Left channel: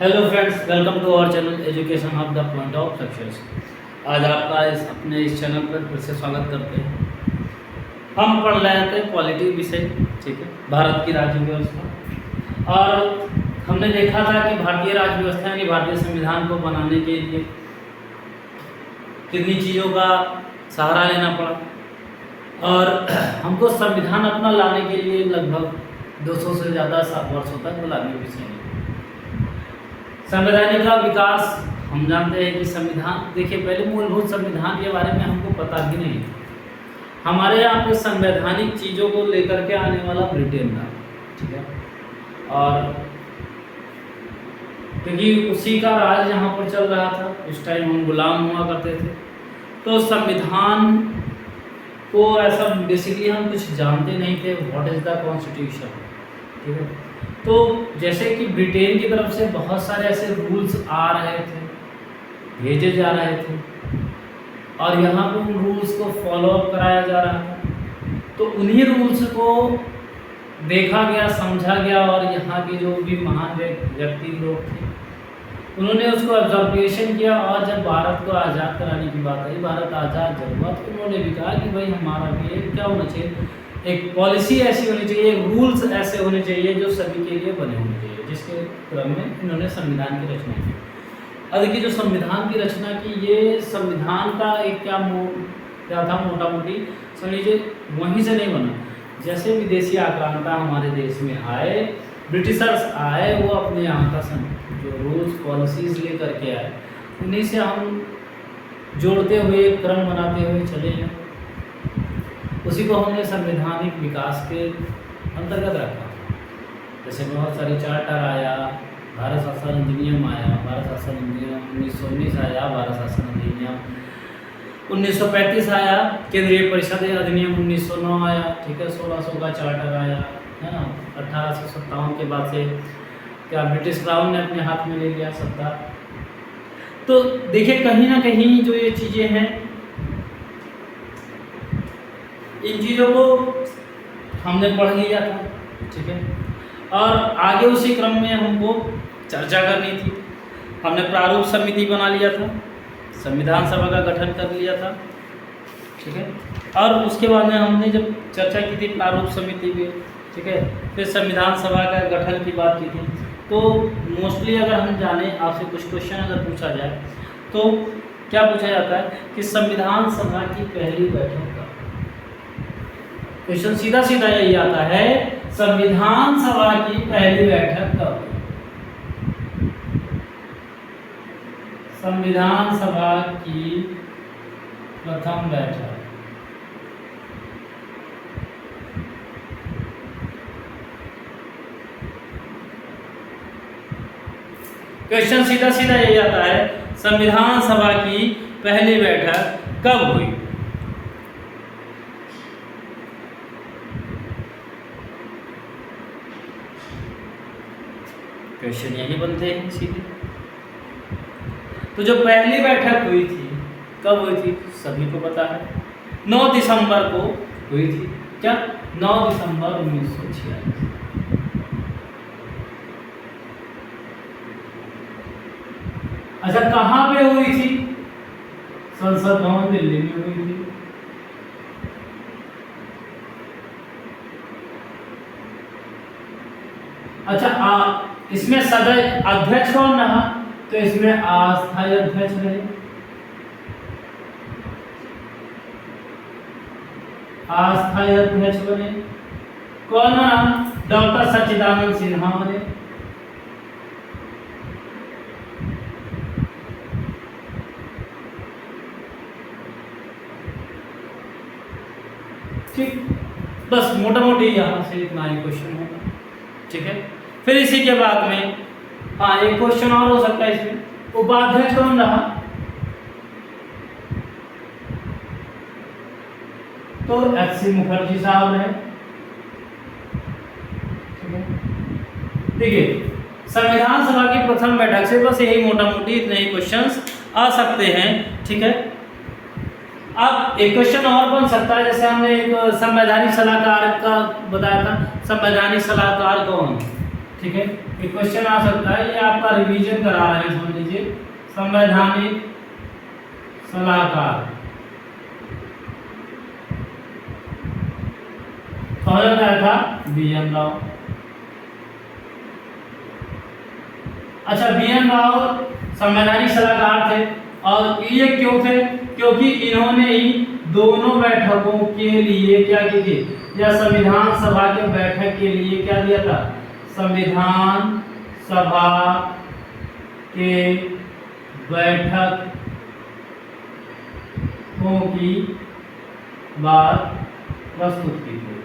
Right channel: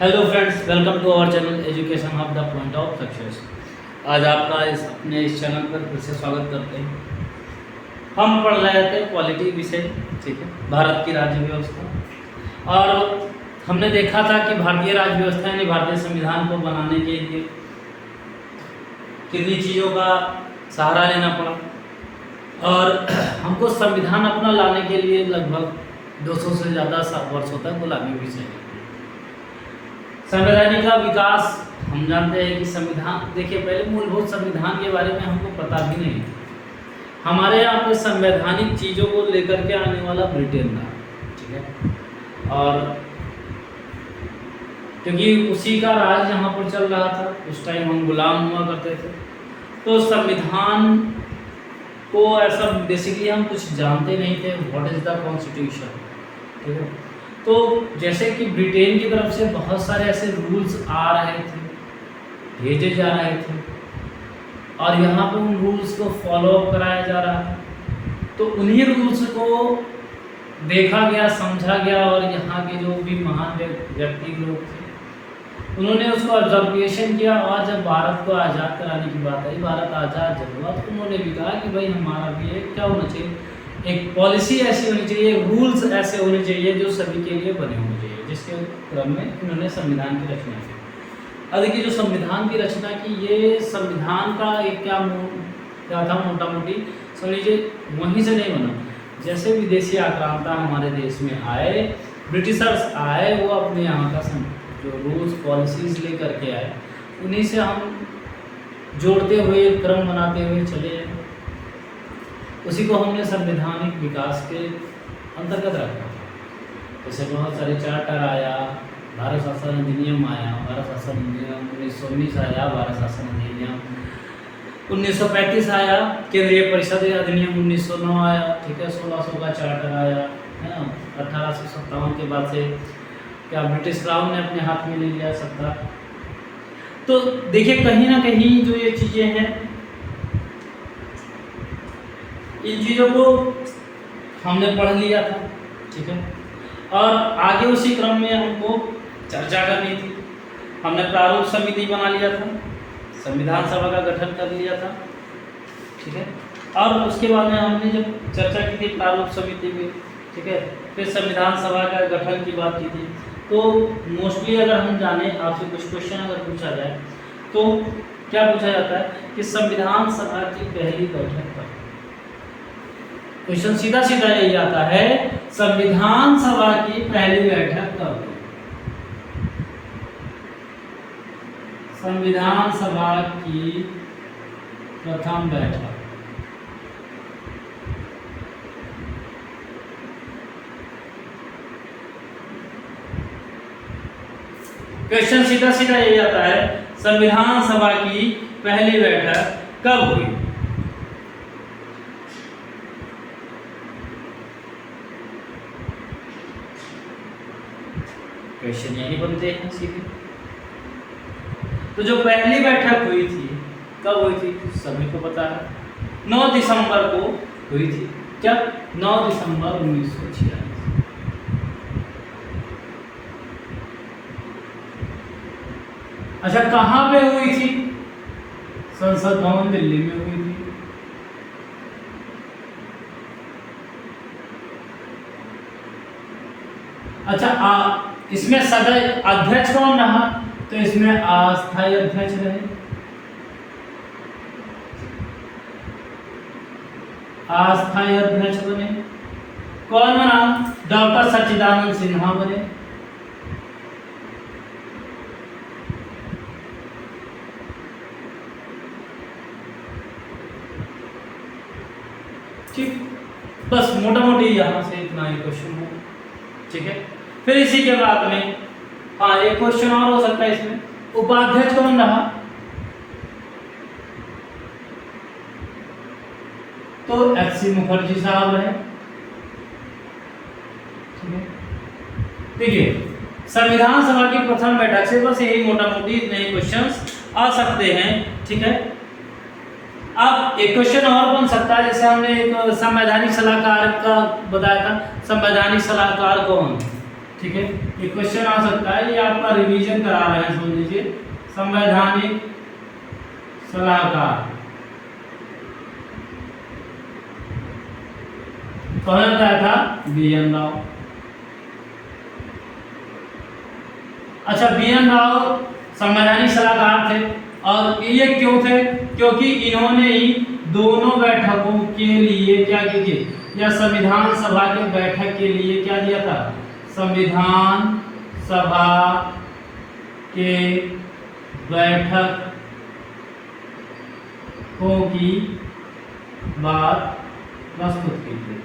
Hello friends, welcome to our channel education of the point of success. आज आपका इस channel पर फिर से स्वागत करते हैं। हम पढ़ रहे थे पॉलिटी विषय, ठीक है, भारत की राज्य व्यवस्था। और हमने देखा था कि भारतीय राज्य व्यवस्था यानी भारतीय संविधान को बनाने के लिए कितनी चीज़ों का सहारा लेना पड़ा और हमको संविधान अपना लाने के लिए लगभग 200 से ज़्यादा वर्षों तक गुलामी भी सही। संवैधानिक का विकास, हम जानते हैं कि संविधान, देखिए पहले मूलभूत संविधान के बारे में हमको पता भी नहीं है। हमारे यहाँ पे संवैधानिक चीज़ों को लेकर के आने वाला ब्रिटेन था, ठीक है, और क्योंकि उसी का राज यहाँ पर चल रहा था, उस टाइम हम गुलाम हुआ करते थे, तो संविधान को ऐसा बेसिकली हम कुछ जानते नहीं थे, व्हाट इज़ द कॉन्स्टिट्यूशन, ठीक है। तो जैसे कि ब्रिटेन की तरफ से बहुत सारे ऐसे रूल्स आ रहे थे, भेजे जा रहे थे और यहाँ पे उन रूल्स को फॉलो अप कराया जा रहा है, तो उन्हीं रूल्स को देखा गया, समझा गया और यहाँ के जो भी महान व्यक्ति लोग थे उन्होंने उसको ऑब्जर्वेशन किया। और जब भारत को आज़ाद कराने की बात आई, भारत आज़ाद जब हुआ, तो उन्होंने भी कहा कि भाई हमारा भी एक क्या होना चाहिए, एक पॉलिसी ऐसी होनी चाहिए, रूल्स ऐसे होने चाहिए जो सभी के लिए बने होने चाहिए, जिसके क्रम में इन्होंने संविधान की रचना की। अब देखिए जो संविधान की रचना की, ये संविधान का एक क्या था, मोटा मोटी समझ लीजिए वहीं से नहीं बना। जैसे विदेशी आक्रांता हमारे देश में आए, ब्रिटिशर्स आए, वो अपने यहाँ का जो रूल्स पॉलिसीज़ लेकर के आए, उन्हीं से हम जोड़ते हुए क्रम बनाते हुए चले हैं। उसी को हमने संवैधानिक विकास के अंतर्गत रखा। जैसे बहुत सारे चार्टर आया, भारत शासन अधिनियम आया, भारत शासन अधिनियम 1919 आया, भारत शासन अधिनियम 1935 आया, केंद्रीय परिषद अधिनियम 1909 आया, ठीक है, 1600 का चार्टर आया, है ना। 1857 के बाद से क्या ब्रिटिश क्राउन ने अपने हाथ में ले लिया सत्ता। तो देखिए कहीं ना कहीं जो ये चीज़ें हैं, इन चीज़ों को हमने पढ़ लिया था, ठीक है, और आगे उसी क्रम में हमको चर्चा करनी थी। हमने प्रारूप समिति बना लिया था, संविधान सभा का गठन कर लिया था, ठीक है, और उसके बाद में हमने जब चर्चा की थी प्रारूप समिति में, ठीक है, फिर संविधान सभा का गठन की बात की थी। तो मोस्टली अगर हम जाने, आपसे कुछ क्वेश्चन अगर पूछा जाए तो क्या पूछा जाता है कि संविधान सभा की पहली बैठक कब? क्वेश्चन सीधा सीधा यही आता है, संविधान सभा की पहली बैठक कब? संविधान सभा की प्रथम बैठक क्वेश्चन सीधा सीधा यही आता है, संविधान सभा की पहली बैठक कब हुई? क्वेश्चन यही बनते हैं सीधे। तो जो पहली बैठक हुई थी कब हुई थी, सभी को पता है, 9 दिसंबर को हुई थी। क्या? 9 दिसंबर 1946। अच्छा, कहाँ पे हुई थी? संसद भवन दिल्ली में हुई थी। अच्छा, इसमें सदस्य अध्यक्ष कौन रहा? तो इसमें अस्थायी अध्यक्ष रहे। अस्थायी अध्यक्ष बने कौन बना? डॉक्टर सच्चिदानंद सिन्हा बने। ठीक, बस मोटा मोटी यहाँ से इतना ही क्वेश्चन है, ठीक है। फिर इसी के बाद में एक क्वेश्चन और हो सकता है इसमें, उपाध्यक्ष कौन रहा? तो एच.सी. मुखर्जी साहब रहे, ठीक है। देखिए संविधान सभा की प्रथम बैठक से बस यही मोटा मोटी इतने ही क्वेश्चंस आ सकते हैं, ठीक है। अब एक क्वेश्चन और बन सकता है, जैसे हमने एक संवैधानिक सलाहकार का बताया था, संवैधानिक सलाहकार कौन? ठीक है, ये क्वेश्चन आ सकता है, ये आपका रिवीजन करा रहे हैं, समझ लीजिए। संवैधानिक सलाहकार कौन क्या था? बी.एन. राव। अच्छा, बी.एन. राव संवैधानिक सलाहकार थे, और ये क्यों थे? क्योंकि इन्होंने ही दोनों बैठकों के लिए क्या किए, या संविधान सभा के बैठक के लिए क्या दिया था? संविधान सभा के बैठकों की बात प्रस्तुत की थी।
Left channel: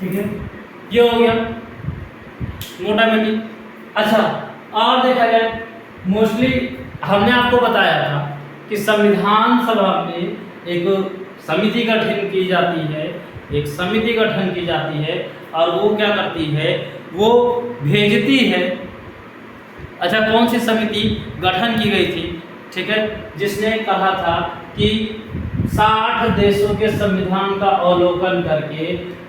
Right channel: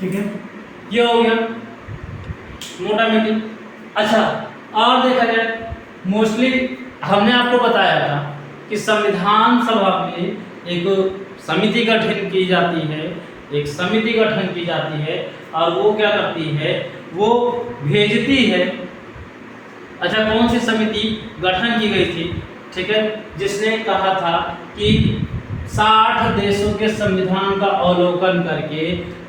ठीक है, ये हो गया मोटा मोटी। अच्छा, और देखा जाए, मोस्टली हमने आपको बताया था कि संविधान सभा में एक समिति गठन की जाती है, एक समिति गठन की जाती है, और वो क्या करती है? वो भेजती है। अच्छा, कौन सी समिति गठन की गई थी? ठीक है, जिसने कहा था कि 60 देशों के संविधान का अवलोकन करके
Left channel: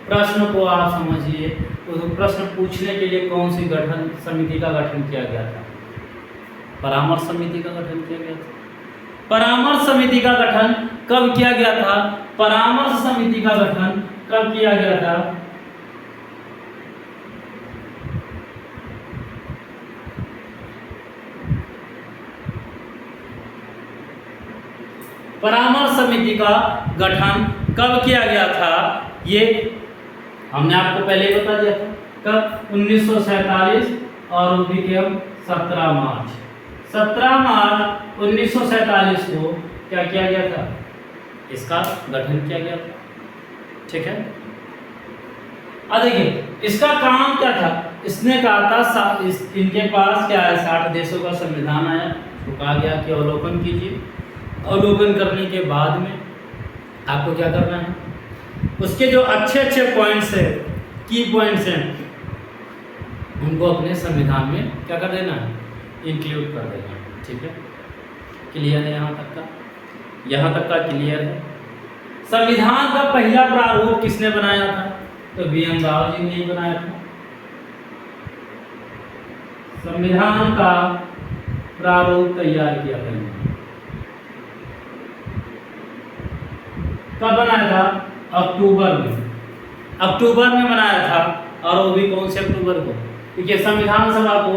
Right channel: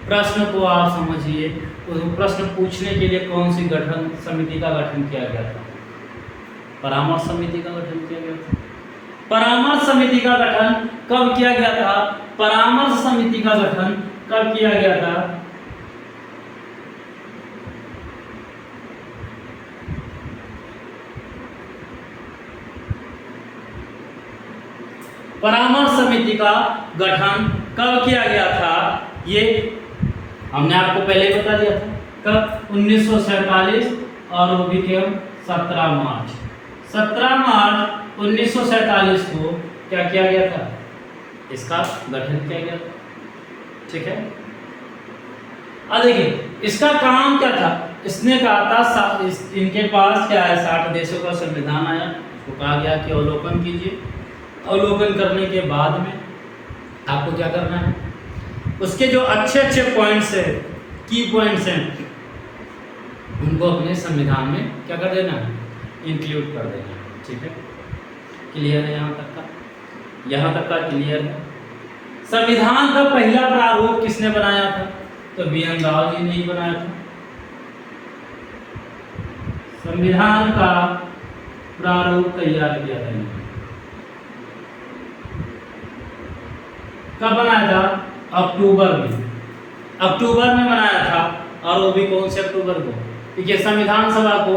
प्रश्न को आप समझिए, उस प्रश्न पूछने के लिए कौन सी गठन समिति का गठन किया गया था? परामर्श समिति का गठन किया गया था। परामर्श समिति का गठन कब किया गया था? परामर्श समिति का गठन कब किया गया था? परामर्श समिति का गठन कब किया गया था? ये हमने आपको पहले ही बता दिया था। कब? 1947, और वो भी केवल 17 मार्च 1947 को क्या किया गया था? इसका गठन किया गया था। ठीक है, अब देखिए इसका काम क्या था? इसने कहा था इनके पास क्या है, 60 देशों का संविधान आया, तो कहा गया कि अवलोकन कीजिए। अवलोकन करने के बाद में आपको क्या करना है? उसके जो अच्छे अच्छे पॉइंट्स है, की पॉइंट्स हैं, उनको अपने संविधान में क्या कर देना है? इंक्लूड कर देना है। ठीक है, क्लियर है? यहाँ तक का क्लियर है। संविधान का पहला प्रारूप किसने बनाया था? तो बी.एन. राव जी ने ही बनाया था। संविधान का प्रारूप तैयार किया था इन्होंने। कब बनाया था? अक्टूबर में बनाया था, और वो भी कौन से अक्टूबर को? देखिए, संविधान सभा को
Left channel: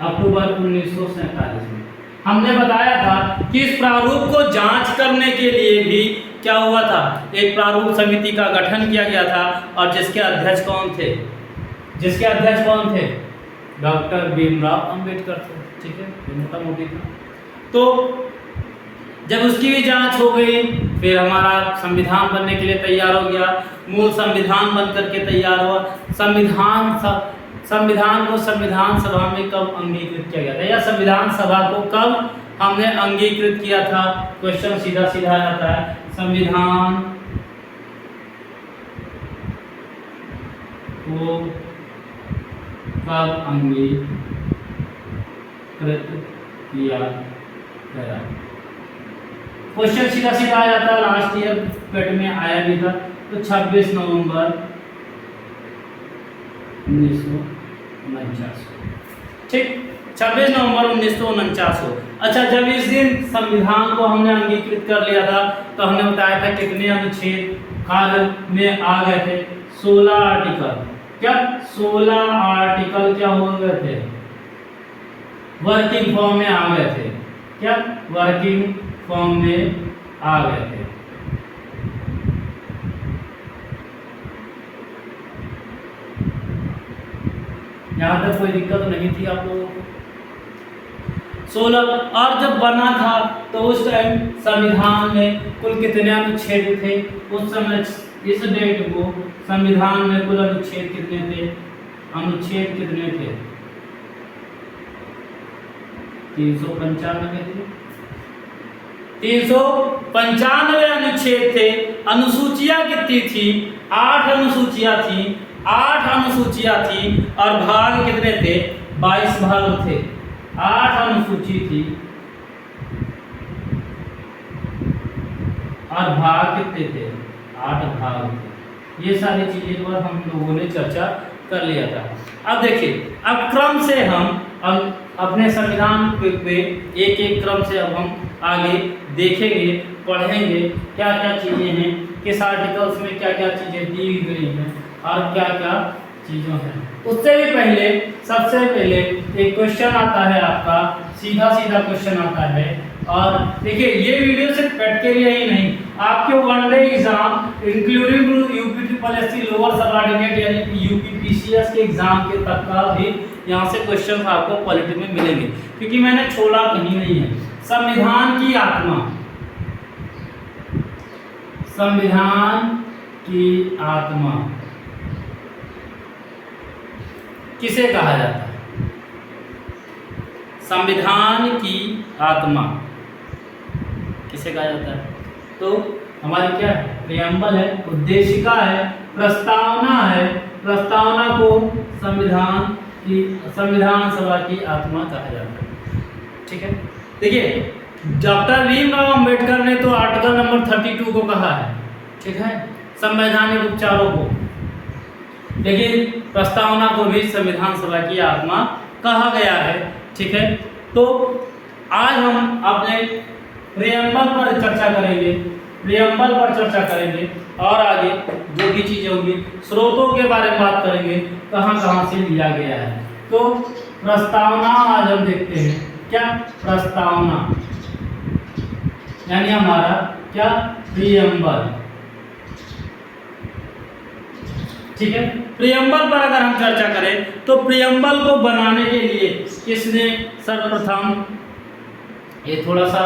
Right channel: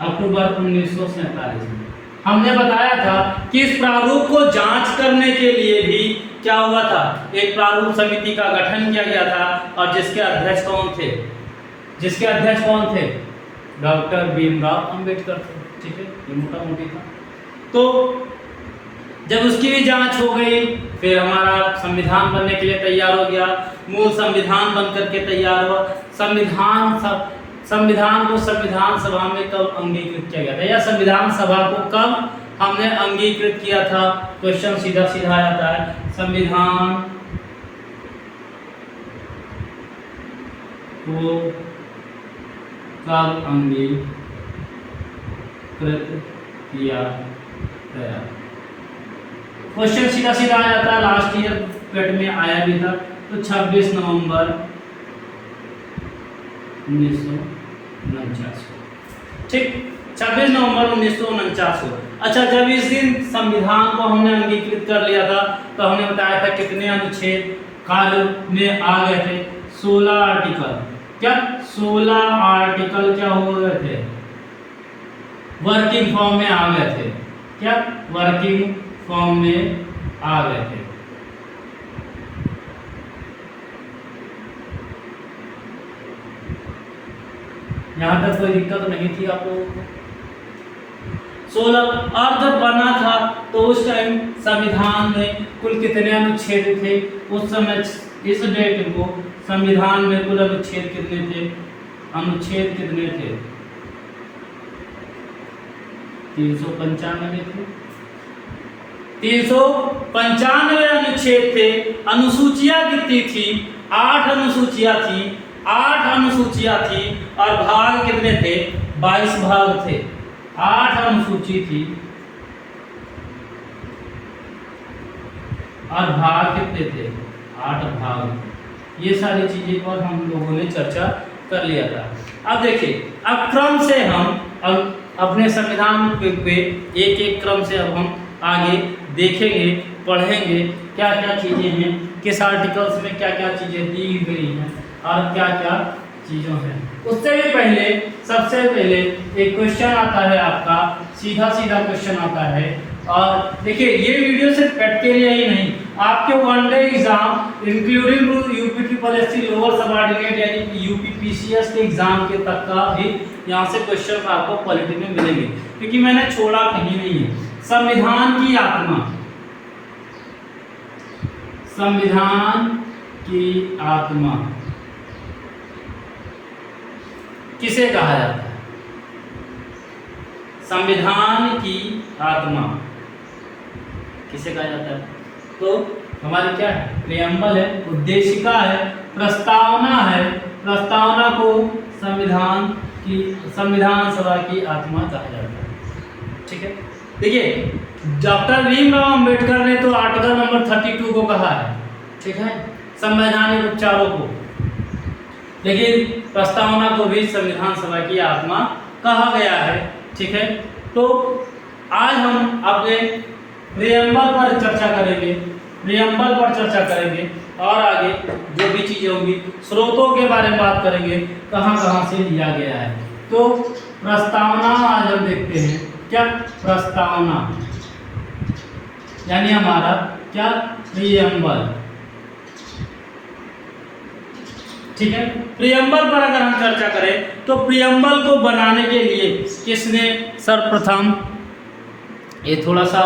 अक्टूबर 1947 में। हमने बताया था कि इस प्रारूप को जांच करने के लिए भी क्या हुआ था? एक प्रारूप समिति का गठन किया गया था, और जिसके अध्यक्ष कौन थे? डॉक्टर भीमराव अंबेडकर थे। ठीक है, ये मोटा मोटी था। तो जब उसकी भी जांच हो गई, फिर हमारा संविधान बनने के लिए तैयार हो गया, मूल संविधान बन करके तैयार हुआ। संविधान को संविधान सभा में कब अंगीकृत किया गया था, या संविधान सभा को कब हमने अंगीकृत किया था? क्वेश्चन सीधा सीधा आता है, संविधान को कब अंगीकृत किया गया? क्वेश्चन सीधा सीधा आ जाता है, लास्ट ईयर पेट में आया भी था। तो 26 नवंबर 1949। ठीक, 26 नवंबर 1949 को। अच्छा, जब इस दिन संविधान को हमने अंगीकृत कर लिया था, तो हमने बताया था कितने अनुच्छेद कार्य में आ गए थे? 16 आर्टिकल। क्या 16 आर्टिकल क्या हो गए थे? वर्किंग फॉर्म में आ गए थे। क्या वर्किंग फॉर्म में आ गए थे? यहां तक कोई दिक्कत नहीं थी आप लोगों को? 16। और जब बना था तो उस टाइम संविधान में कुल कितने अनुच्छेद थे? उस समय इस डेट को संविधान में कुल अनुच्छेद कितने थे? अनुच्छेद कितने थे? 395 थे। 395 अनुच्छेद थे। अनुसूचियां कितनी थी? 8 अनुसूचियां थी। 8 अनुसूचियां थी, और भाग कितने थे? 22 भाग थे। 8 अनुसूची थी, और भाग कितने थे? 8 भाग थे। ये सारी चीज़ें पर हम लोगों ने चर्चा कर लिया था। अब देखिए, अब क्रम से हम अपने संविधान पे एक एक क्रम से अब हम आगे देखेंगे, पढ़ेंगे क्या क्या चीज़ें हैं, किस आर्टिकल्स में क्या क्या चीज़ें दी गई हैं और क्या क्या चीज़ों हैं। उससे भी पहले सबसे पहले एक क्वेश्चन आता है आपका, सीधा सीधा क्वेश्चन आता है। और देखिए, ये वीडियो सिर्फ पेट के लिए ही नहीं, आपके one day exam including UP lower subordinate यानी यूपीपीसीएस के एग्जाम के तक का भी यहाँ से क्वेश्चन आपको पॉलिटी में मिलेंगे, क्योंकि मैंने छोड़ा कहीं नहीं है। संविधान की आत्मा, संविधान की आत्मा किसे कहा जाता है? संविधान की आत्मा किसे कहा जाता है? तो हमारी क्या है? प्रियम्बल है, उद्देशिका है, प्रस्तावना है। प्रस्तावना को संविधान सभा की आत्मा कहा जाता है। ठीक है, देखिए डॉक्टर भीमराव अंबेडकर ने तो आर्टिकल नंबर 32 को कहा है, ठीक है, संवैधानिक उपचारों को, लेकिन प्रस्तावना को भी संविधान सभा की आत्मा कहा गया है। ठीक है, तो आज हम अपने प्रियम्बल पर चर्चा करेंगे, प्रियम्बल पर चर्चा करेंगे और आगे जो भी चीज़ें होंगी स्रोतों के बारे में बात करेंगे, कहाँ कहाँ से लिया गया है। तो प्रस्तावना आज हम देखते हैं, क्या प्रस्तावना यानी हमारा क्या प्रियम्बल। ठीक है, प्रियम्बल पर अगर हम चर्चा करें तो प्रियम्बल को बनाने के लिए किसने सर्वप्रथम, ये थोड़ा सा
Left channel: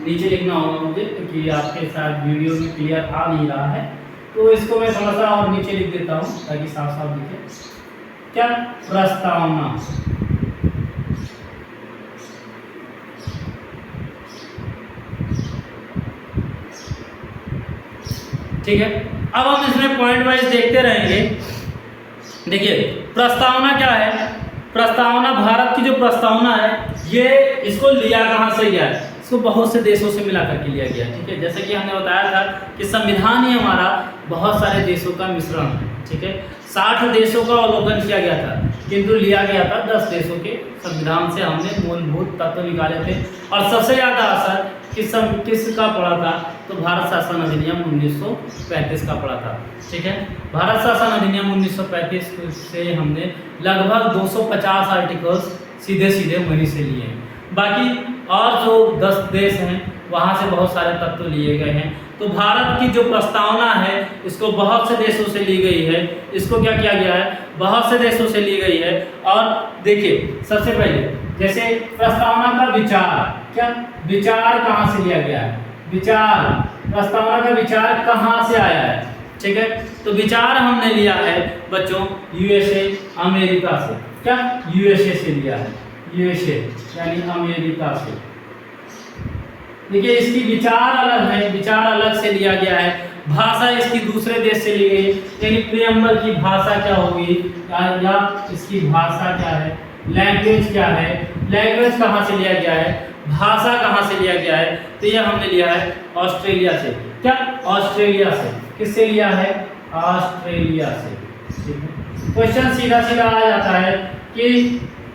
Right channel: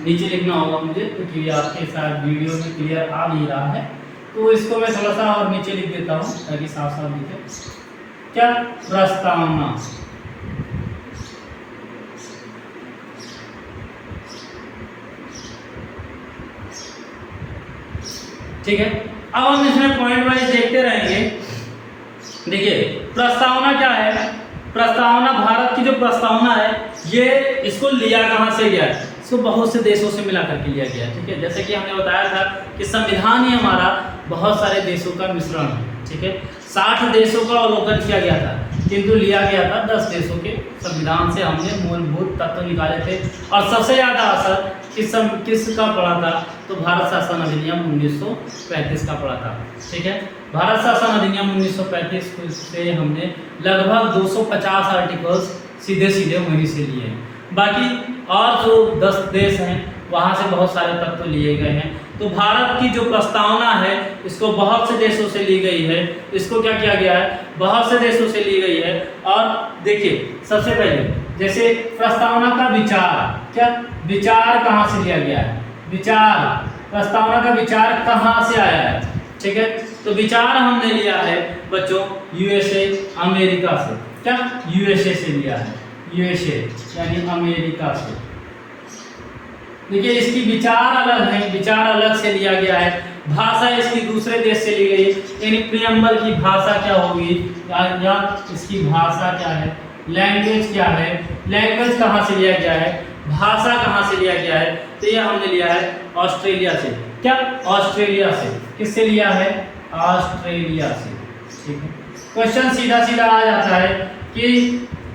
नीचे लिखना होगा मुझे क्योंकि आपके साथ वीडियो में क्लियर आ नहीं रहा है, तो इसको मैं थोड़ा सा और नीचे लिख देता हूँ ताकि साफ साफ दिखे। क्या प्रस्तावना, ठीक है। अब हम इसमें पॉइंट वाइज देखते रहेंगे। देखिए प्रस्तावना क्या है? प्रस्तावना, भारत की जो प्रस्तावना है ये इसको लिया कहाँ से गया है? इसको बहुत से देशों से मिला करके लिया गया। ठीक है, जैसे कि हमने बताया था कि संविधान ही हमारा बहुत सारे देशों का मिश्रण है। ठीक है, 60 देशों का अवलोकन किया गया था, किंतु लिया गया था 10 देशों के संविधान से। हमने मूलभूत तत्व निकाले थे और सबसे ज़्यादा असर किसका पड़ा था? तो भारत शासन अधिनियम 1935 का पड़ा था। ठीक है, भारत शासन अधिनियम 1935 से हमने लगभग 250 आर्टिकल्स सीधे सीधे वहीं से लिए हैं। बाकी और जो 10 देश हैं वहाँ से बहुत सारे तत्व लिए गए हैं। तो भारत की जो प्रस्तावना है इसको बहुत से देशों से ली गई है। इसको क्या किया गया है? बहुत से देशों से ली गई है। और देखिए सबसे पहले जैसे प्रस्तावना का विचार, क्या विचार कहाँ से लिया गया है? विचार, प्रस्तावना का विचार कहाँ से आया है? ठीक है, तो विचार हमने लिया है बच्चों यूएसए, अमेरिका से। क्या यूएसए से लिया है? यूएसए यानी अमेरिका से। देखिए इसकी विचार अलग है, विचार अलग से लिया गया है। भाषा इसकी दूसरे देश से ली गई, यानी प्रियम्बल की भाषा क्या होगी या इसकी भाषा क्या है, लैंग्वेज क्या है, लैंग्वेज कहाँ से लिया गया है, भाषा कहाँ से लिया गया है? तो यह हमने लिया है ऑस्ट्रेलिया से। क्या ऑस्ट्रेलिया से? किससे लिया है? ऑस्ट्रेलिया से। ठीक है, क्वेश्चन सीधा सीधा आ जाता है कि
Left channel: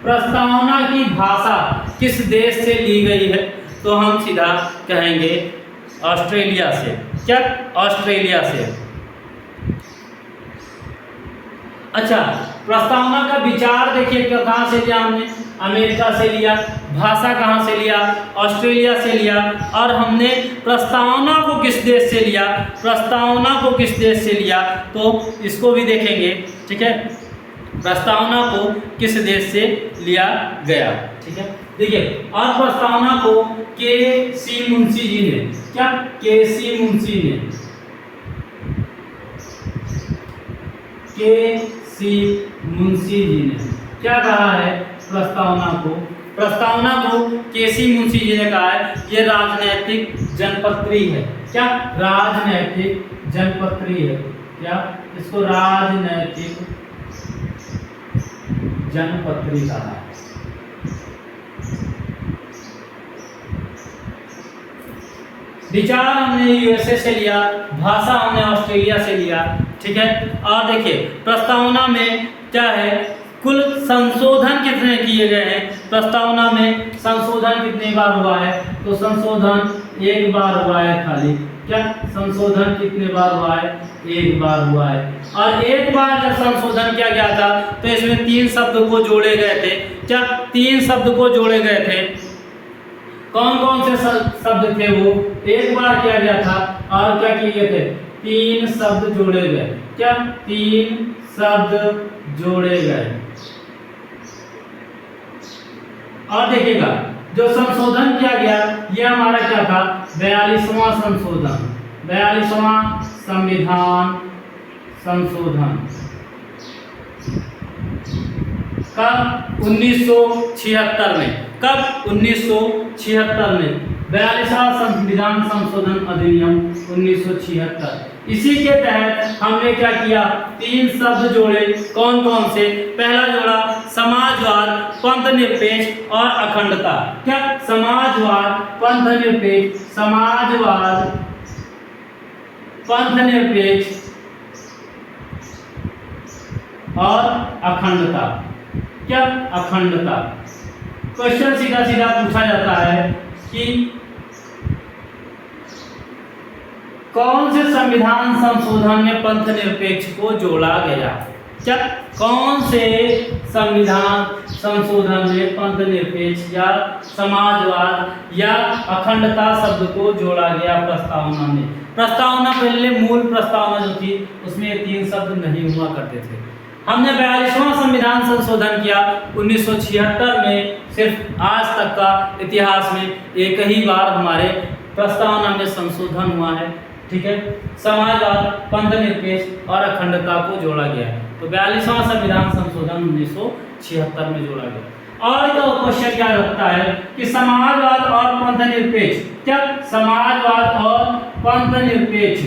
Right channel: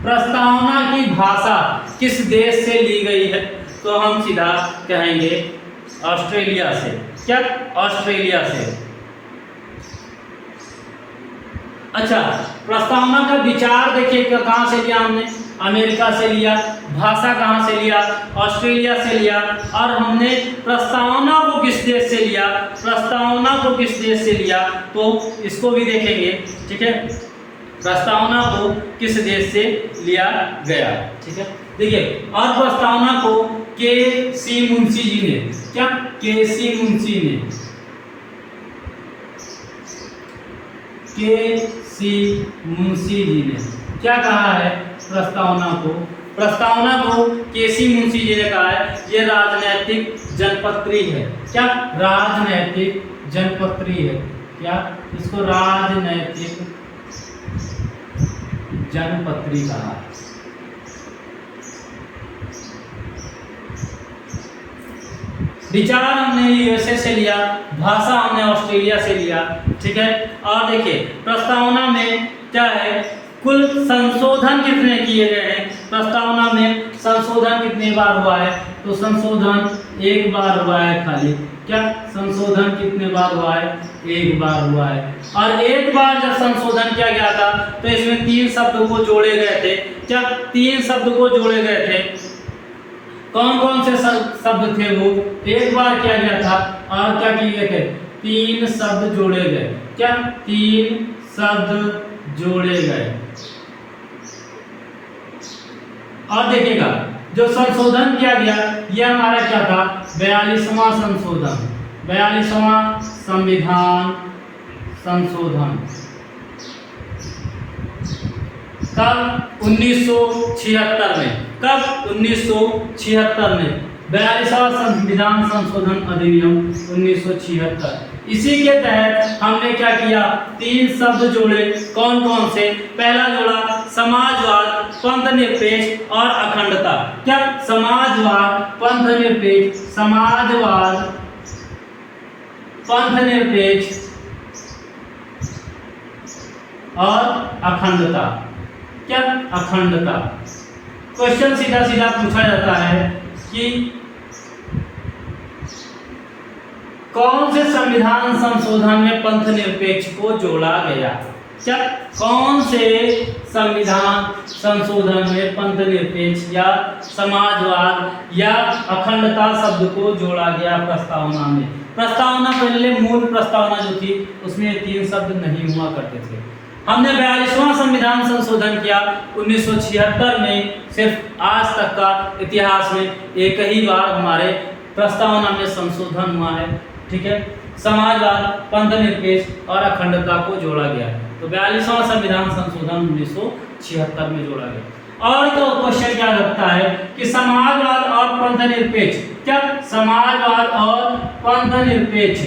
प्रस्तावना की भाषा किस देश से ली गई है? तो हम सीधा कहेंगे ऑस्ट्रेलिया से। क्या ऑस्ट्रेलिया से। अच्छा, प्रस्तावना का विचार देखिए कहाँ से लिया हमने? अमेरिका से लिया। भाषा कहाँ से लिया? ऑस्ट्रेलिया से लिया। और हमने प्रस्तावना को किस देश से लिया? प्रस्तावना को किस देश से लिया? तो इसको भी देखेंगे। ठीक है, प्रस्तावना को किस देश से लिया गया? ठीक है, देखिए और प्रस्तावना को के.सी. मुंशी जी ने, क्या के.सी. मुंशी ने, के.सी. मुंशी जी ने क्या कहा है? प्रस्तावना को के.सी. मुंशी जी ने कहा है ये राजनैतिक जनपत्री है। क्या राजनैतिक जनपत्री है? क्या इसको राजनैतिक जनपत्री कहा है। विचार हमने यूएसए से लिया, भाषा हमने ऑस्ट्रेलिया से लिया। ठीक है। और देखिए प्रस्तावना में क्या है, कुल संशोधन कितने किए गए हैं, प्रस्तावना में संशोधन कितने बार हुआ है, तो संशोधन एक बार हुआ है खाली। क्या संशोधन कितने बार हुआ है, एक बार हुआ है। और एक बार जब संशोधन किया गया था तो इसमें 3 शब्द को जोड़े गए थे। क्या 3 शब्द को जोड़े गए थे, कौन कौन से शब्द थे वो, एक बार किया गया था और क्या किए गए थे, 3 शब्द जोड़े गए। क्या 3 शब्द जोड़े गए। और देखिएगा जो संशोधन किया गया यह हमारा क्या था, 42वां संशोधन, 42वां संविधान संशोधन। कब, 1976 में। कब, 1976 में 42वां संविधान संशोधन अधिनियम 1976। इसी के तहत हमने क्या किया, 3 शब्द जोड़े। कौन कौन से, पहला जोड़ा समाजवाद, पंथनिरपेक्ष और अखंडता। क्या समाजवाद, पंथनिरपेक्ष, समाजवाद, पंथनिरपेक्ष और अखंडता। क्या अखंडता। क्वेश्चन सीधा सीधा पूछा जाता है कि कौन से संविधान संशोधन में पंथ निरपेक्ष को जोड़ा गया। क्या कौन से संविधान संशोधन में पंथ निरपेक्ष या समाजवाद या अखंडता शब्द को जोड़ा गया प्रस्तावना में। प्रस्तावना पहले मूल प्रस्तावना जो थी उसमें 3 शब्द नहीं हुआ करते थे। हमने 42वां संविधान संशोधन किया 1976 में। सिर्फ आज तक का इतिहास में एक ही बार हमारे प्रस्तावना में संशोधन हुआ है, ठीक है। समाजवाद, पंथनिरपेक्ष और अखंडता को जोड़ा गया। तो 42वां संविधान संशोधन 1976 में जोड़ा गया। और क्या क्वेश्चन क्या लगता है कि समाजवाद और पंथनिरपेक्ष, क्या समाजवाद और पंथनिरपेक्ष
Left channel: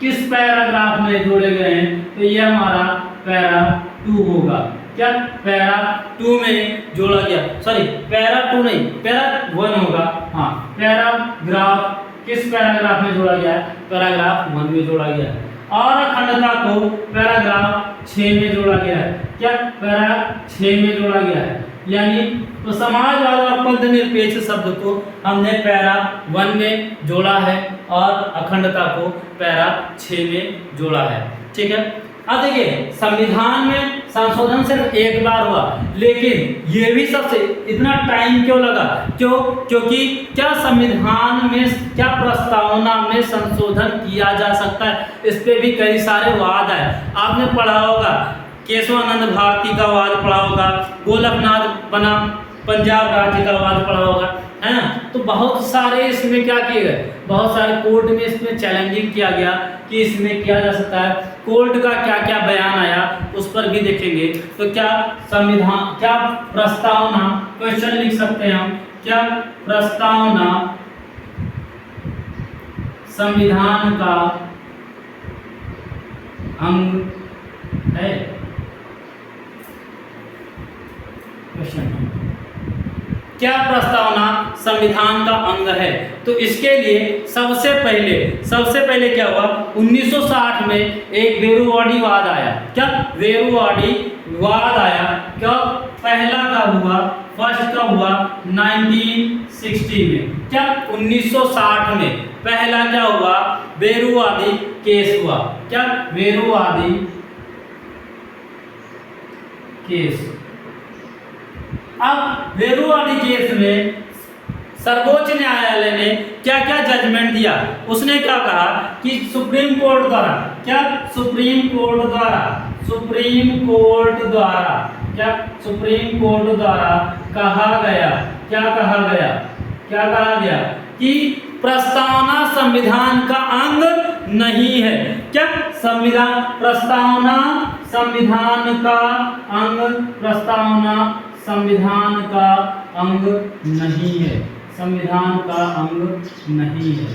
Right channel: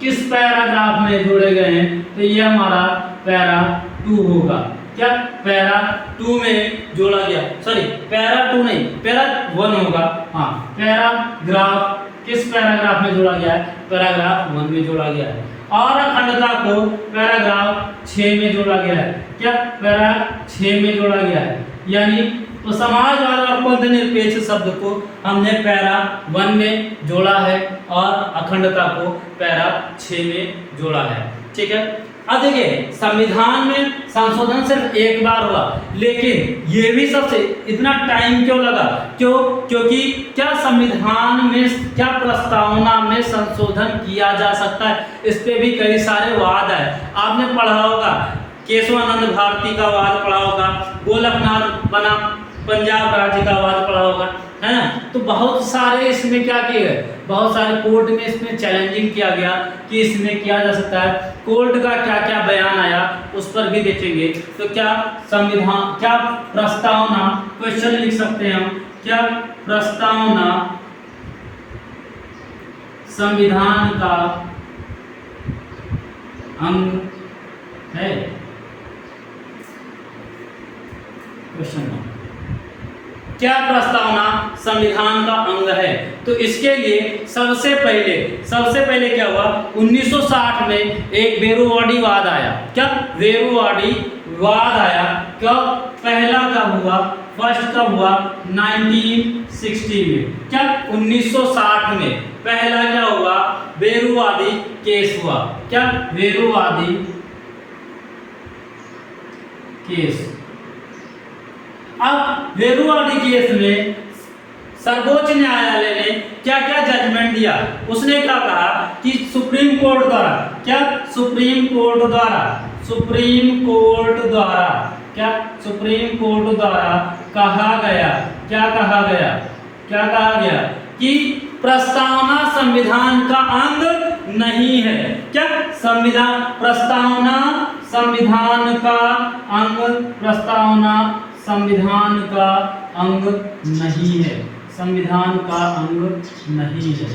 किस पैराग्राफ में जोड़े गए हैं, तो ये हमारा पैरा 2 होगा। क्या पैरा 2 में जोड़ा गया, सॉरी पैरा 2 नहीं, पैरा 1 होगा। हाँ, पैराग्राफ किस पैराग्राफ में जोड़ा गया है, पैराग्राफ 1 में जोड़ा गया है। और अखंडता को पैराग्राफ 6 में जोड़ा गया है। क्या पैरा 6 में जोड़ा गया है। यानी तो समाजवाद और पंथनिरपेक्ष शब्द को हमने पैरा 1 में जोड़ा है और अखंडता को पैरा 6 में जोड़ा है, ठीक है। अब देखिए संविधान में संशोधन सिर्फ एक बार हुआ, लेकिन ये भी सबसे इतना टाइम क्यों लगा, क्योंकि क्या संविधान में, क्या प्रस्तावना में संशोधन किया जा सकता है, इस पे भी कई सारे वाद है। आपने पढ़ा होगा केशवानंद भारती का वाद पढ़ा होगा, गोलकनाथ बना पंजाब राज्य का वाद पढ़ा होगा, है ना। तो बहुत सारे इसमें क्या किए गए, बहुत सारे कोर्ट में इसमें चैलेंजिंग किया गया कि इसमें किया जा सकता है। कोर्ट का क्या क्या बयान आया उस पर भी देखेंगे। तो क्या संविधान, क्या प्रस्तावना, क्वेश्चन लिख सकते हैं हम, क्या प्रस्तावना संविधान का अंग है, क्वेश्चन। क्या प्रस्तावना संविधान का अंग है, तो इसके लिए सबसे पहले क्या हुआ, 1960 में एक बेरुवाड़ी वाद आया। क्या बेरुवाड़ी वाद आया, क्या पहला कब हुआ, फर्स्ट कब हुआ, 1960 में। क्या 1960 में पहला क्या हुआ, बेरुवाड़ी केस हुआ। क्या बेरुवाड़ी केस। अब बेरुवाड़ी केस में सर्वोच्च न्यायालय ने क्या क्या जजमेंट दिया, उसने क्या कहा कि सुप्रीम कोर्ट द्वारा, क्या सुप्रीम कोर्ट द्वारा कहा गया, क्या कहा गया कि प्रस्तावना संविधान का अंग नहीं है। क्या प्रस्तावना संविधान का अंग, प्रस्तावना संविधान का अंग नहीं है, संविधान का अंग नहीं है।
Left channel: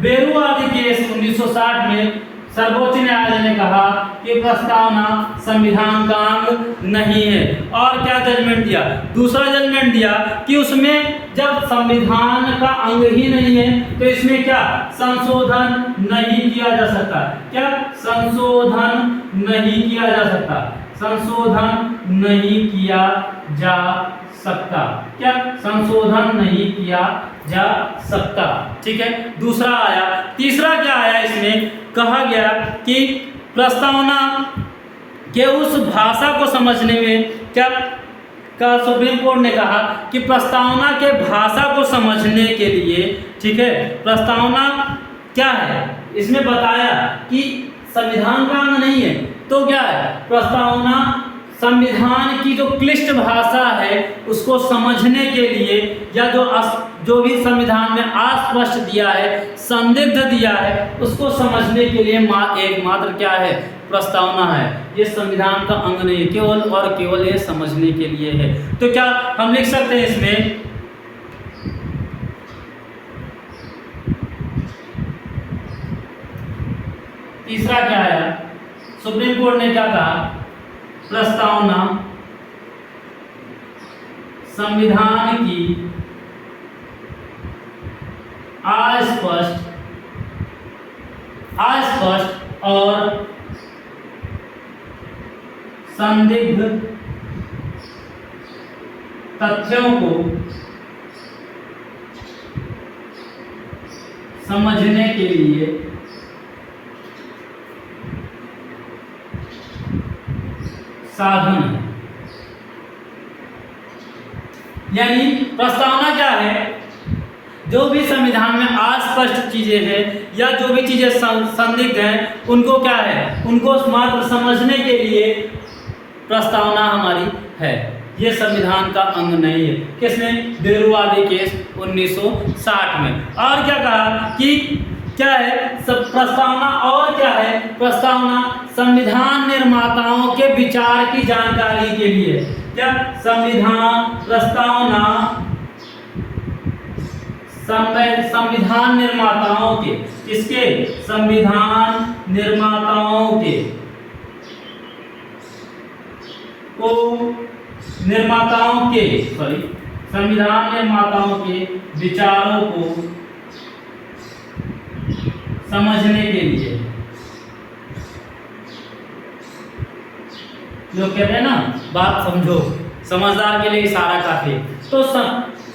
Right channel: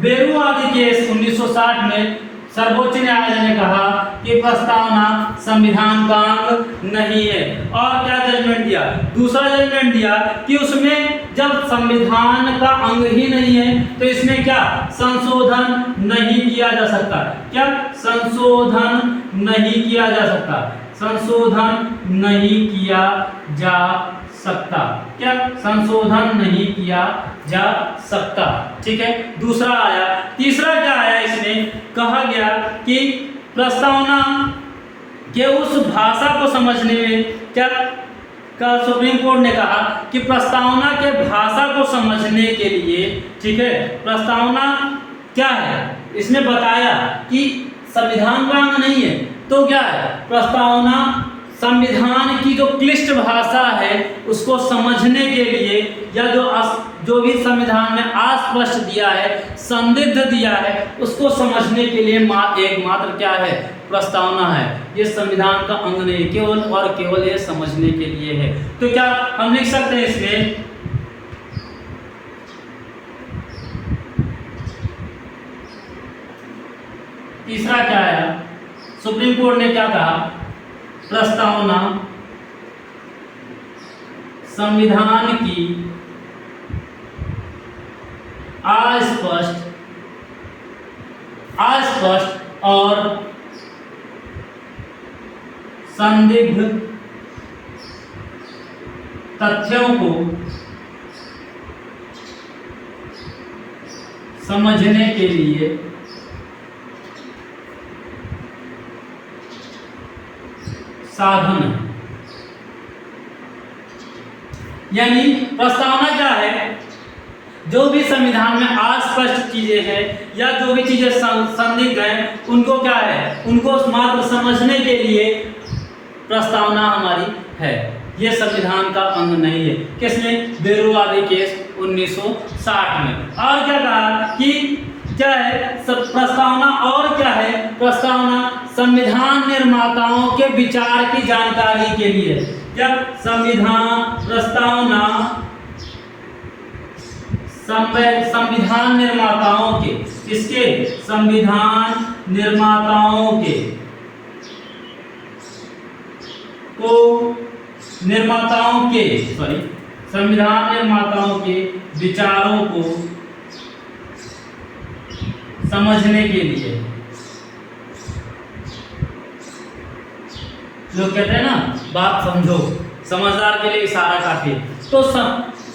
बेरुवाड़ी केस 1960 में सर्वोच्च न्यायालय ने कहा कि प्रस्तावना संविधान का अंग नहीं है। और क्या जजमेंट दिया, दूसरा जजमेंट दिया कि उसमें जब संविधान का अंग ही नहीं है तो इसमें क्या संशोधन नहीं किया जा सकता। क्या संशोधन नहीं किया जा सकता, संशोधन नहीं किया जा सकता, क्या संशोधन नहीं किया जा सकता। ठीक है, दूसरा आया। तीसरा क्या आया, इसमें कहा गया कि प्रस्तावना के उस भाषा को समझने में क्या का सुप्रीम कोर्ट ने कहा कि प्रस्तावना के भाषा को समझने के लिए, ठीक है, प्रस्तावना क्या है इसने बताया कि संविधान का अंग नहीं है तो क्या है, प्रस्तावना संविधान की जो क्लिष्ट भाषा है उसको समझने के लिए, या जो भी संविधान में अस्पष्ट दिया है, संदिग्ध दिया है, उसको समझने के लिए एकमात्र क्या है, प्रस्तावना है। ये संविधान का अंग नहीं, केवल और केवल ये समझने के लिए है। तो क्या हम लिख सकते हैं इसमें, तीसरा क्या है, सुप्रीम कोर्ट ने क्या कहा, प्रस्तावना संविधान की अस्पष्ट और संदिग्ध तथ्यों को समझने के लिए साधन है। यानी प्रस्तावना क्या है, जो भी संविधान में अस्पष्ट चीजें हैं या जो भी चीजें संदिग्ध हैं उनको क्या है, उनको मात्र समझने के लिए प्रस्तावना हमारी है। यह संविधान का अंग नहीं है। किसमें, बेरुवादी केस 1960 में। और क्या कहा कि क्या है प्रस्तावना, और क्या है प्रस्तावना, संविधान निर्माताओं के विचार की जानकारी के लिए। क्या प्रस्तावना संविधान निर्माताओं के, किसके, संविधान निर्माताओं के संविधान निर्माताओं के विचारों को समझने के लिए, जो कहते हैं ना बात समझो, समझदार के लिए इशारा काफी। तो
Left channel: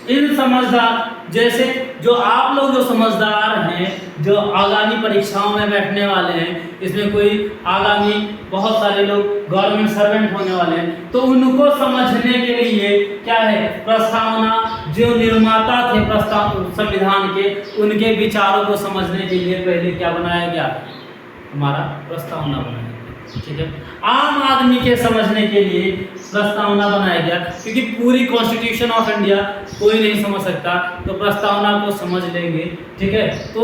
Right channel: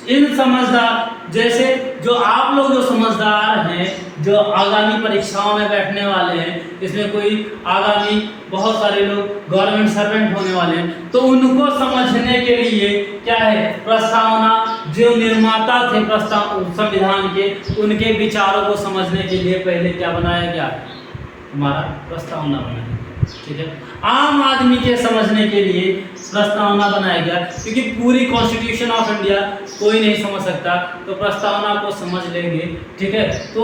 इन समझदार, जैसे जो आप लोग जो समझदार हैं, जो आगामी परीक्षाओं में बैठने वाले हैं, इसमें कोई आगामी बहुत सारे लोग गवर्नमेंट सर्वेंट होने वाले हैं, तो उनको समझने के लिए क्या है, प्रस्तावना, जो निर्माता थे संविधान के, उनके विचारों को समझने के लिए पहले क्या बनाया गया, हमारा प्रस्तावना बनाया। ठीक है, आम आदमी के समझने के लिए प्रस्तावना बनाया गया, क्योंकि पूरी कॉन्स्टिट्यूशन ऑफ इंडिया कोई नहीं समझ सकता, तो प्रस्तावना को समझ लेंगे। ठीक है, तो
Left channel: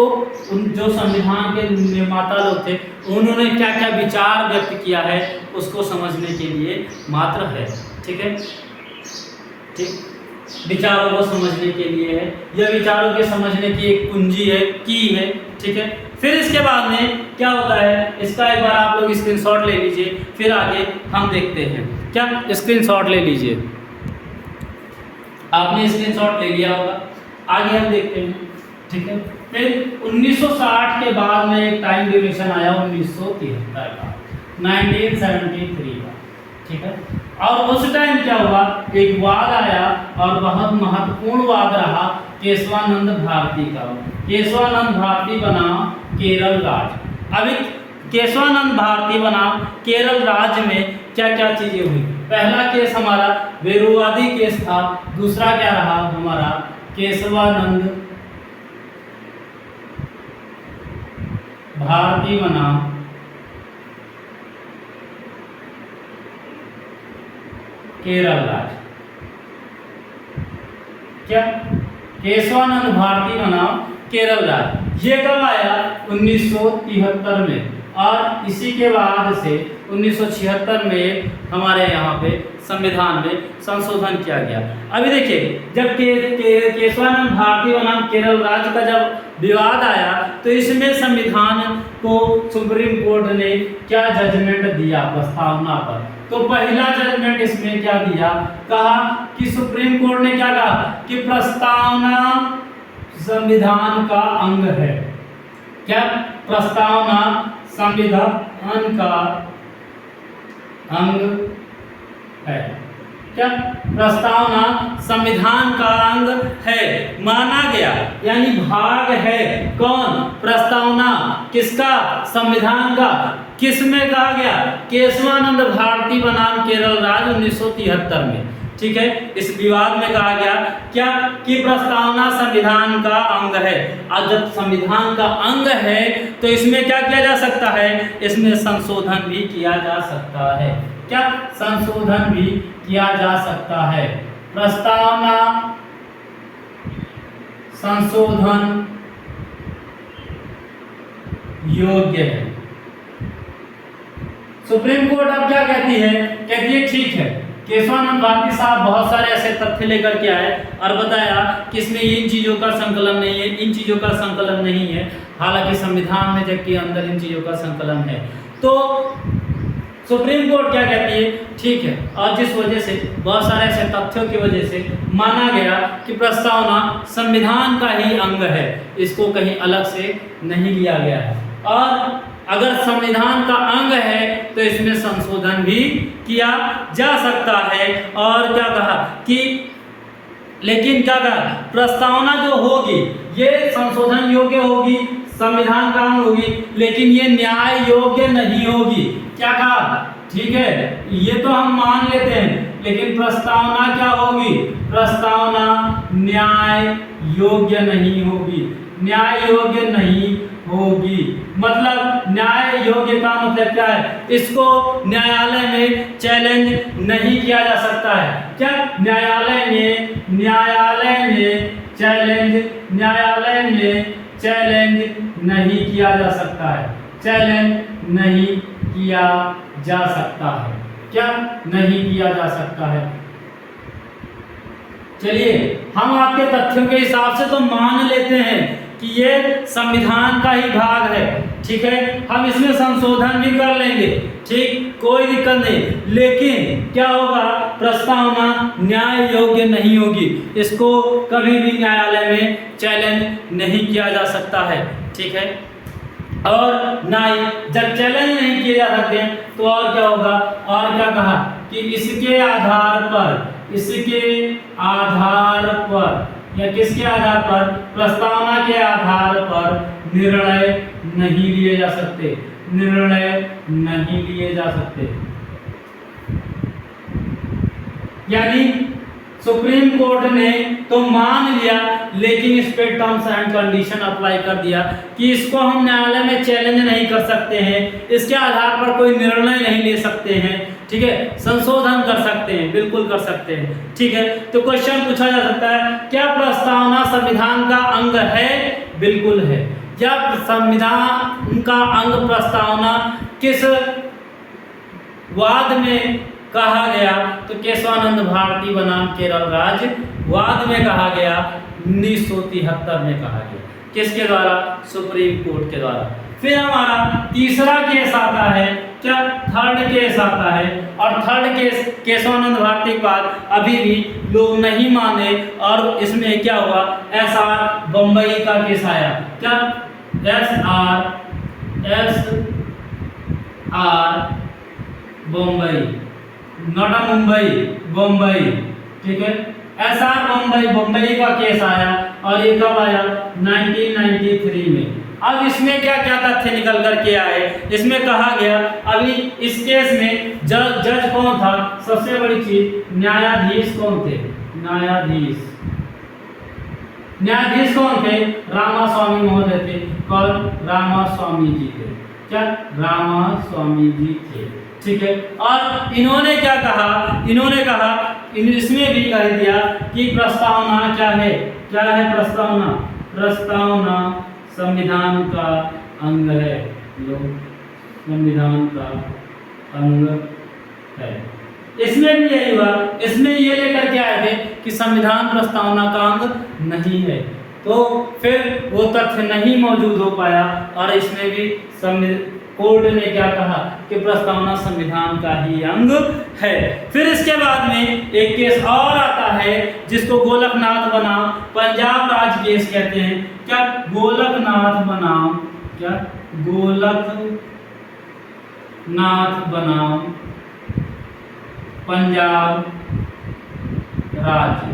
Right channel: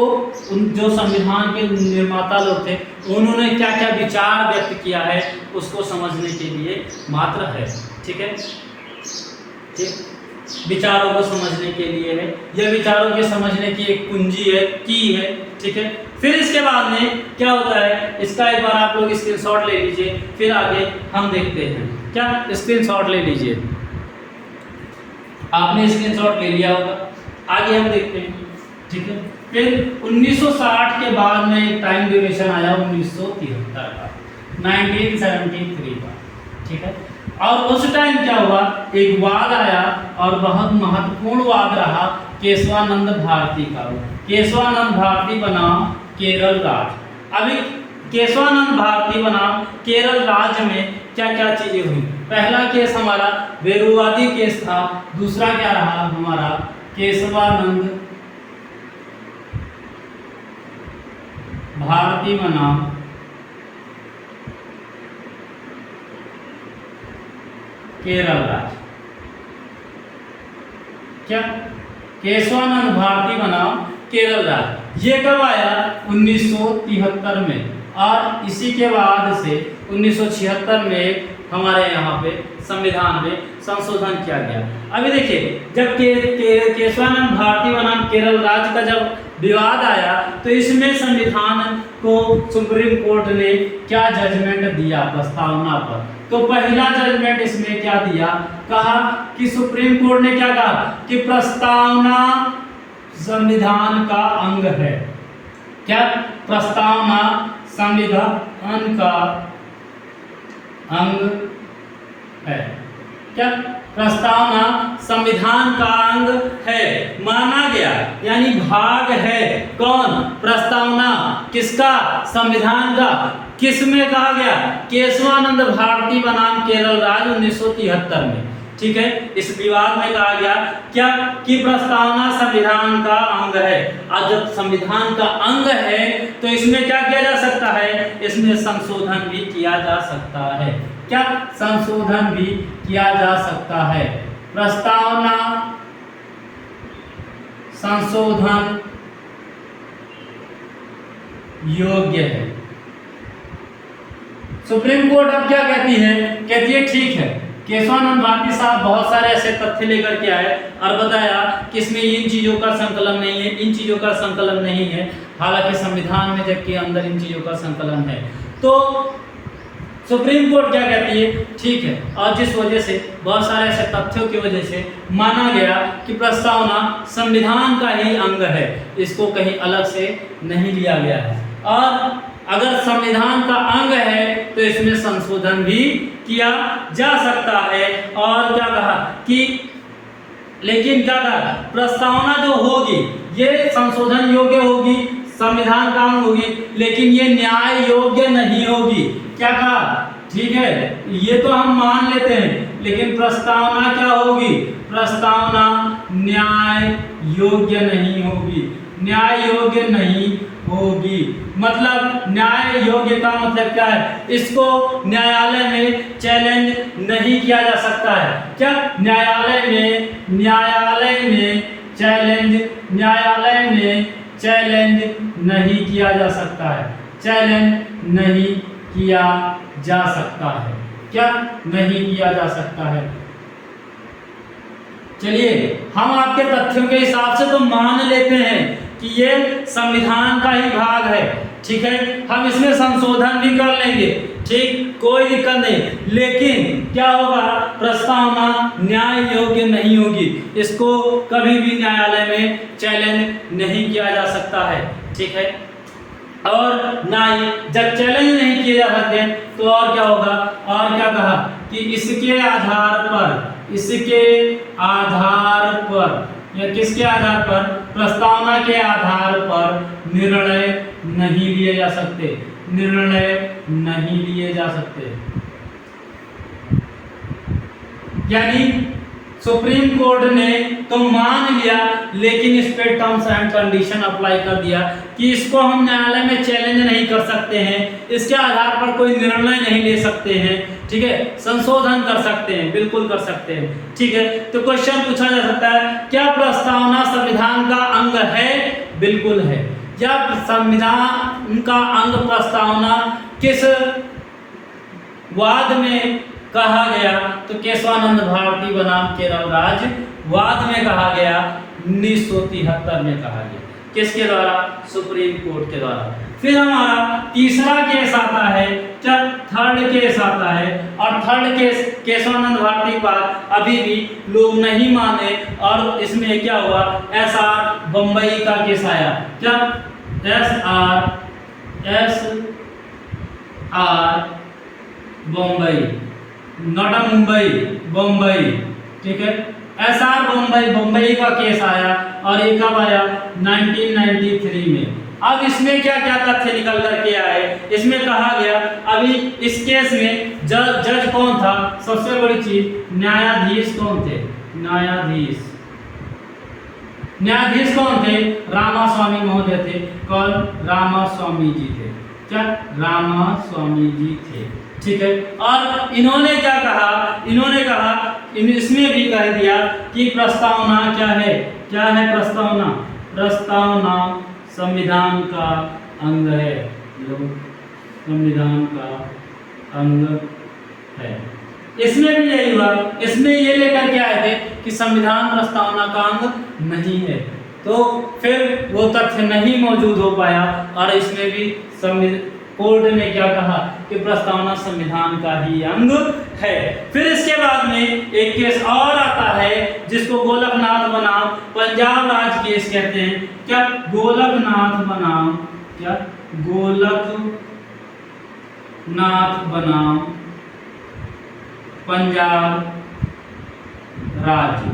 उन जो संविधान के निर्माता लोग थे उन्होंने क्या क्या विचार व्यक्त किया है उसको समझने के लिए मात्र है। ठीक है, ठीक, विचारों को समझने के लिए है, यह विचारों के समझने की एक कुंजी है, की है। ठीक है, फिर इसके बाद में क्या होता है, इसका एक बार आप लोग स्क्रीनशॉट ले लीजिए, फिर आगे हम देखते हैं। क्या, स्क्रीनशॉट ले लीजिए, आपने स्क्रीनशॉट ले लिया होगा, आगे हम देखते हैं। ठीक है, फिर 1960 के बाद में एक टाइम ड्यूरेशन आया 1973 का, 1973 का। ठीक है, और उस टाइम क्या हुआ, एक वाद आया और बहुत महत्वपूर्ण वाद रहा केशवानंद भारती का। केशवानंद भारती बना केरल राज्य। अभी केशवानंद भारती बना केरल राज्य में क्या क्या चीजें हुई। पहला केस हमारा बेरुवादी केस था, दूसरा क्या रहा हमारा, केशवानंद भारती बना केरल राज्य। क्या, केशवानंद भारती बना केरल राज्य। ये कब आया, 1973 में, और इसी के बाद से 1976 में हमारे यहाँ पे संविधान में संशोधन किया गया। अभी देखिए, जब केशवानंद भारती बनाम केरल राज्य का जब विवाद आया तो इसमें संविधान तो सुप्रीम कोर्ट ने क्या जजमेंट दिया प्रस्तावना पर? तो पहला जजमेंट इसमें क्या दिया, कहा कि सुप्रीम कोर्ट ने क्या कहा कि प्रस्तावना संविधान का अंग है। क्या? प्रस्तावना संविधान का अंग है। क्या? प्रस्तावना संविधान का अंग है, माना गया, यानी भाग है। कौन? प्रस्तावना। किसका? संविधान का। किस में कहा गया? केशवानंद भारती बनाम केरल राज्य 1973 में। ठीक है, इस विवाद में कहा गया क्या कि प्रस्तावना संविधान का अंग है। और जब संविधान का अंग है तो इसमें क्या किया जा सकता है? इसमें संशोधन भी किया जा सकता है। क्या? संशोधन भी किया जा सकता है। प्रस्तावना संशोधन योग्य है। सुप्रीम कोर्ट अब क्या कहती है? कहती है ठीक है, केशवानंद भारती साहब बहुत सारे ऐसे तथ्य लेकर के आए और बताया कि इसमें इन चीजों का संकलन नहीं है, इन चीजों का संकलन नहीं है, हालांकि संविधान में जबकि अंदर इन चीजों का संकलन है। तो सुप्रीम कोर्ट क्या कहती है? ठीक है, और जिस वजह से बहुत सारे ऐसे तथ्यों की वजह से माना गया कि प्रस्तावना संविधान का ही अंग है, इसको कहीं अलग से नहीं लिया गया है। और अगर संविधान का अंग है तो इसमें संशोधन भी किया जा सकता है। और क्या कहा कि लेकिन क्या कहा? प्रस्तावना जो होगी ये संशोधन योग्य होगी, संविधान का अंग होगी, लेकिन ये न्याय योग्य नहीं होगी। क्या कहा? ठीक है, ये तो हम मान लेते हैं, लेकिन प्रस्तावना क्या होगी? प्रस्तावना न्याय योग्य नहीं होगी। न्याय योग्य नहीं होगी मतलब न्याय योग्य का मतलब क्या है? इसको न्यायालय में चैलेंज नहीं किया जा सकता है। क्या? न्यायालय में चैलेंज नहीं किया जा सकता है। चैलेंज नहीं किया जा सकता है। क्या? नहीं किया जा सकता है। चलिए, हम आपके तथ्यों के हिसाब से तो मान लेते हैं कि ये संविधान का ही भाग है। ठीक है, हम इसमें संशोधन भी कर लेंगे, ठीक, कोई दिक्कत नहीं, लेकिन क्या होगा? प्रस्तावना न्याय योग्य नहीं होगी, इसको कभी भी न्यायालय में चैलेंज नहीं किया जा सकता है। ठीक है, और ना ही जब चैलेंज नहीं किए जा सकते तो और क्या होगा? और क्या कहा कि इसके आधार पर या किसके आधार पर? प्रस्तावना के आधार पर निर्णय नहीं लिए जा सकते। यानी सुप्रीम कोर्ट ने तो मान लिया, लेकिन इस पे टर्म्स एंड कंडीशन अप्लाई कर दिया कि इसको हम न्यायालय में चैलेंज नहीं कर सकते हैं, इसके आधार पर कोई निर्णय नहीं ले सकते हैं। ठीक है, संशोधन कर सकते हैं, बिल्कुल कर सकते हैं। ठीक है, तो क्वेश्चन पूछा जा सकता है, क्या प्रस्तावना संविधान का अंग है? बिल्कुल है। क्या संविधान का अंग प्रस्तावना किस वाद में कहा गया? तो केशवानंद भारती बनाम केरल राज्य वाद में कहा गया, 1973 में कहा गया। किसके द्वारा? सुप्रीम कोर्ट के द्वारा। फिर हमारा तीसरा केस आता है, क्या? थर्ड केस आता है, और थर्ड केस केशवानंद भारती के बाद अभी भी लोग नहीं माने, और इसमें क्या हुआ? SR बम्बई का केस आया। क्या? SR Bombay, not Mumbai, Bombay. ठीक है, SR बम्बई का केस आया, और ये कब आया? 1993 में। अब इसमें क्या क्या तथ्य निकल करके आए? इसमें कहा गया, अभी इस केस में जज कौन था? सबसे बड़ी चीज, न्यायाधीश कौन थे? न्यायाधीश कौन थे? रामास्वामी महोदय थे। कौन? रामास्वामी जी थे। क्या? रामास्वामी जी थे। ठीक है, और इन्होंने क्या कहा? इन्होंने कहा, इसमें भी कह दिया कि प्रस्तावना क्या है? क्या है प्रस्तावना? प्रस्तावना संविधान का अंग है। संविधान का अंग है। इसमें भी यही हुआ, इसमें ये लेकर के आए थे कि संविधान प्रस्तावना का अंग नहीं है। तो फिर वो तथ्य नहीं मौजूद हो पाया और इसमें भी कोर्ट ने क्या कहा कि प्रस्तावना संविधान का ही अंग है। फिर इसके बाद में एक केस और आता है जिसको गोलकनाथ बनाम पंजाब राज्य केस कहते हैं। क्या गोलकनाथ बनाम बनाम पंजाब राज्य।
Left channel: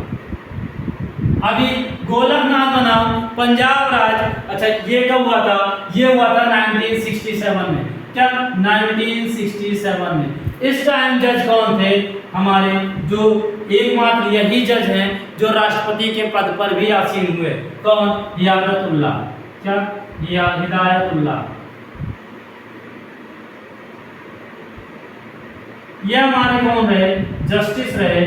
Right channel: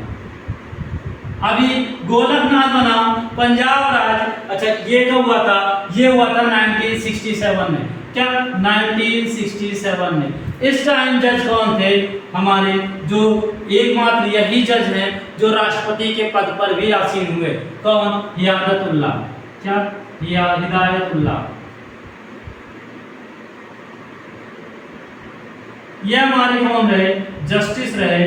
अभी गोलकनाथ बनाम पंजाब राज्य, अच्छा ये कब हुआ था? ये हुआ था 1967 में। क्या 1967 में। इस टाइम जज कौन थे? हमारे जो एकमात्र यही जज हैं जो राष्ट्रपति के पद पर भी आसीन हुए। कौन? हिदायतुल्लाह। क्या? हिदायतुल्लाह। ये हमारे कौन रहे? जस्टिस रहे।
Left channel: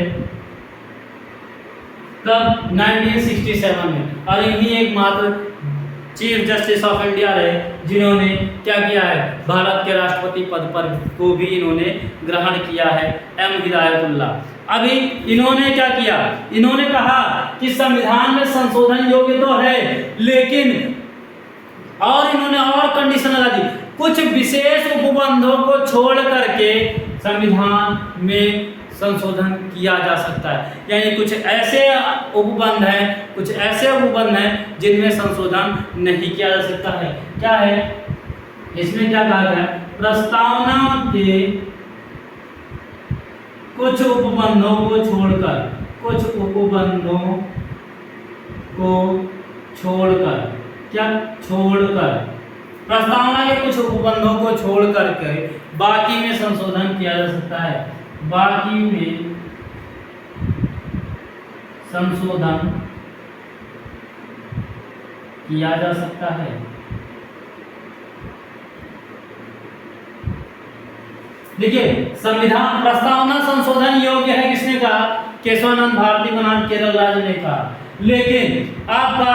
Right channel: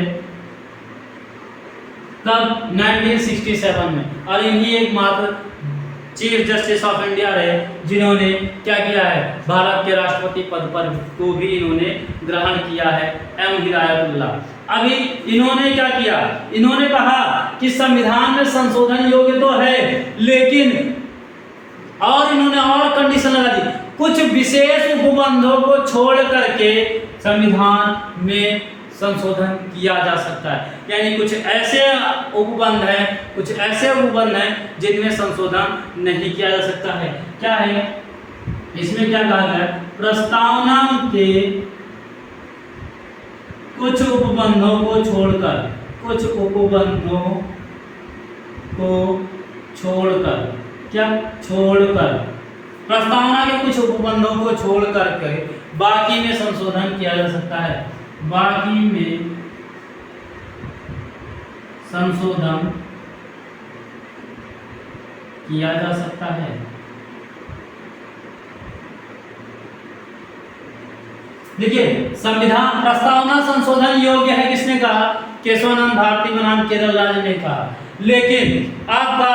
कब? 1967 में। और इन्हीं एकमात्र चीफ जस्टिस ऑफ इंडिया रहे जिन्होंने क्या किया है? भारत के राष्ट्रपति पद पर को भी इन्होंने ग्रहण किया है, एम हिदायतुल्लाह। अभी इन्होंने क्या किया? इन्होंने कहा कि संविधान में संशोधन योग्य तो है, लेकिन और इन्होंने और कंडीशन लगा दी, कुछ विशेष उपबंधों को छोड़ करके संविधान में संशोधन किया जा सकता है। यानी कुछ ऐसे उपबंध हैं जिनमें संशोधन नहीं किया जा सकता है। क्या है इसमें? क्या कहा गया? प्रस्तावना के कुछ उपबंधों को छोड़कर प्रस्तावना के कुछ उपबंधों को छोड़ करके बाकी में संशोधन किया जा सकता है। बाकी में संशोधन किया जा सकता है। देखिए, संविधान प्रस्तावना संशोधन योग्य है किसने कहा? केशवानंद भारती बनाम केरल राज्य ने कहा। लेकिन आपका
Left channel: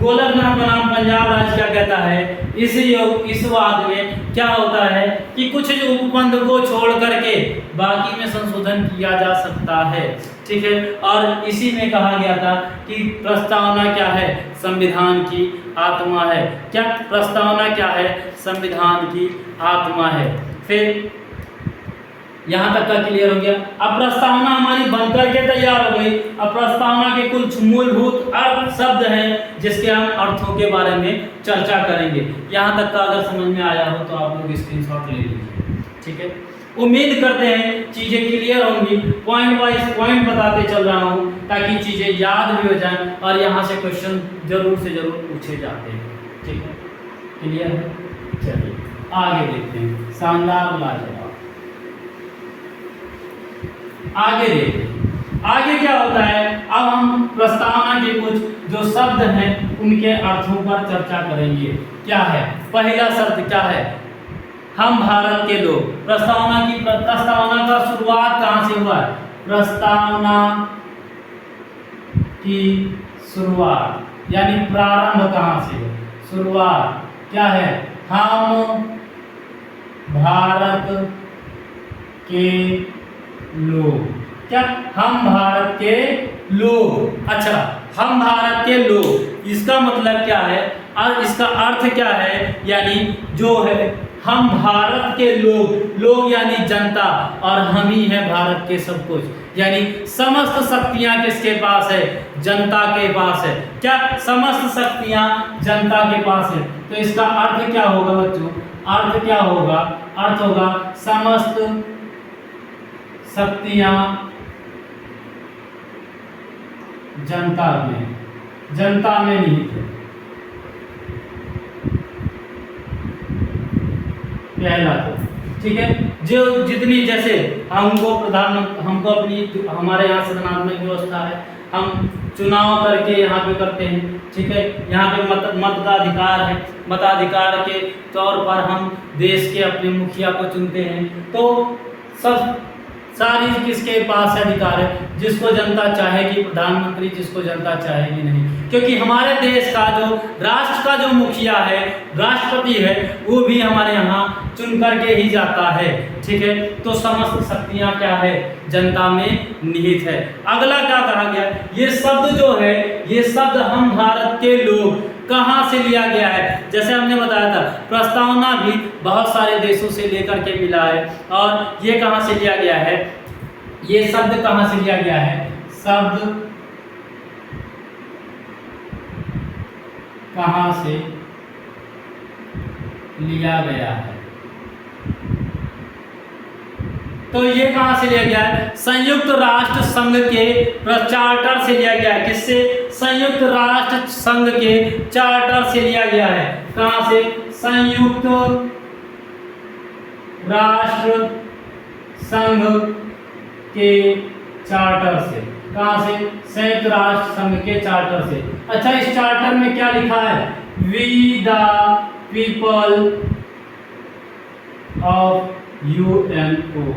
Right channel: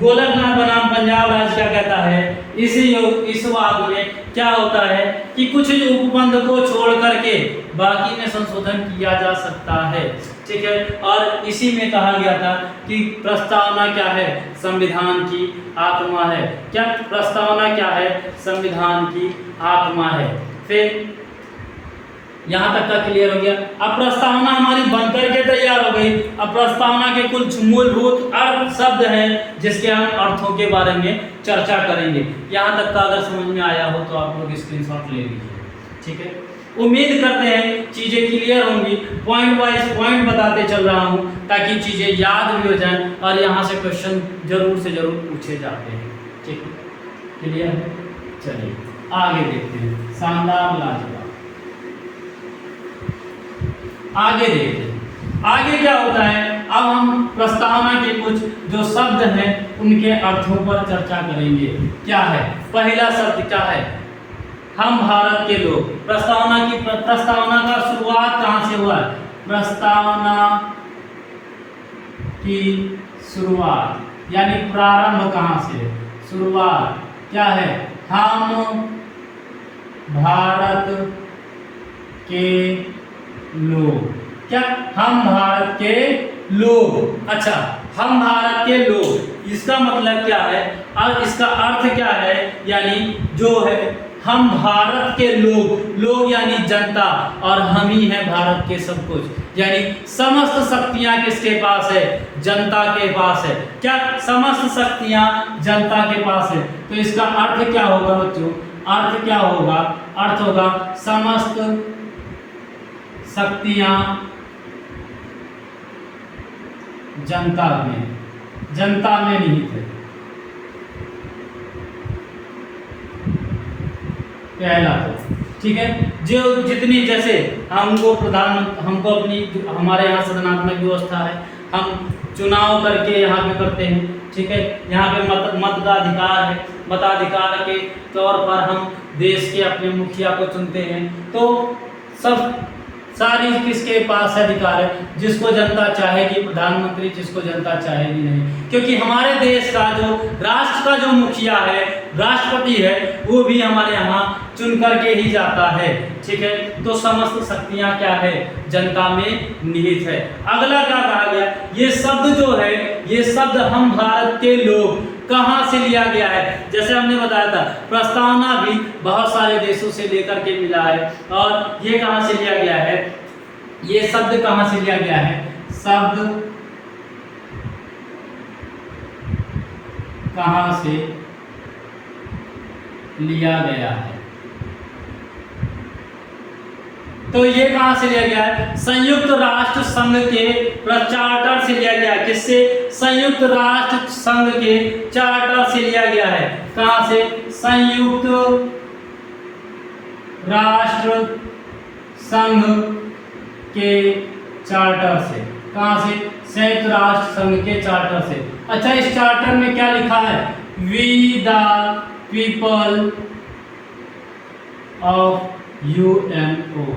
गोलकनाथ बनाम पंजाब राज्य क्या कहता है? इस वाद में क्या होता है कि कुछ उपबंध को छोड़ करके बाकी में संशोधन किया जा सकता है। ठीक है, और इसी में कहा गया था कि प्रस्तावना क्या है? संविधान की आत्मा है। क्या? प्रस्तावना क्या है? संविधान की आत्मा है। फिर यहाँ तक का क्लियर हो गया। अब प्रस्तावना हमारी बनकर के तैयार हो गई। अब प्रस्तावना के कुछ मूलभूत अर्थ शब्द हैं जिसके हम अर्थों के बारे में चर्चा करेंगे। यहाँ तक का अगर समझ में आया हो तो आप लोग स्क्रीनशॉट ले लीजिए। ठीक है, उम्मीद करते हैं चीजें क्लियर होंगी। पॉइंट वाइज पॉइंट बताते चल रहा हूँ ताकि चीजें याद भी हो जाएं और यहाँ से क्वेश्चन जरूर से जरूर पूछे जाते हैं। ठीक है, क्लियर है? चलिए आगे देखते हैं। शानदार, लाजवाब। आगे देखते हैं आगे क्या होता है। अब हम प्रस्तावना के कुछ जो शब्द हैं उनके अर्थों पर चर्चा करेंगे। क्या है? पहला शब्द क्या है? हम भारत के लोग। प्रस्तावना का शुरुआत कहाँ से हुआ? प्रस्तावना की शुरुआत यानी प्रारंभ कहाँ से? शुरुआत क्या है? हम भारत के लोग। क्या? हम भारत के लोग। अच्छा, हम भारत के लोग, इसका मतलब क्या है और इसका अर्थ क्या है? यानी जो है हम भारत के लोग यानी जनता, और हम ही हैं भारत के सब कुछ। यानी समस्त शक्तियां किसके पास है? जनता के पास है। क्या? समस्त शक्तियां जनता के पास है। तो इसका अर्थ क्या होगा बच्चों? अर्थ क्या होगा? अर्थ होगा समस्त शक्तियां जनता में निहित है। पहला तो ठीक है, जो जितनी जैसे हमको अपनी हमारे यहाँ सदनात्मक व्यवस्था है, हम चुनाव करके यहाँ पे करते हैं। ठीक है, यहाँ पे मत का अधिकार है। मताधिकार के तौर पर हम देश के अपने मुखिया को चुनते हैं। तो सब सारी किसके पास अधिकार है, जिसको जनता चाहेगी प्रधानमंत्री, जिसको जनता चाहेगी नहीं। क्योंकि हमारे देश का जो राष्ट्र का जो मुखिया है, राष्ट्रपति है, वो भी हमारे यहाँ चुन करके ही जाता है। ठीक है, तो समस्त शक्तियां क्या है, जनता में निहित है। अगला क्या कहा गया, ये शब्द जो है, ये शब्द हम भारत के लोग कहाँ से लिया गया है। जैसे हमने बताया था, प्रस्तावना भी बहुत सारे देशों से लेकर के मिला है। और ये कहाँ से लिया गया है, ये शब्द कहाँ से लिया गया है, शब्द कहाँ से लिया गया है, तो ये कहां से लिया गया है, संयुक्त राष्ट्र संघ के चार्टर से लिया गया है। किससे, संयुक्त राष्ट्र संघ के चार्टर से लिया गया है। कहां से, संयुक्त राष्ट्र संघ के चार्टर से। कहां से, संयुक्त राष्ट्र संघ के चार्टर से। अच्छा, इस चार्टर में क्या लिखा है, we the people of UNO.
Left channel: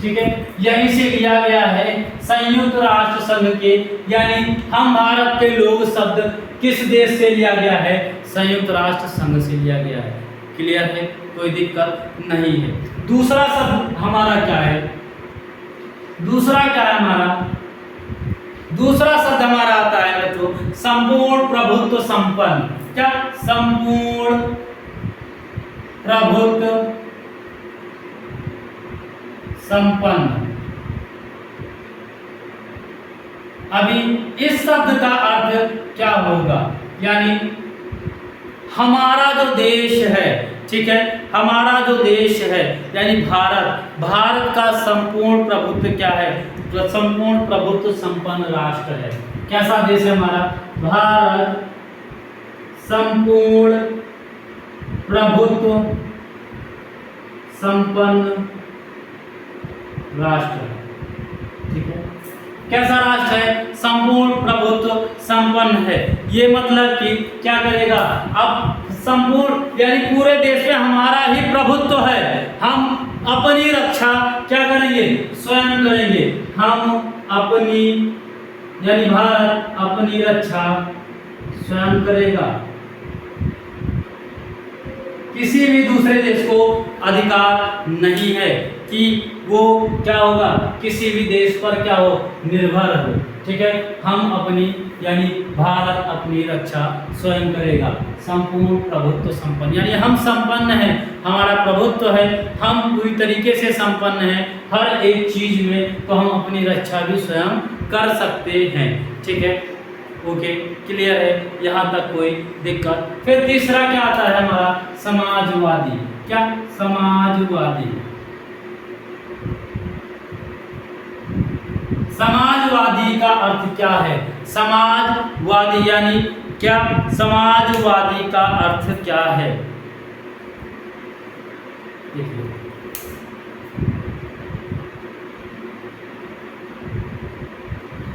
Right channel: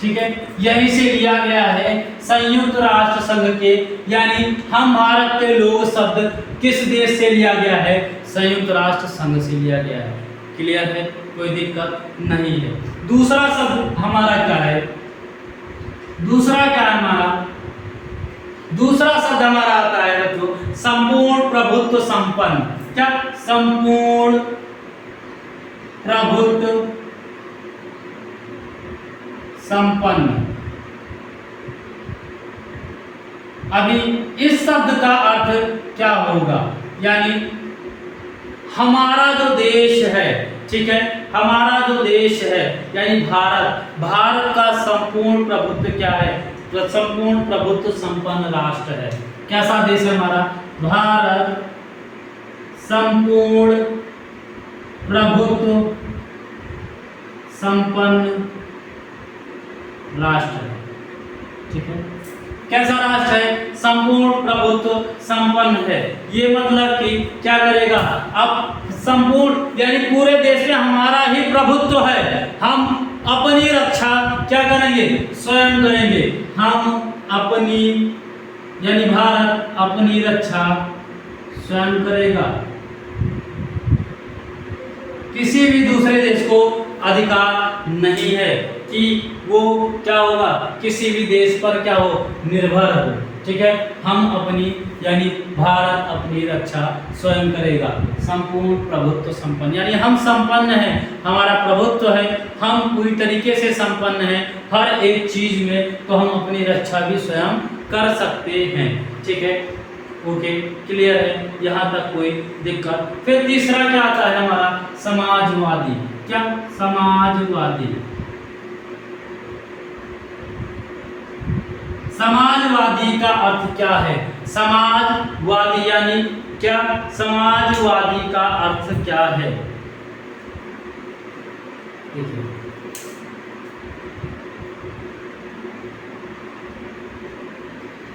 ठीक है, यहीं से लिया गया है संयुक्त राष्ट्र संघ के, यानी हम भारत के लोग शब्द किस देश से लिया गया है, संयुक्त राष्ट्र संघ से लिया गया है। क्लियर है, कोई दिक्कत नहीं है। दूसरा शब्द हमारा क्या है, दूसरा क्या है हमारा, दूसरा शब्द हमारा आता है बच्चों, संपूर्ण प्रभुत्व संपन्न। क्या, संपूर्ण प्रभुत्व संपन्न। अभी इस शब्द का अर्थ क्या होगा, यानी हमारा जो देश है, ठीक है, हमारा जो देश है यानी भारत, भारत का संपूर्ण प्रभुत्व क्या है, संपूर्ण प्रभुत्व संपन्न राष्ट्र है। कैसा देश है हमारा, भारत संपूर्ण प्रभुत्व संपन्न राष्ट्र। ठीक है, कैसा राष्ट्र है, संपूर्ण प्रभुत्व संपन्न है। ये मतलब कि क्या करेगा, अब संपूर्ण यानी पूरे देश में हमारा ही प्रभुत्व है, हम अपनी रक्षा क्या करेंगे, स्वयं करेंगे। हम अपनी यानी भारत अपनी रक्षा स्वयं करेगा, किसी भी दूसरे देश को अधिकार नहीं है कि वो क्या होगा, किसी भी देश पर क्या हो, निर्भर हो। ठीक है, हम अपनी यानी भारत अपनी रक्षा स्वयं करेगा। संपूर्ण प्रभुत्व संपन्न, यानी हम संपन्न हैं, हमारा प्रभुत्व है, हम पूरी तरीके से संपन्न हैं हर एक चीज में, तो हम अपनी रक्षा भी स्वयं कर सकते हैं। ठीक है, ओके, क्लियर है, यहाँ तक कोई दिक्कत। फिर तीसरा क्या आता है हमारा, समाजवादी। क्या, समाजवादी। समाजवादी का अर्थ क्या है, समाजवादी यानी क्या, समाजवादी का अर्थ क्या है, देखिए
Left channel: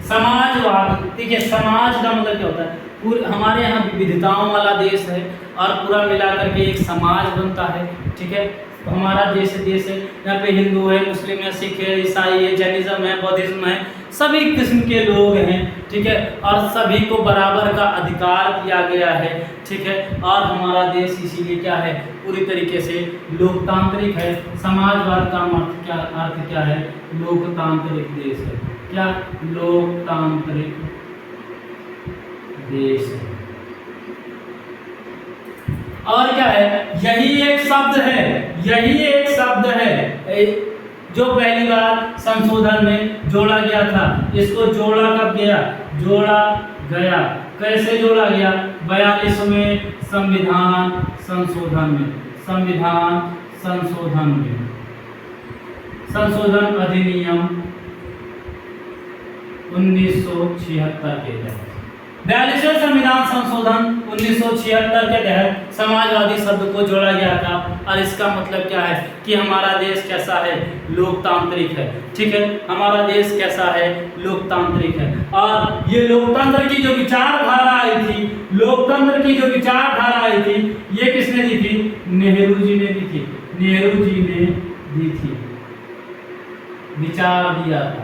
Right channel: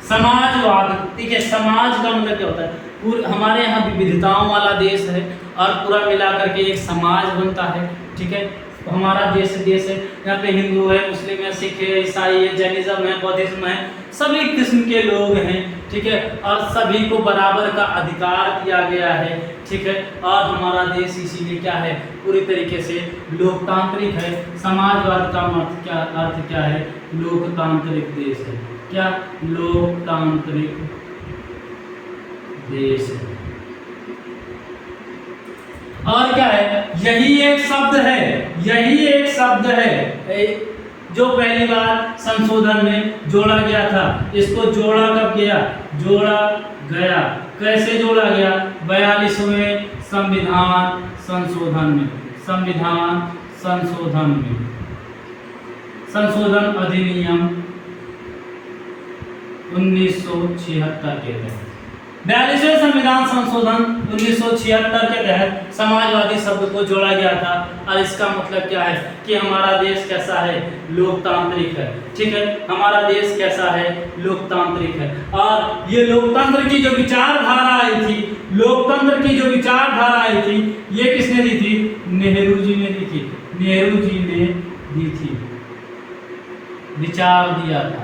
समाजवाद। ठीक है, समाज का मतलब क्या होता है, हमारे यहाँ विविधताओं वाला देश है और पूरा मिलाकर के एक समाज बनता है। ठीक है, हमारा देश है, यहाँ पे हिंदू है, मुस्लिम है, सिख है, ईसाई है, जैनिज्म है, बौद्धिज्म है, सभी किस्म के लोग हैं। ठीक है, और सभी को बराबर का अधिकार दिया गया है। ठीक है, और हमारा देश इसीलिए क्या है, पूरी तरीके से लोकतांत्रिक है। समाजवाद का अर्थ क्या है, लोकतांत्रिक देश है। क्या, लोकतांत्रिक देश है। और क्या है, यही एक शब्द है, यही एक शब्द है जो पहली बार संशोधन में जोड़ा गया था। इसको जोड़ा कब गया, जोड़ा गया, कैसे जोड़ा गया, 42वें संविधान संशोधन में, संविधान संशोधन में, संशोधन अधिनियम 1976 के तहत। 42वें संविधान संशोधन 1976 के तहत समाजवादी शब्द को जोड़ा गया था। और इसका मतलब क्या है कि हमारा देश कैसा है, लोकतांत्रिक है। ठीक है, हमारा देश कैसा है, लोकतांत्रिक है। और ये लोकतंत्र की जो विचारधारा आई थी, लोकतंत्र की जो विचारधारा आई थी, ये किसने दी थी, नेहरू जी ने दी थी, नेहरू जी ने दी थी, विचार दिया था।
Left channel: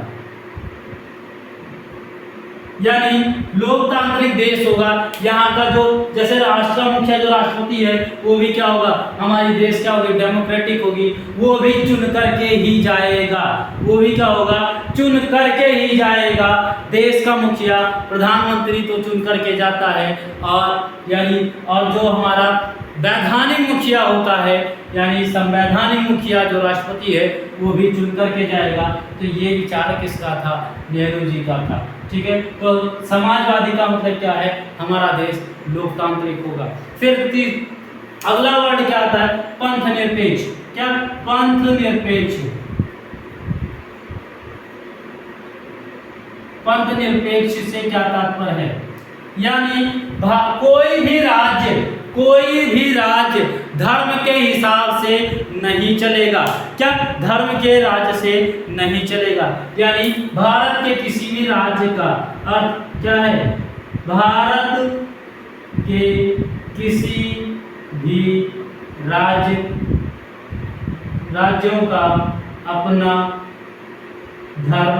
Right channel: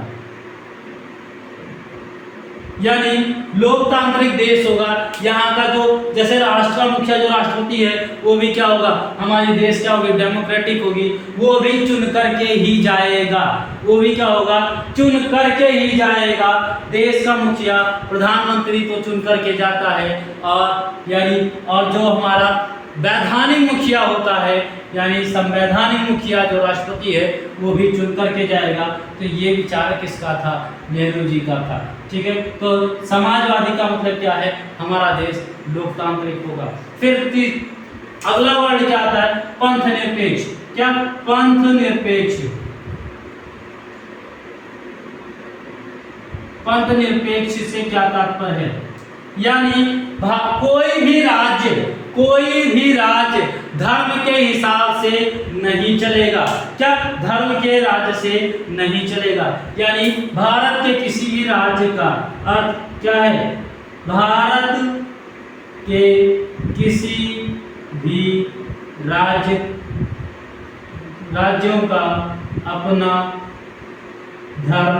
यानी लोकतांत्रिक देश होगा, यहाँ का जो जैसे राष्ट्र का मुखिया जो राष्ट्रपति है वो भी क्या होगा, हमारी देश क्या होगी, डेमोक्रेटिक होगी, वो भी चुन करके ही जाएगा, वो भी क्या होगा, चुन करके ही जाएगा। देश का मुखिया प्रधानमंत्री तो चुन करके जाता है, और यानी और जो हमारा वैधानिक मुखिया होता है यानी संवैधानिक मुखिया जो राष्ट्रपति है वो भी चुन करके जाएगा। तो ये विचार किसका था, नेहरू जी का था। ठीक है, तो समाजवादी का मतलब क्या है, हमारा देश लोकतांत्रिक होगा। फिर अगला वर्ड क्या आता है, पंथ निरपेक्ष। क्या, पंथ निरपेक्ष। पंथ निरपेक्ष से क्या तात्पर्य है, यानी कोई भी राज्य धर्म के हिसाब से नहीं चलेगा। क्या, धर्म के राज्य से नहीं चलेगा, यानी भारत के किसी भी राज्य का अर्थ क्या है, भारत के किसी भी राज्यों का अपना धर्म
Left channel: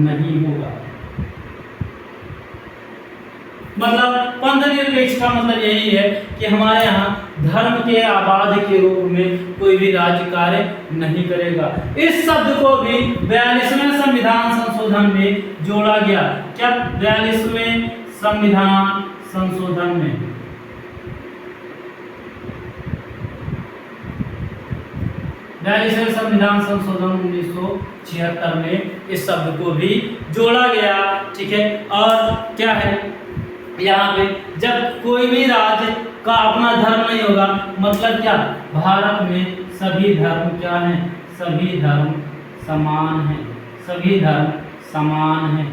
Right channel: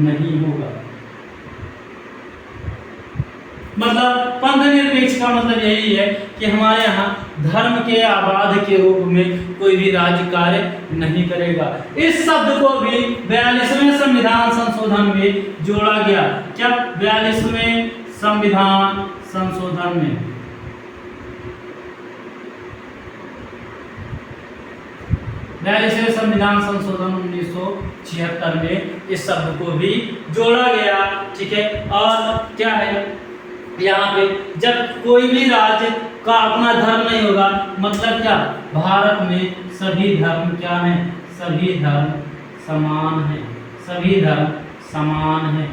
नहीं होगा। मतलब पंथ निरपेक्ष का मतलब यही है कि हमारे यहाँ धर्म के आबाद के रूप में कोई भी राज्य कार्य नहीं करेगा। इस शब्द को भी 42वें संविधान संशोधन में जोड़ा गया। क्या, 42वें संविधान संशोधन में 42वें संविधान संशोधन 1976 में इस शब्द को भी जोड़ा गया। ठीक है, और क्या है यहाँ पे, जब कोई भी राज्य का अपना धर्म नहीं होगा, मतलब क्या, भारत में सभी धर्म क्या हैं, सभी धर्म समान हैं, सभी धर्म समान हैं,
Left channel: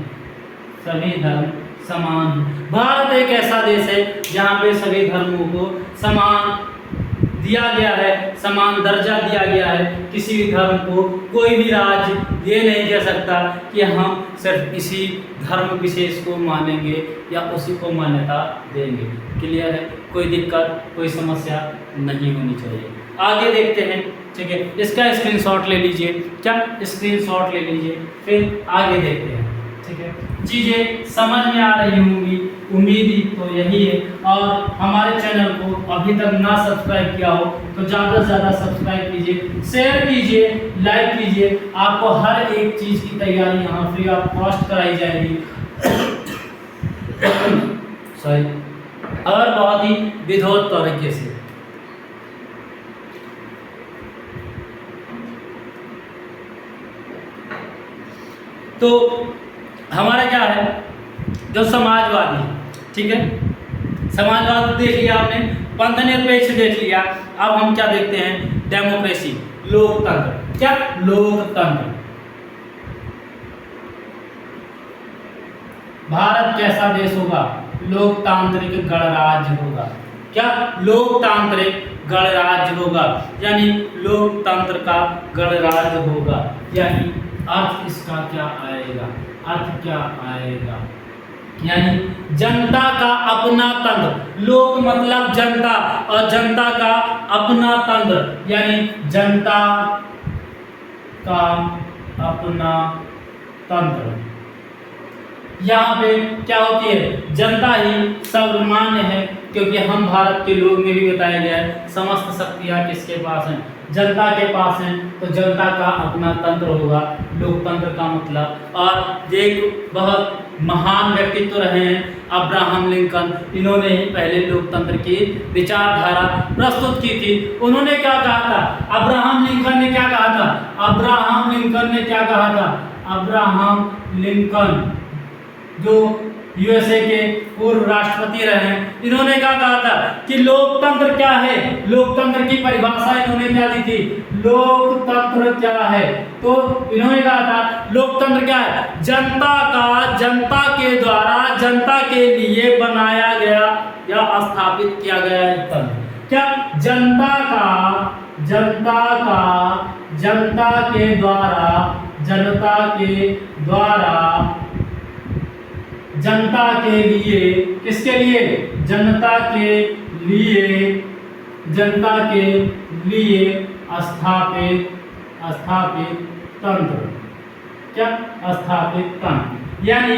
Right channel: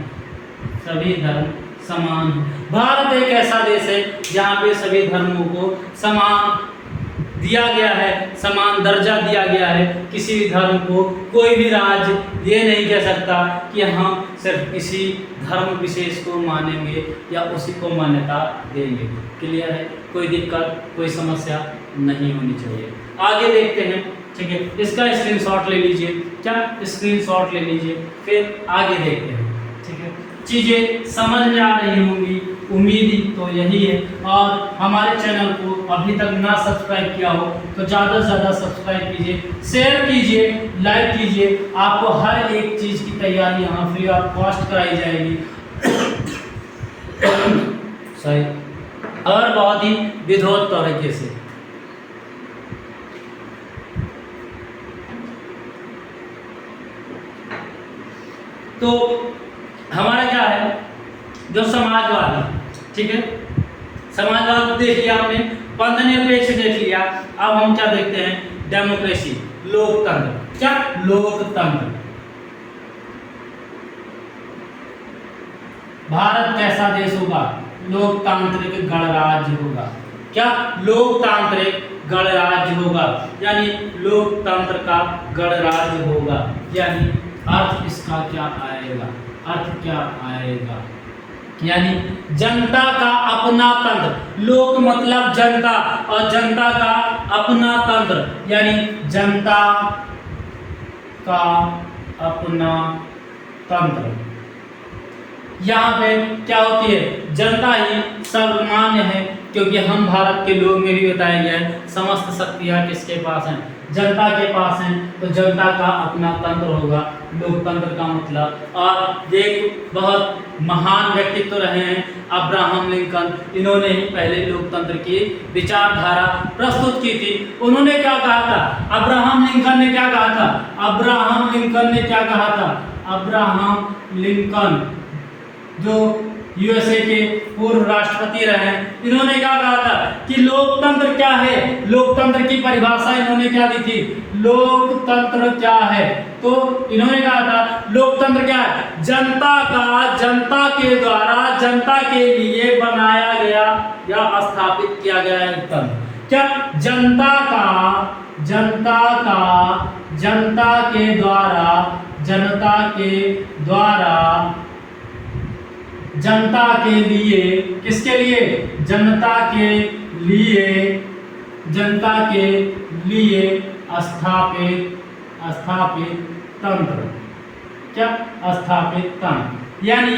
सभी धर्म समान हैं। भारत एक ऐसा देश है जहाँ पे सभी धर्मों को समान दिया गया है, समान दर्जा दिया गया है। किसी भी धर्म को कोई भी राज्य ये नहीं कह सकता कि हम सिर्फ इसी धर्म विशेष को मानेंगे या उसी को मान्यता देंगे। क्लियर है, कोई दिक्कत कोई समस्या नहीं होनी चाहिए। आगे देखते हैं। ठीक है, इसका स्क्रीनशॉट ले लीजिए। क्या, स्क्रीनशॉट ले लीजिए, फिर आगे देखते हैं। ठीक है, चीज़ें समझ में आ रही होंगी, उम्मीद तो यही है। और हमारे चैनल को अभी तक ना सब्सक्राइब किया हो तो ज़्यादा से ज़्यादा सब्सक्राइब कीजिए, शेयर कीजिए, लाइक कीजिए। आपको हर एक चीज़ की तैयारी यहाँ फ्री ऑफ कॉस्ट कराई जाएगी सही, और बहुत ही विधोत तरीके से। तो हमारा क्या है, जो समाजवादी, ठीक है, समाजवाद देख लिया आपने, पंथ निरपेक्ष देख लिया। अब हम क्या देखते हैं, डेमोक्रेसी, लोकतंत्र। क्या, लोकतंत्र। भारत कैसा देश होगा, लोकतांत्रिक गणराज्य होगा। क्या, लोकतांत्रिक गणराज्य होगा, यानी लोकतंत्र का गणराज्य होगा। यानी अर्थ इसका क्या आएगा, अर्थ क्या आएगा, यानी जनता का अपना तंत्र। लोक मतलब जनता, और जनता का अपना तंत्र, यानी जनता का अपना तंत्र। यहाँ पे क्या होती है, जनता ही सर्वमान्य है, क्योंकि हम भारत के लोग में भी बताया गया है समस्त शक्तियाँ किसके पास हैं, जनता के पास हैं। तो जनता का अपना तंत्र होगा लोकतंत्र का मतलब। और एक बहुत महान व्यक्तित्व रहे हैं अब्राहम लिंकन, इन्होंने ही पहले लोकतंत्र की विचारधारा प्रस्तुत की थी। उन्होंने क्या कहा था, अब्राहम लिंकन ने क्या कहा था, अब्राहम लिंकन ने क्या कहा था, अब्राहम लिंकन जो यूएसए के पूर्व राष्ट्रपति रहे, इन्होंने क्या कहा था कि लोकतंत्र क्या है, लोकतंत्र की परिभाषा इन्होंने क्या दी थी, लोकतंत्र क्या है। तो इन्होंने कहा था लोकतंत्र क्या है, जनता का जनता के द्वारा जनता के लिए बनाया गया या स्थापित किया गया एक तंत्र। क्या, जनता के द्वारा जनता के लिए, किसके लिए, जनता के लिए स्थापित स्थापित तंत्र। क्या? स्थापित तंत्र। यानी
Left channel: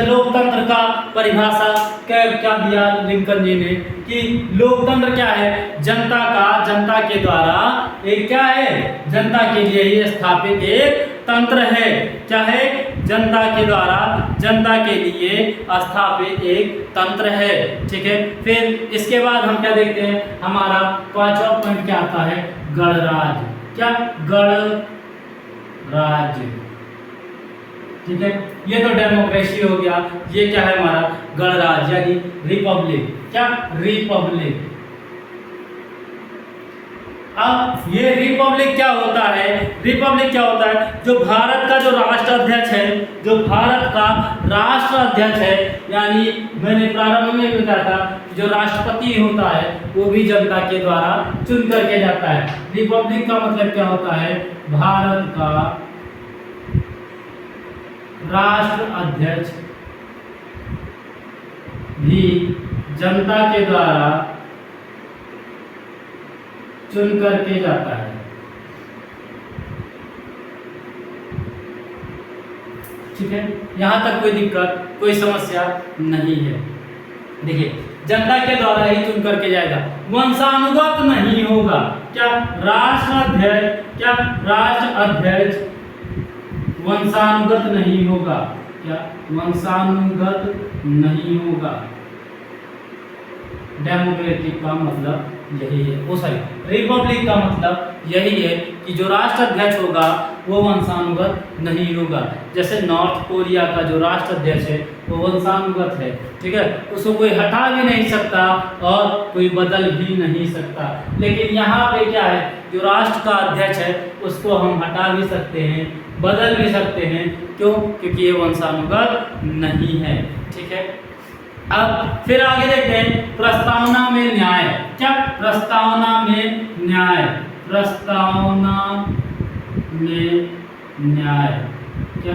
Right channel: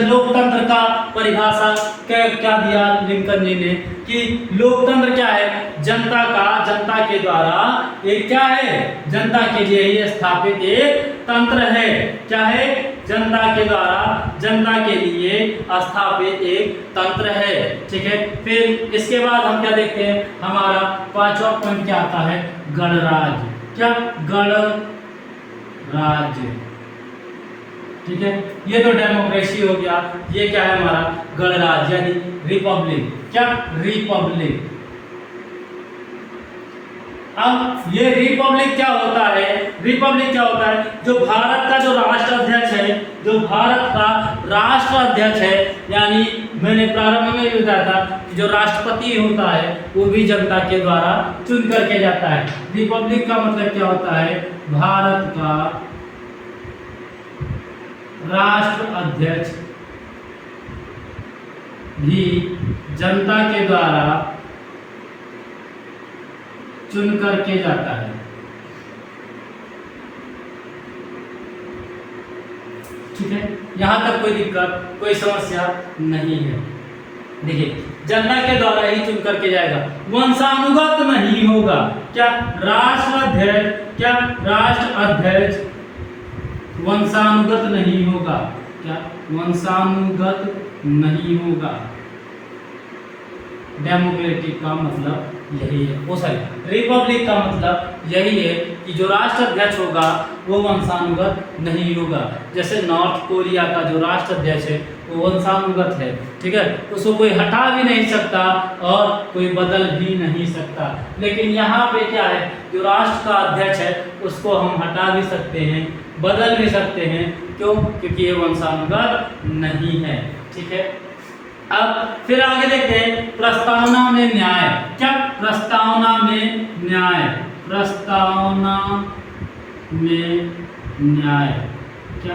लोकतंत्र का परिभाषा क्या दिया लिंकन जी ने कि लोकतंत्र क्या है? जनता के द्वारा एक क्या है? जनता के लिए ही स्थापित एक तंत्र है। क्या है? जनता के द्वारा जनता के लिए स्थापित एक तंत्र है। ठीक है। फिर इसके बाद हम क्या देखते हैं? हमारा पांचवा पॉइंट क्या आता है? गणराज्य। क्या? गणराज्य। ठीक है। ये तो डेमोक्रेसी हो गया। ये क्या है हमारा? गणराज्य यानी रिपब्लिक। क्या? रिपब्लिक। अब ये रिपब्लिक क्या होता है? रिपब्लिक क्या होता है? जो भारत का जो राष्ट्राध्यक्ष है, जो भारत का राष्ट्राध्यक्ष है, यानी मैंने प्रारंभ में भी बताया था जो राष्ट्रपति होता है वो भी जनता के द्वारा चुन करके जाता है। रिपब्लिक का मतलब क्या होता है? भारत का राष्ट्राध्यक्ष भी जनता के द्वारा चुन करके जाता है। ठीक है। यहां तक कोई दिक्कत, कोई समस्या नहीं है। देखिए, जनता के द्वारा ही चुन करके जाएगा, वंशानुगत नहीं होगा। क्या? राष्ट्राध्यक्ष। क्या? राष्ट्राध्यक्ष वंशानुगत नहीं होगा। क्या? वंशानुगत नहीं होगा। डेमोक्रेटिक का मतलब यही है। वो सॉरी, रिपब्लिक का मतलब यही है कि जो राष्ट्राध्यक्ष होगा वो वंशानुगत नहीं होगा। जैसे नॉर्थ कोरिया का जो राष्ट्राध्यक्ष है वो वंशानुगत है। ठीक है। उसको कोई हटा भी नहीं सकता और कोई बदल भी नहीं सकता। लेकिन यहाँ पे क्या है? जो राष्ट्र का अध्यक्ष है उसको हम हटा भी सकते हैं, बदल भी सकते हैं। क्यों? क्योंकि ये वंशानुगत नहीं है। ठीक है। अब फिर आगे देखते हैं प्रस्तावना में न्याय। क्या? प्रस्तावना में न्याय। प्रस्तावना में न्याय। क्या?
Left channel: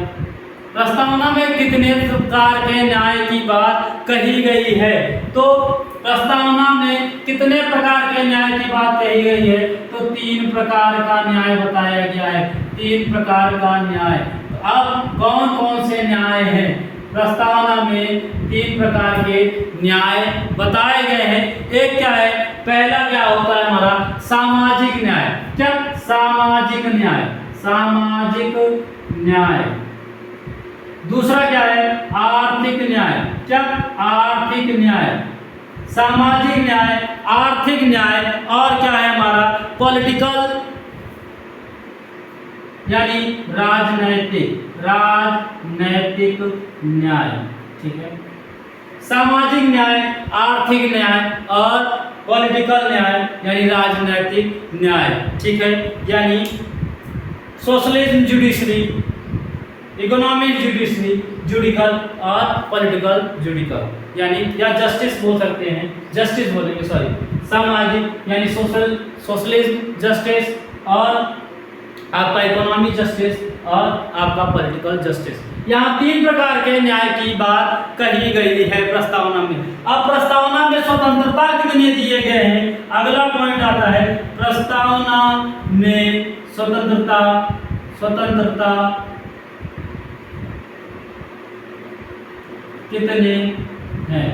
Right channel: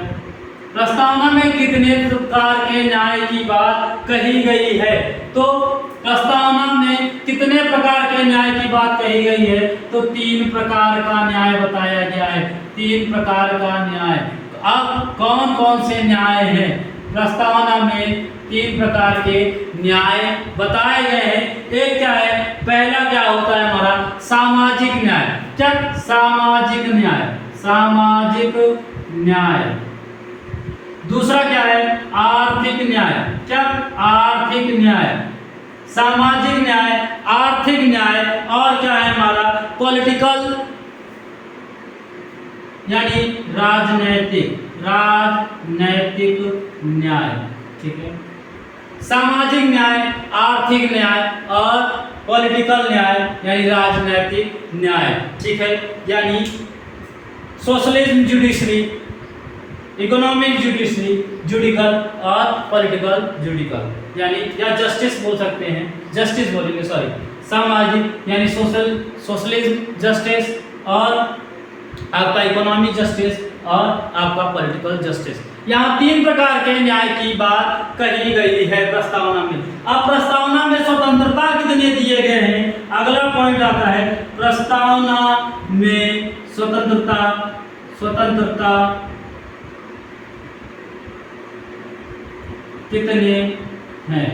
प्रस्तावना में कितने प्रकार के न्याय की बात कही गई है? तो प्रस्तावना में कितने प्रकार के न्याय की बात कही गई है? तो 3 प्रकार का न्याय बताया गया है। 3 प्रकार का न्याय। अब कौन कौन से न्याय हैं? प्रस्तावना में 3 प्रकार के न्याय बताए गए हैं। एक क्या है? पहला क्या होता है हमारा? सामाजिक न्याय। क्या? सामाजिक न्याय। सामाजिक न्याय। दूसरा क्या है? आर्थिक न्याय। क्या? आर्थिक न्याय। सामाजिक न्याय, आर्थिक न्याय और क्या है हमारा? पॉलिटिकल यानी राजनैतिक। राजनैतिक न्याय। ठीक है। सामाजिक न्याय, आर्थिक न्याय और पॉलिटिकल न्याय यानी राजनैतिक न्याय। ठीक है। यानी socialism judiciary, economic judiciary, judicial और पॉलिटिकल जुडिकल यानी या जस्टिस बोल सकते हैं। जस्टिस बोलेंगे, सॉरी। सामाजिक यानी सोशलिज्म जस्टिस और आपका इकोनॉमिक जस्टिस और आपका पॉलिटिकल जस्टिस। यहाँ 3 प्रकार के न्याय की बात कही गई है प्रस्तावना में। अब प्रस्तावना में स्वतंत्रता कितने दिए गए हैं? अगला पॉइंट आता है प्रस्तावना में स्वतंत्रता। स्वतंत्रता कितने हैं?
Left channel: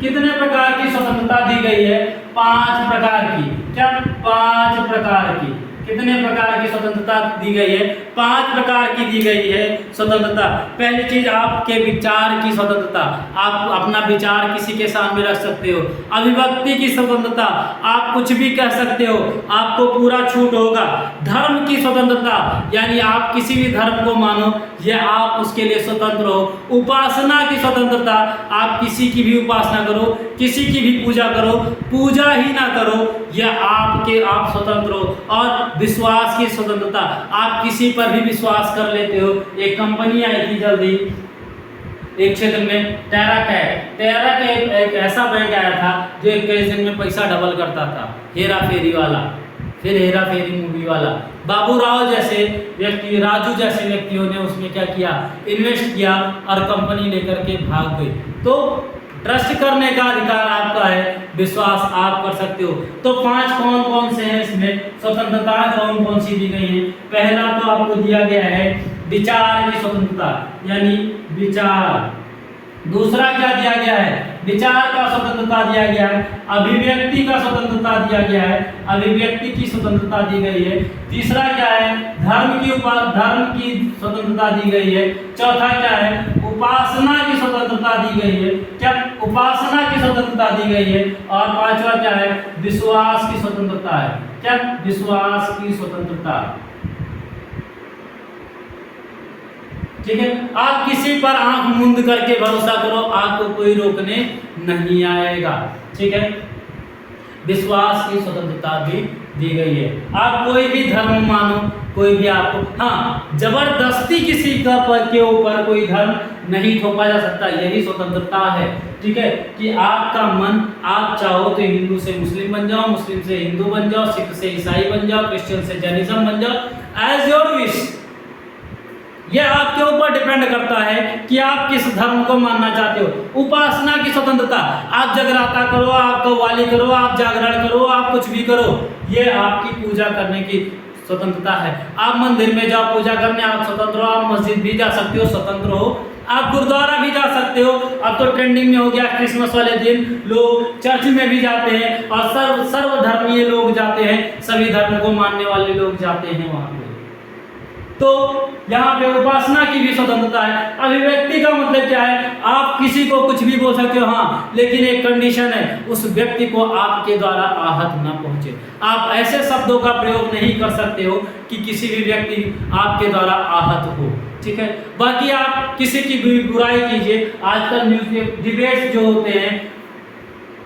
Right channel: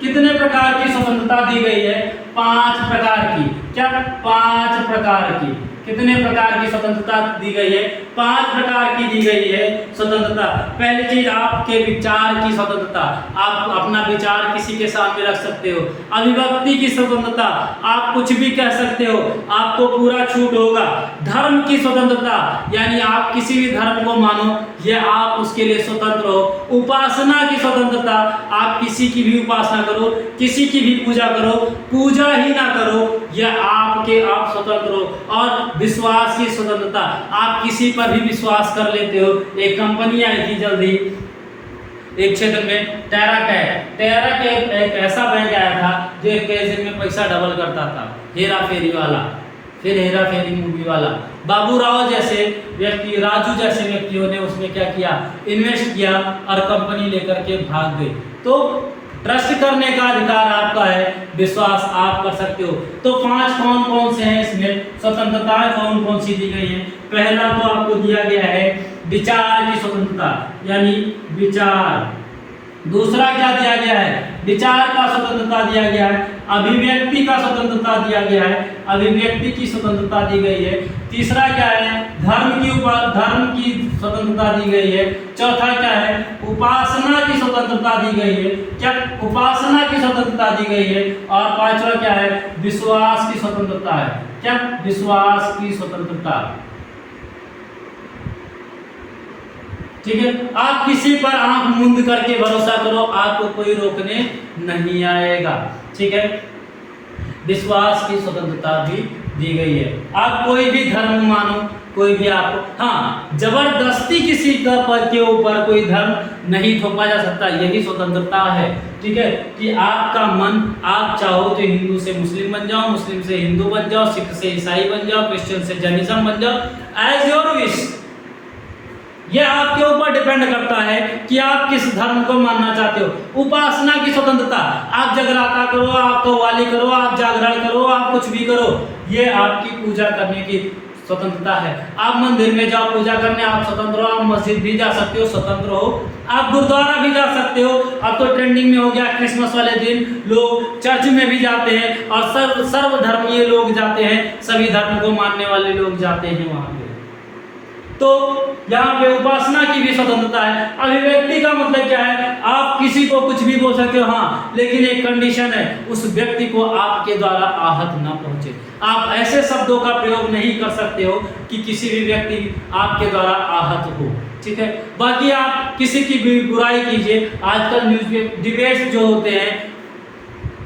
कितने प्रकार की स्वतंत्रता दी गई है? 5 प्रकार की। क्या? 5 प्रकार की। कितने प्रकार की स्वतंत्रता दी गई है? 5 प्रकार की दी गई है स्वतंत्रता। पहली चीज आपके विचार की स्वतंत्रता। आप अपना विचार किसी के सामने रख सकते हो। अभिव्यक्ति की स्वतंत्रता, आप कुछ भी कह सकते हो, आपको पूरा छूट होगा। धर्म की स्वतंत्रता यानी आप किसी भी धर्म को मानो, यह आप उसके लिए स्वतंत्र हो। उपासना की स्वतंत्रता, आप किसी की भी उपासना करो, किसी की भी पूजा करो, पूजा ही ना करो, यह आप स्वतंत्र हो। और विश्वास की स्वतंत्रता, आप किसी पर भी विश्वास कर लेते हो। एक कंपनी आई थी जल्दी एक क्षेत्र में, टेराटैक एक ऐसा बैंक आया था जो एक दिन में पैसा डबल करता था। हेरा फेरी वाला, फिर हेरा फेरी मूवी वाला। बाबू राव जैसे व्यक्ति, राजू जैसे व्यक्तियों ने उसमें क्या किया? इन्वेस्ट किया और कंपनी लेकर के भाग गए। तो ट्रस्ट करने का अधिकार आपका है, विश्वास आप कर सकते हो। तो 5 कौन कौन से हैं इसमें स्वतंत्रताएं कौन कौन सी दी गई हैं? पहला तो आपको दिया गया है विचार की स्वतंत्रता, यानी विचार। दूसरा क्या दिया गया है? विचार का स्वतंत्रता दिया गया है। अभिव्यक्ति का स्वतंत्रता दिया गया है, अभिव्यक्ति की स्वतंत्रता दी गई है। तीसरा क्या है? धर्म की स्वतंत्रता दी गई है। चौथा क्या है? उपासना की स्वतंत्रता दी गई है। क्या? उपासना की स्वतंत्रता दी गई है। और पांचवा क्या है? विश्वास की स्वतंत्रता है। क्या? विश्वास की स्वतंत्रता। ठीक है, आप किसी पर आंख मूंद करके भरोसा करो, आपको कोई रोकने नहीं आएगा। ठीक है, विश्वास की स्वतंत्रता भी दी गई है। आप कोई भी धर्म मानो, कोई भी आपको, हाँ, जबरदस्ती किसी का पर के ऊपर कोई धर्म नहीं थोपा जा सकता, यही स्वतंत्रता है। ठीक है, कि आपका मन, आप चाहो तो हिंदू से मुस्लिम बन जाओ, मुस्लिम से हिंदू बन जाओ, सिख से ईसाई बन जाओ, क्रिश्चियन से जैनिज्म बन जाओ, एज योर विश। यह आपके ऊपर डिपेंड करता है कि आप किस धर्म को मानना चाहते हो। उपासना की स्वतंत्रता, आप जगराता करो, आप कव्वाली करो, आप जागरण करो, आप कुछ भी करो, ये आपकी पूजा करने की स्वतंत्रता है। आप मंदिर में जाओ पूजा करने, आप स्वतंत्र हो। आप मस्जिद भी जा सकते हो, स्वतंत्र हो। आप गुरुद्वारा भी जा सकते हो। अब तो ट्रेंडिंग में हो गया, क्रिसमस वाले दिन लोग चर्च में भी जाते हैं और सर्वधर्मीय लोग जाते हैं, सभी धर्म को मानने वाले लोग जाते हैं वहां पे। तो यहाँ पे उपासना की भी स्वतंत्रता है। अभिव्यक्ति का मतलब क्या है? आप किसी को कुछ भी बोल सकते हो, हाँ, लेकिन एक कंडीशन है, उस व्यक्ति को आपके द्वारा आहत ना पहुंचे। आप ऐसे शब्दों का प्रयोग नहीं कर सकते हो कि किसी भी व्यक्ति आपके द्वारा आहत हो। ठीक है, बाकी आप किसी की भी बुराई कीजिए। आजकल न्यूज़ में डिबेट्स जो होते हैं,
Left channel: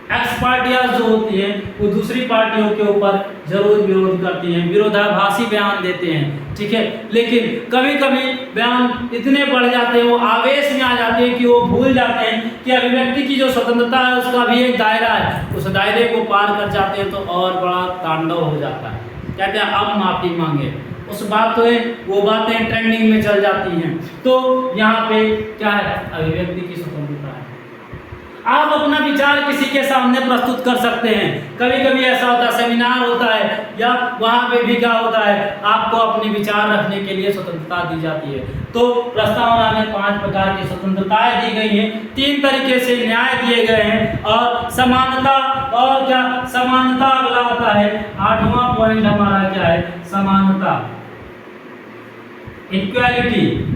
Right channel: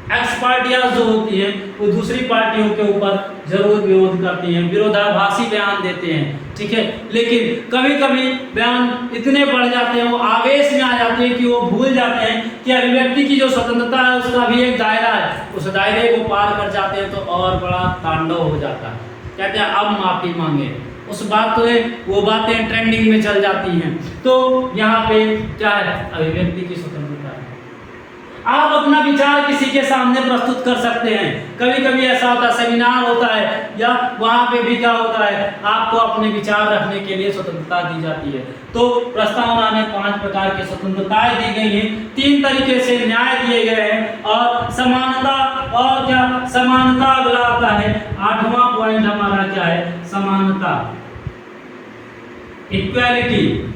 एक्स पार्टियां जो होती हैं, वो दूसरी पार्टियों के ऊपर जरूर विरोध करती हैं, विरोधाभासी बयान देते हैं। ठीक है, लेकिन कभी कभी बयान इतने बढ़ जाते हैं, वो आवेश में आ जाते हैं कि वो भूल जाते हैं कि अभिव्यक्ति की जो स्वतंत्रता है उसका भी एक दायरा है। उस दायरे को पार कर जाते हैं तो और बड़ा तांडव हो जाता है। कहते हैं अब माफी मांगे, उस बात तो है, वो बातें ट्रेंडिंग में चल जाती हैं। तो यहाँ पे क्या है? अभिव्यक्ति की स्वतंत्रता है। आप अपना विचार किसी के सामने प्रस्तुत कर सकते हैं। कभी कभी ऐसा होता है, सेमिनार होता है या वहाँ पे भी क्या होता है, आपको अपने विचार रखने के लिए स्वतंत्रता दी जाती है। तो प्रस्तावना में 5 प्रकार की स्वतंत्रताएं दी गई हैं, 3 तरीके से न्याय दिए गए हैं, और समानता, और क्या समानता अगला आता है। 8वां पॉइंट हमारा क्या है? समानता, इक्वालिटी।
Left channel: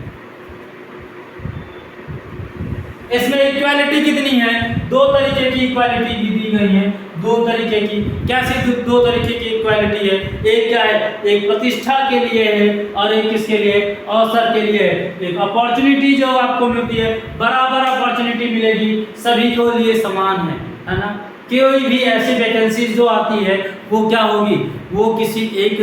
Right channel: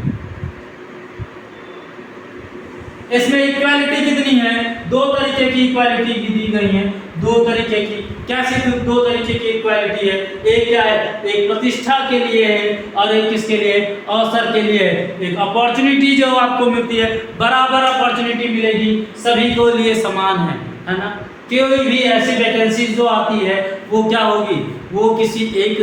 इसमें इक्वालिटी कितनी है? 2 तरीके की इक्वालिटी भी दी गई है। 2 तरीके की, कैसे 2 तरीके की इक्वालिटी है? एक क्या है? एक प्रतिष्ठा के लिए है और एक किसके लिए? अवसर के लिए है। एक अपॉर्चुनिटी जो आपको मिलती है, बराबर अपॉर्चुनिटी मिलेगी, सभी को लिए समान है ना। कोई भी ऐसी वैकेंसी जो आती है वो क्या होगी? वो किसी एक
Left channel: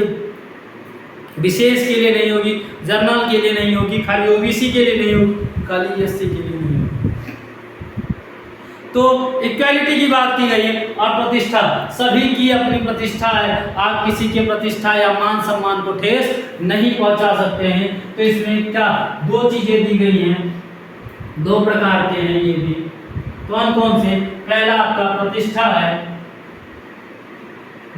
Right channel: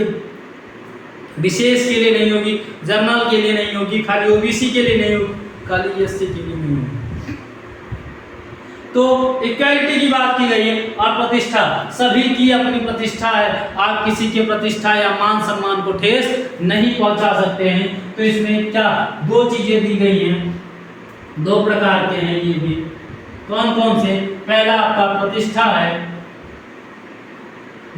विशेष के लिए नहीं होगी, जनरल के लिए नहीं होगी, खाली ओबीसी के लिए नहीं होगी, खाली एससी के लिए नहीं होगी। तो इक्वालिटी की बात की गई है। और प्रतिष्ठा, सभी की अपनी प्रतिष्ठा है, आप किसी के प्रतिष्ठा या मान सम्मान को ठेस नहीं पहुंचा सकते हैं। तो इसमें क्या 2 चीजें दी गई हैं, 2 प्रकार के हैं ये भी। कौन कौन से? पहला आपका प्रतिष्ठा है,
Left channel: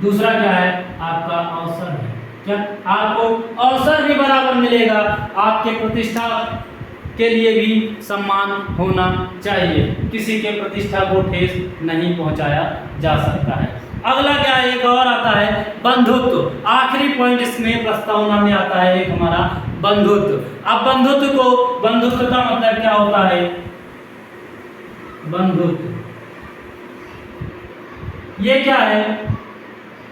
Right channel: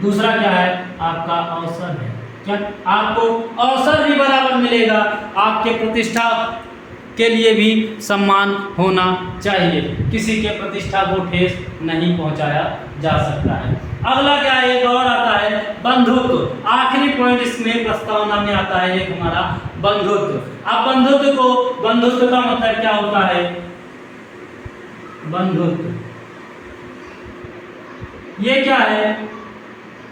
दूसरा क्या है? आपका अवसर है। क्या आपको अवसर भी बराबर मिलेगा, आपके प्रतिष्ठा के लिए भी सम्मान होना चाहिए, किसी के प्रतिष्ठा को ठेस नहीं पहुंचाया जा सकता है। अगला क्या एक और आता है? बंधुत्व। आखिरी पॉइंट इसमें प्रस्तावना में आता है एक हमारा बंधुत्व। अब बंधुत्व का मतलब क्या होता है? बंधुत्व ये क्या है?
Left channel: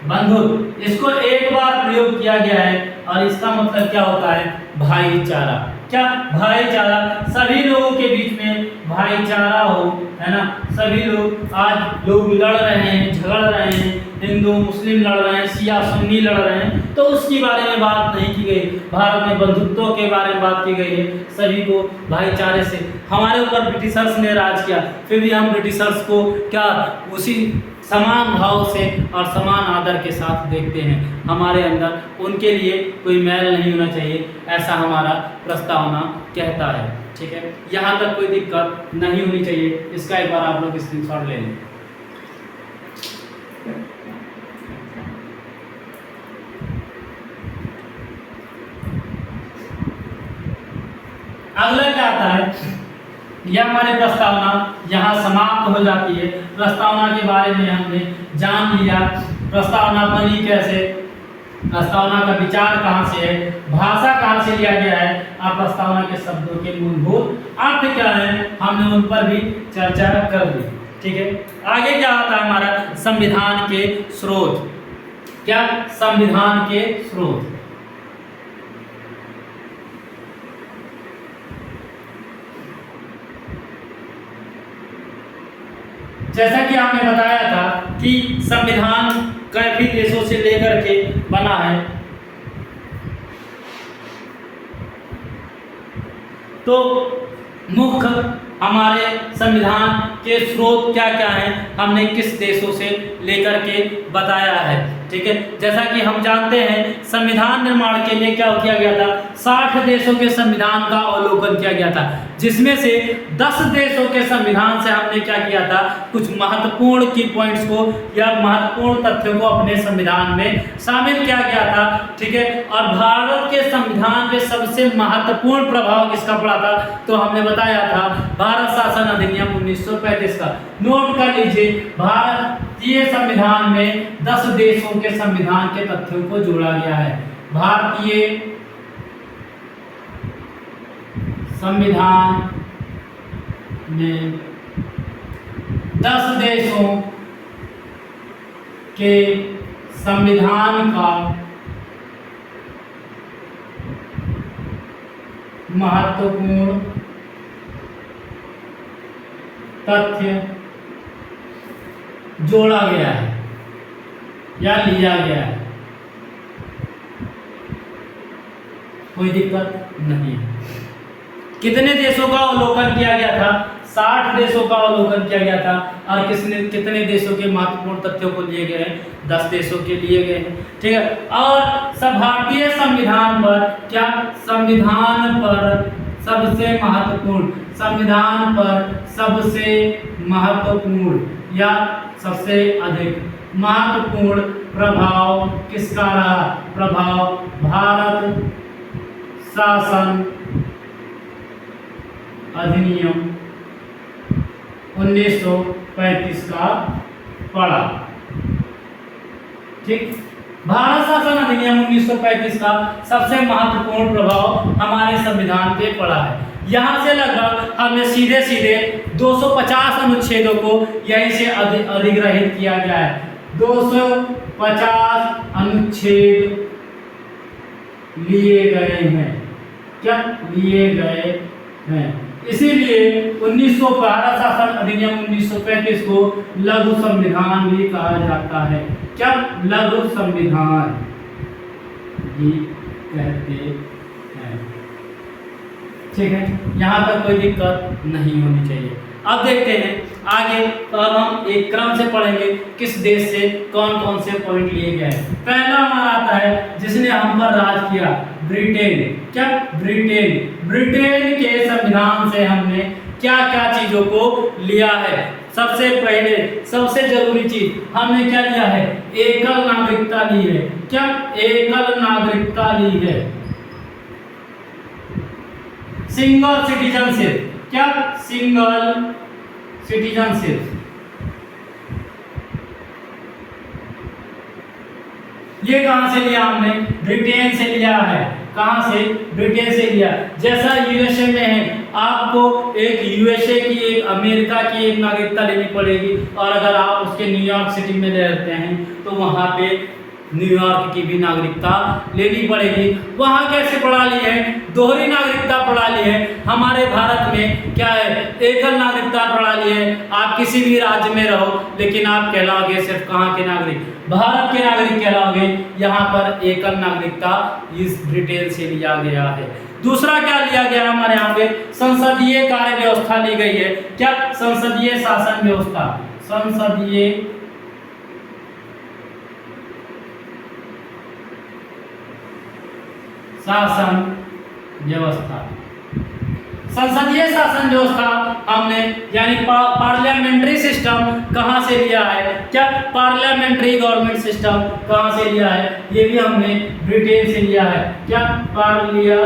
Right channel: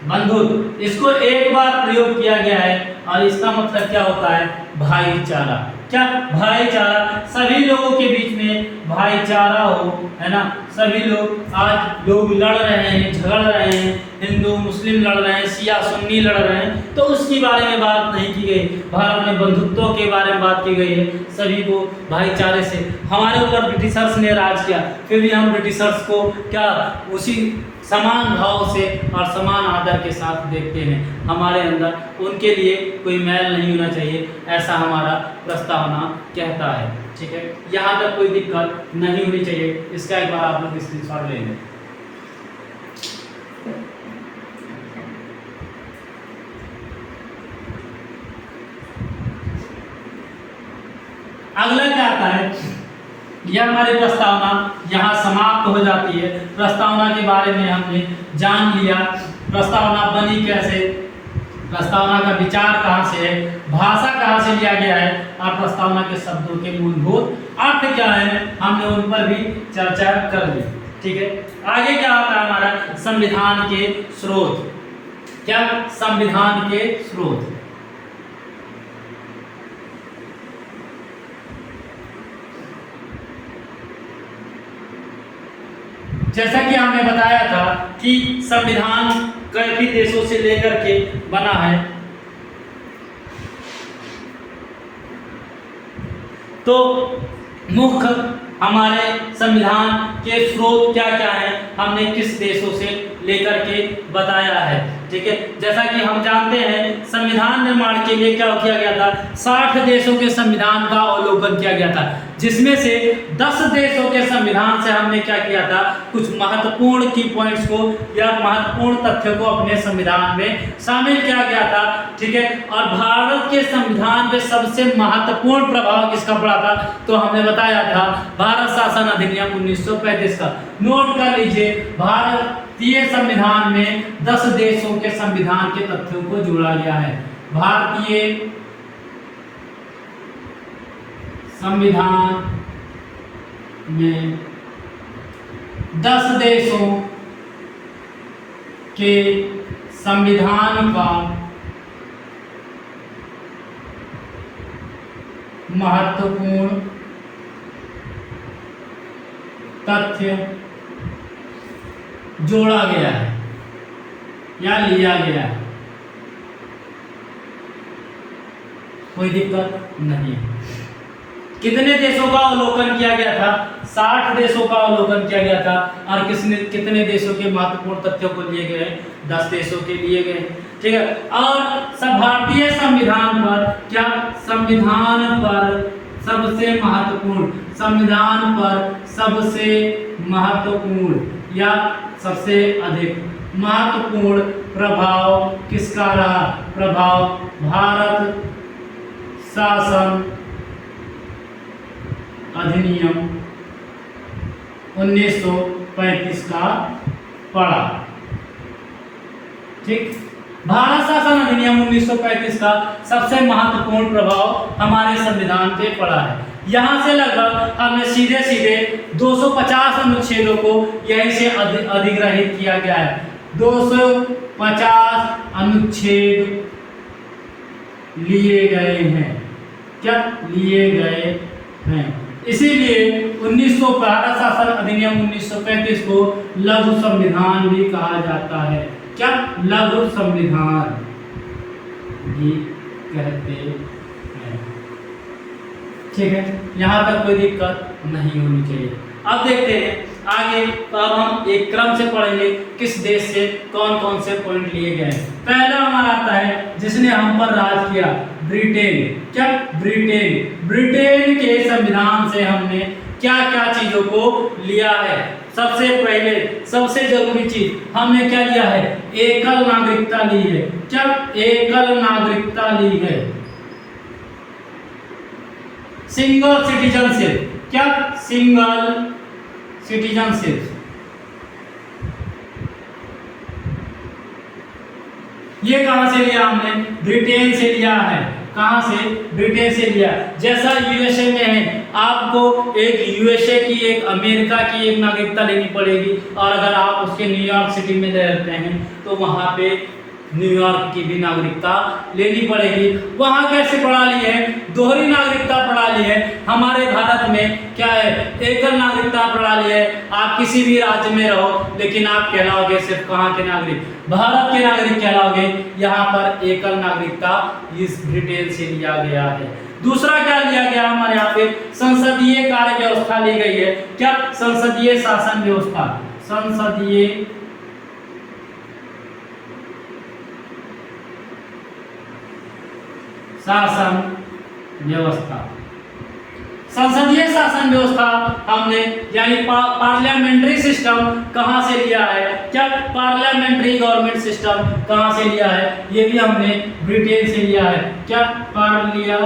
बंधुत्व, इसको एक बार प्रयोग किया गया है और इसका मतलब क्या होता है? भाईचारा। क्या? भाईचारा, सभी लोगों के बीच में भाईचारा हो, है ना। सभी लोग, आज लोग लड़ रहे हैं, झगड़ रहे हैं, हिंदू मुस्लिम लड़ रहे हैं, शिया सुन्नी लड़ रहे हैं, तो उसकी बारे में बात नहीं की गई। भारत में बंधुत्व के बारे में बात की गई है, सभी को भाईचारे से। हमारे ऊपर ब्रिटिशर्स ने राज किया, फिर भी हम ब्रिटिशर्स को क्या उसी समान भाव से और समान आदर के साथ देखते हैं हमारे अंदर, उनके लिए कोई मैल नहीं होना चाहिए, ऐसा हमारा प्रस्तावना कहता है। ठीक है, यहाँ तक कोई दिक्कत नहीं होनी चाहिए, इसका एक बार आप लोग स्क्रीनशॉट ले लें। अगला क्या आता है, यह हमारी प्रस्तावना यहाँ समाप्त हो जाती है। प्रस्तावना के बारे में हमने जान लिया, प्रस्तावना बनी कैसे, प्रस्तावना का विचार कहाँ से है, भाषा कहाँ से लिया गया है, और प्रस्तावना के शब्दों के मूलभूत अर्थ क्या है, हमने उन पर भी चर्चा कर ली। ठीक है, आगे क्या होता है हमारा संविधान के स्रोत। क्या संविधान के स्रोत, जैसा कि आपने बताया था कि संविधान काफी देशों से लेकर के बना है, तो मुख्य हमारे संविधान के स्रोत क्या क्या हैं, हमने किस देशों से लेकर के बताया है। ठीक है, जैसा कि हम जानते हैं संविधान निर्माण के लिए क्या किया गया था, 60 देशों के संविधान का अवलोकन किया गया था, जिसमें से 10 देशों के संविधान से हमने क्या किया था, कुछ महत्वपूर्ण की पॉइंट्स को या महत्वपूर्ण तथ्यों को अपने संविधान में शामिल किया गया था। ठीक है, और भारत के संविधान पे सबसे महत्वपूर्ण प्रभाव किसका पड़ा था, तो हमने बताया था भारत शासन अधिनियम 1935 का। नोट कर लीजिए, भारतीय संविधान में 10 देशों के संविधान के तथ्यों को जोड़ा गया है। भारतीय संविधान में 10 देशों के संविधान का महत्वपूर्ण तथ्य जोड़ा गया है या लिया गया है, कोई दिक्कत नहीं। कितने देशों का अवलोकन किया गया था, 60 देशों का अवलोकन किया गया था, और कितने देशों के महत्वपूर्ण तथ्यों को लिए गए हैं, 10 देशों के लिए गए हैं। ठीक है, और सब भारतीय संविधान पर क्या, संविधान पर सबसे महत्वपूर्ण, संविधान पर सबसे महत्वपूर्ण या सबसे अधिक महत्वपूर्ण प्रभाव किसका रहा, प्रभाव भारत शासन अधिनियम 1935 का पड़ा। ठीक, भारत शासन अधिनियम 1935 का सबसे महत्वपूर्ण प्रभाव हमारे संविधान पे पड़ा है। यहाँ से लगभग हमने सीधे सीधे 250 अनुच्छेदों को यहीं से अधिग्रहित किया गया है। 250 अनुच्छेद लिए गए हैं, क्या लिए गए हैं, इसीलिए 1900 भारत शासन अधिनियम 1935 को लघु संविधान भी कहा जाता है। क्या, लघु संविधान भी कहते हैं। ठीक है, यहाँ तक कोई दिक्कत नहीं होनी चाहिए। अब देखते हैं आगे, तो अब हम एक क्रम से पढ़ेंगे किस देश से कौन कौन से पॉइंट लिए गए हैं। पहला हमारा आता है जिसने हम पर राज किया, ब्रिटेन। क्या, ब्रिटेन। ब्रिटेन के संविधान से हमने क्या क्या चीजों को लिया है। सबसे पहले सबसे जरूरी चीज हमने क्या लिया है, एकल नागरिकता ली है। क्या, एकल नागरिकता ली है। Single citizenship. क्या, सिंगल सिटीजनशिप। ये कहां से लिया हमने, ब्रिटेन से लिया है। कहां से, ब्रिटेन से लिया। जैसा यूएसए में है, आपको एक यूएसए की, एक अमेरिका की एक नागरिकता लेनी पड़ेगी, और अगर आप उसके न्यूयॉर्क सिटी में रहते हैं तो वहां पे न्यूयॉर्क की भी नागरिकता लेनी पड़ेगी। वहां कैसे पढ़ा ली है, दोहरी नागरिकता पढ़ा ली है। हमारे भारत में क्या है, एकल नागरिकता पढ़ा ली है। आप किसी भी राज्य में रहो लेकिन आप कहलाओगे सिर्फ कहाँ के नागरिक, भारत के नागरिक कहलाओगे। यहाँ पर एकल नागरिकता इस ब्रिटेन से लिया गया है। दूसरा क्या लिया गया हमारे यहाँ पे, संसदीय कार्य व्यवस्था ली गई है। क्या, संसदीय शासन व्यवस्था। संसदीय शासन व्यवस्था। संसदीय शासन व्यवस्था हमने यानी पार्लियामेंट्री सिस्टम कहाँ से लिया है? क्या पार्लियामेंट्री गवर्नमेंट सिस्टम कहाँ से लिया है? ये भी हमने ब्रिटेन से लिया है। क्या पार्लिया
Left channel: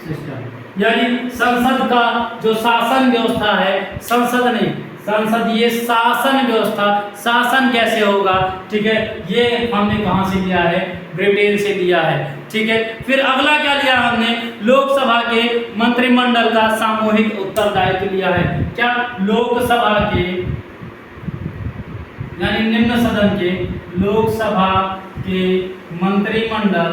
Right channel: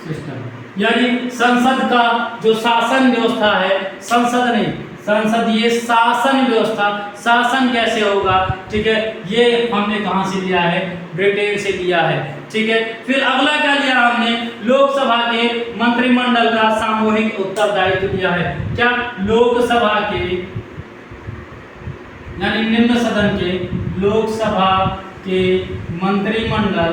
सिस्टम यानी संसद का जो शासन व्यवस्था है, संसद नहीं, संसदीय शासन व्यवस्था, शासन कैसे होगा, ठीक है, ये हमने कहां से लिया है? ब्रिटेन से लिया है, ठीक है। फिर अगला क्या लिया हमने? लोकसभा के मंत्रिमंडल का सामूहिक उत्तरदायित्व लिया है। क्या लोकसभा के यानी निम्न सदन के, लोकसभा के मंत्रिमंडल,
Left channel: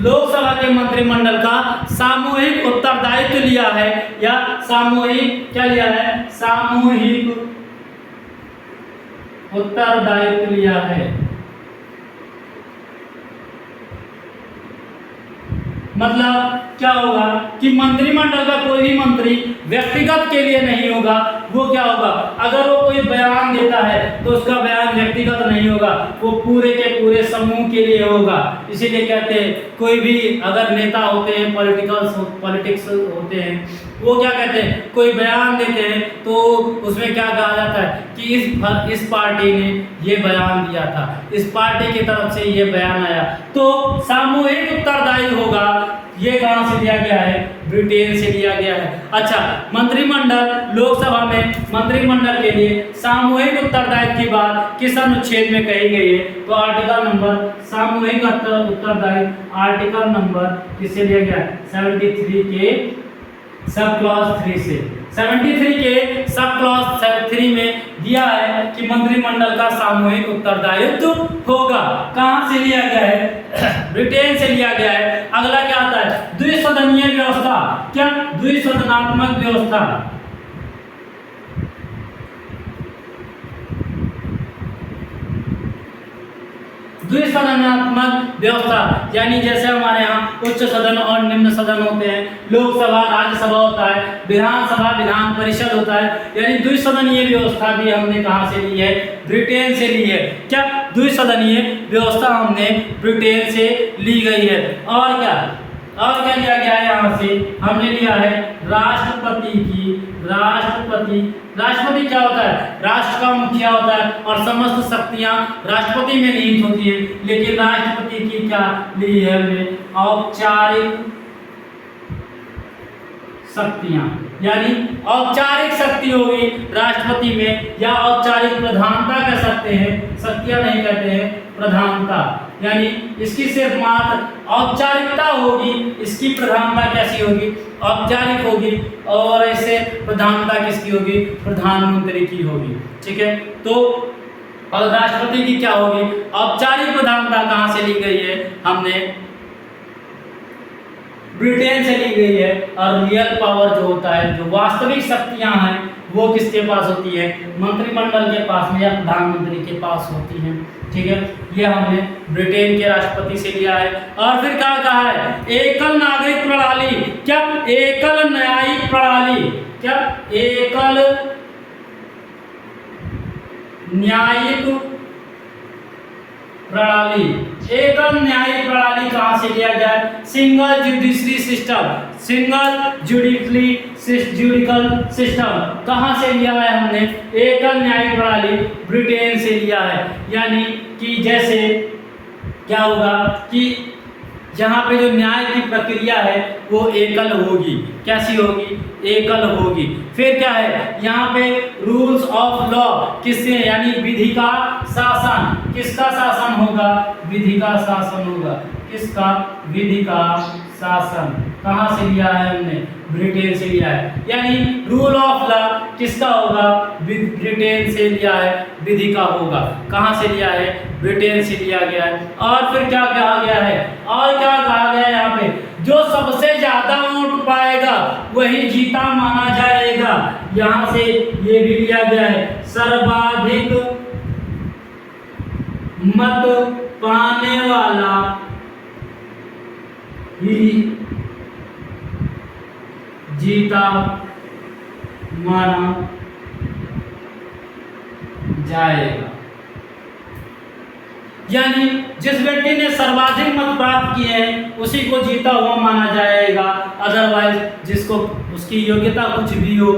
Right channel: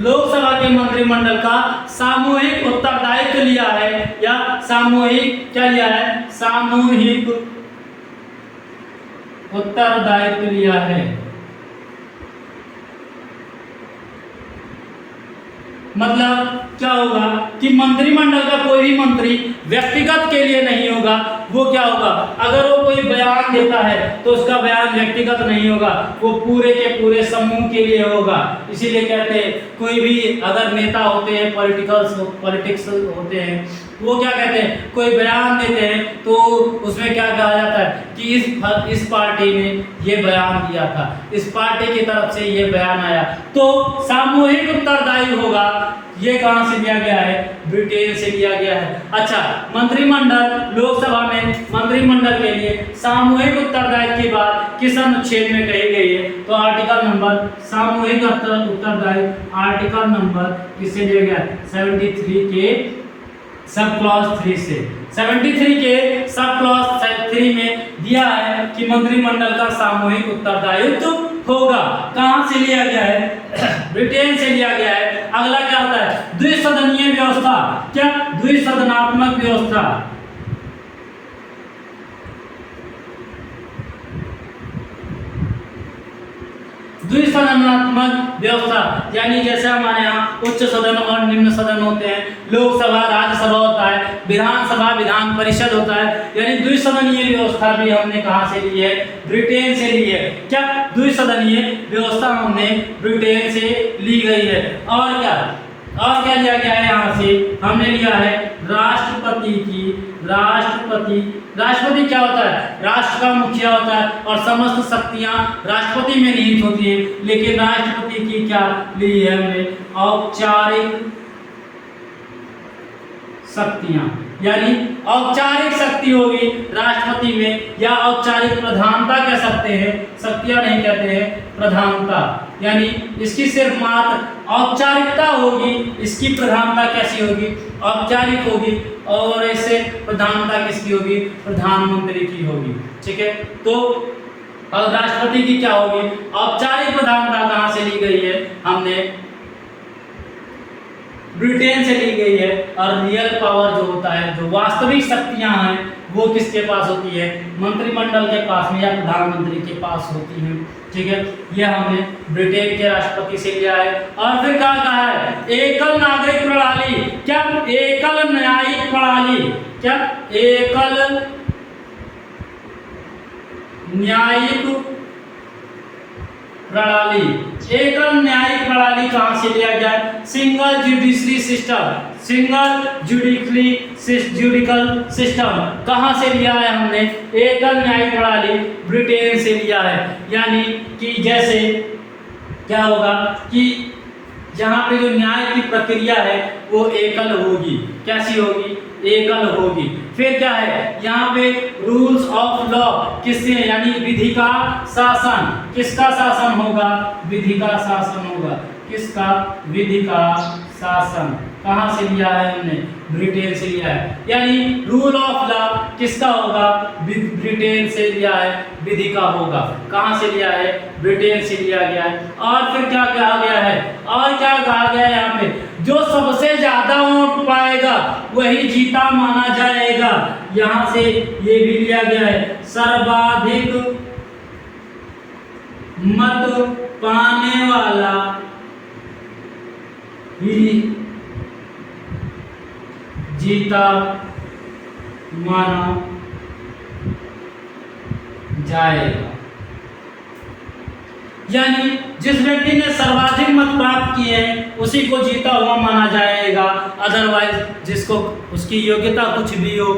लोकसभा के मंत्रिमंडल का सामूहिक उत्तरदायित्व लिया है, या सामूहिक क्या लिया है? सामूहिक उत्तरदायित्व लिया है। मतलब क्या होगा कि मंत्रिमंडल का कोई भी मंत्री व्यक्तिगत के लिए नहीं होगा, वो क्या होगा, अगर वो कोई बयान देता है तो उसका बयान व्यक्तिगत नहीं होगा, वो पूरे के पूरे समूह के लिए होगा। इसीलिए कहते हैं कोई भी अगर नेता होते हैं, पॉलिटिक्स होते हैं, वो क्या कहते हैं, कोई बयान देते हैं तो उसमें क्या कहा जाता है कि इस पार्टी ने ये बयान दिया था, इस पार्टी की तरफ से ये बयान आया, तो सामूहिक उत्तरदायी होगा। ये कहां से लिया गया है? ब्रिटेन से लिया गया है। अच्छा, मंत्रिमंडल, लोकसभा में मंत्रिमंडल के लिए सामूहिक उत्तरदायित्व की बात किस अनुच्छेद में कही गई है? तो आर्टिकल नंबर, सामूहिक उत्तरदायित्व आर्टिकल नंबर किससे लिया गया? 73 के सब क्लॉज 3 से। 73 के सब क्लॉज 3 में दिया है कि मंत्रिमंडल का सामूहिक उत्तरदायित्व होगा। कहां से लिया गया है? ब्रिटेन से लिया गया है। अगला क्या आता है? द्विसदनीय व्यवस्था। क्या? द्विसदनात्मक व्यवस्था। द्विसदनात्मक व्यवस्था यानी जैसे हमारे यहाँ उच्च सदन और निम्न सदन होते हैं, लोकसभा राज्यसभा होता है, विधानसभा विधान परिषद होता है, यानी द्विसदनीय व्यवस्था भी हमने कहाँ से ली है? ब्रिटेन से ली है। क्या? द्विसदनीय व्यवस्था हमने ब्रिटेन से ली गई है। और क्या लिया गया है? यहाँ से हमने लिया है राष्ट्रपति की, राष्ट्रपति क्या होता है? राष्ट्र का मुखिया होता है और समस्त शक्तियां राष्ट्रपति में निहित होती है। लेकिन राष्ट्रपति की क्या ली है हमने? औपचारिक शक्तियां, यानी औपचारिक शक्ति होगी राष्ट्रपति में, या औपचारिक प्रधानता कह सकते हैं, शक्तियां नहीं कहते हैं, प्रधानता, यानी इसकी सिर्फ मात्र औपचारिकता होगी, इसकी प्रधानता कैसी होगी? औपचारिक होगी। और इससे प्रधानता किसकी होगी? प्रधानमंत्री की होगी। ठीक है, तो और राष्ट्रपति की क्या होगी? औपचारिक प्रधानता कहां से ली गई है? हमने ब्रिटेन से ली गई है। और रियल पावर जो होता है, जो वास्तविक शक्तियां हैं, वो किसके पास होती है? मंत्रिमंडल के पास में या प्रधानमंत्री के पास होती है। ठीक है, ये हमने ब्रिटेन के राष्ट्रपति से लिया है। और फिर क्या कहा है? एकल नागरिक प्रणाली। क्या? एकल न्यायिक प्रणाली। क्या? एकल न्यायिक प्रणाली। एकल न्यायिक प्रणाली कहां से लिया गया है? Single judiciary system, single judicial system कहां से लिया है हमने? एकल न्यायिक प्रणाली ब्रिटेन से लिया है। यानी कि जैसे क्या होगा कि यहाँ पे जो न्याय की प्रक्रिया है वो एकल होगी। कैसी होगी? एकल होगी। फिर क्या है? यहाँ पे रूल्स ऑफ लॉ किससे, यानी विधि का शासन। किसका शासन होगा? विधि का शासन होगा। किसका? विधि का शासन। कहाँ से लिया है हमने? ब्रिटेन से लिया है। यानी रूल ऑफ लॉ किसका होगा? ब्रिटेन से लिया है, विधि का होगा। कहाँ से लिया है? ब्रिटेन से लिया गया है। और फिर क्या कहा गया है? और क्या कहा गया है यहाँ पे? जो सबसे ज्यादा वोट पाएगा वही जीता माना जाएगा। यहाँ से ये भी लिया गया है, सर्वाधिक मत पाने वाला ही जीता माना जाएगा। यानी जिस व्यक्ति ने सर्वाधिक मत प्राप्त किए हैं उसी को जीता हुआ माना जाएगा, अदरवाइज जिसको उसकी योग्यता कुछ भी हो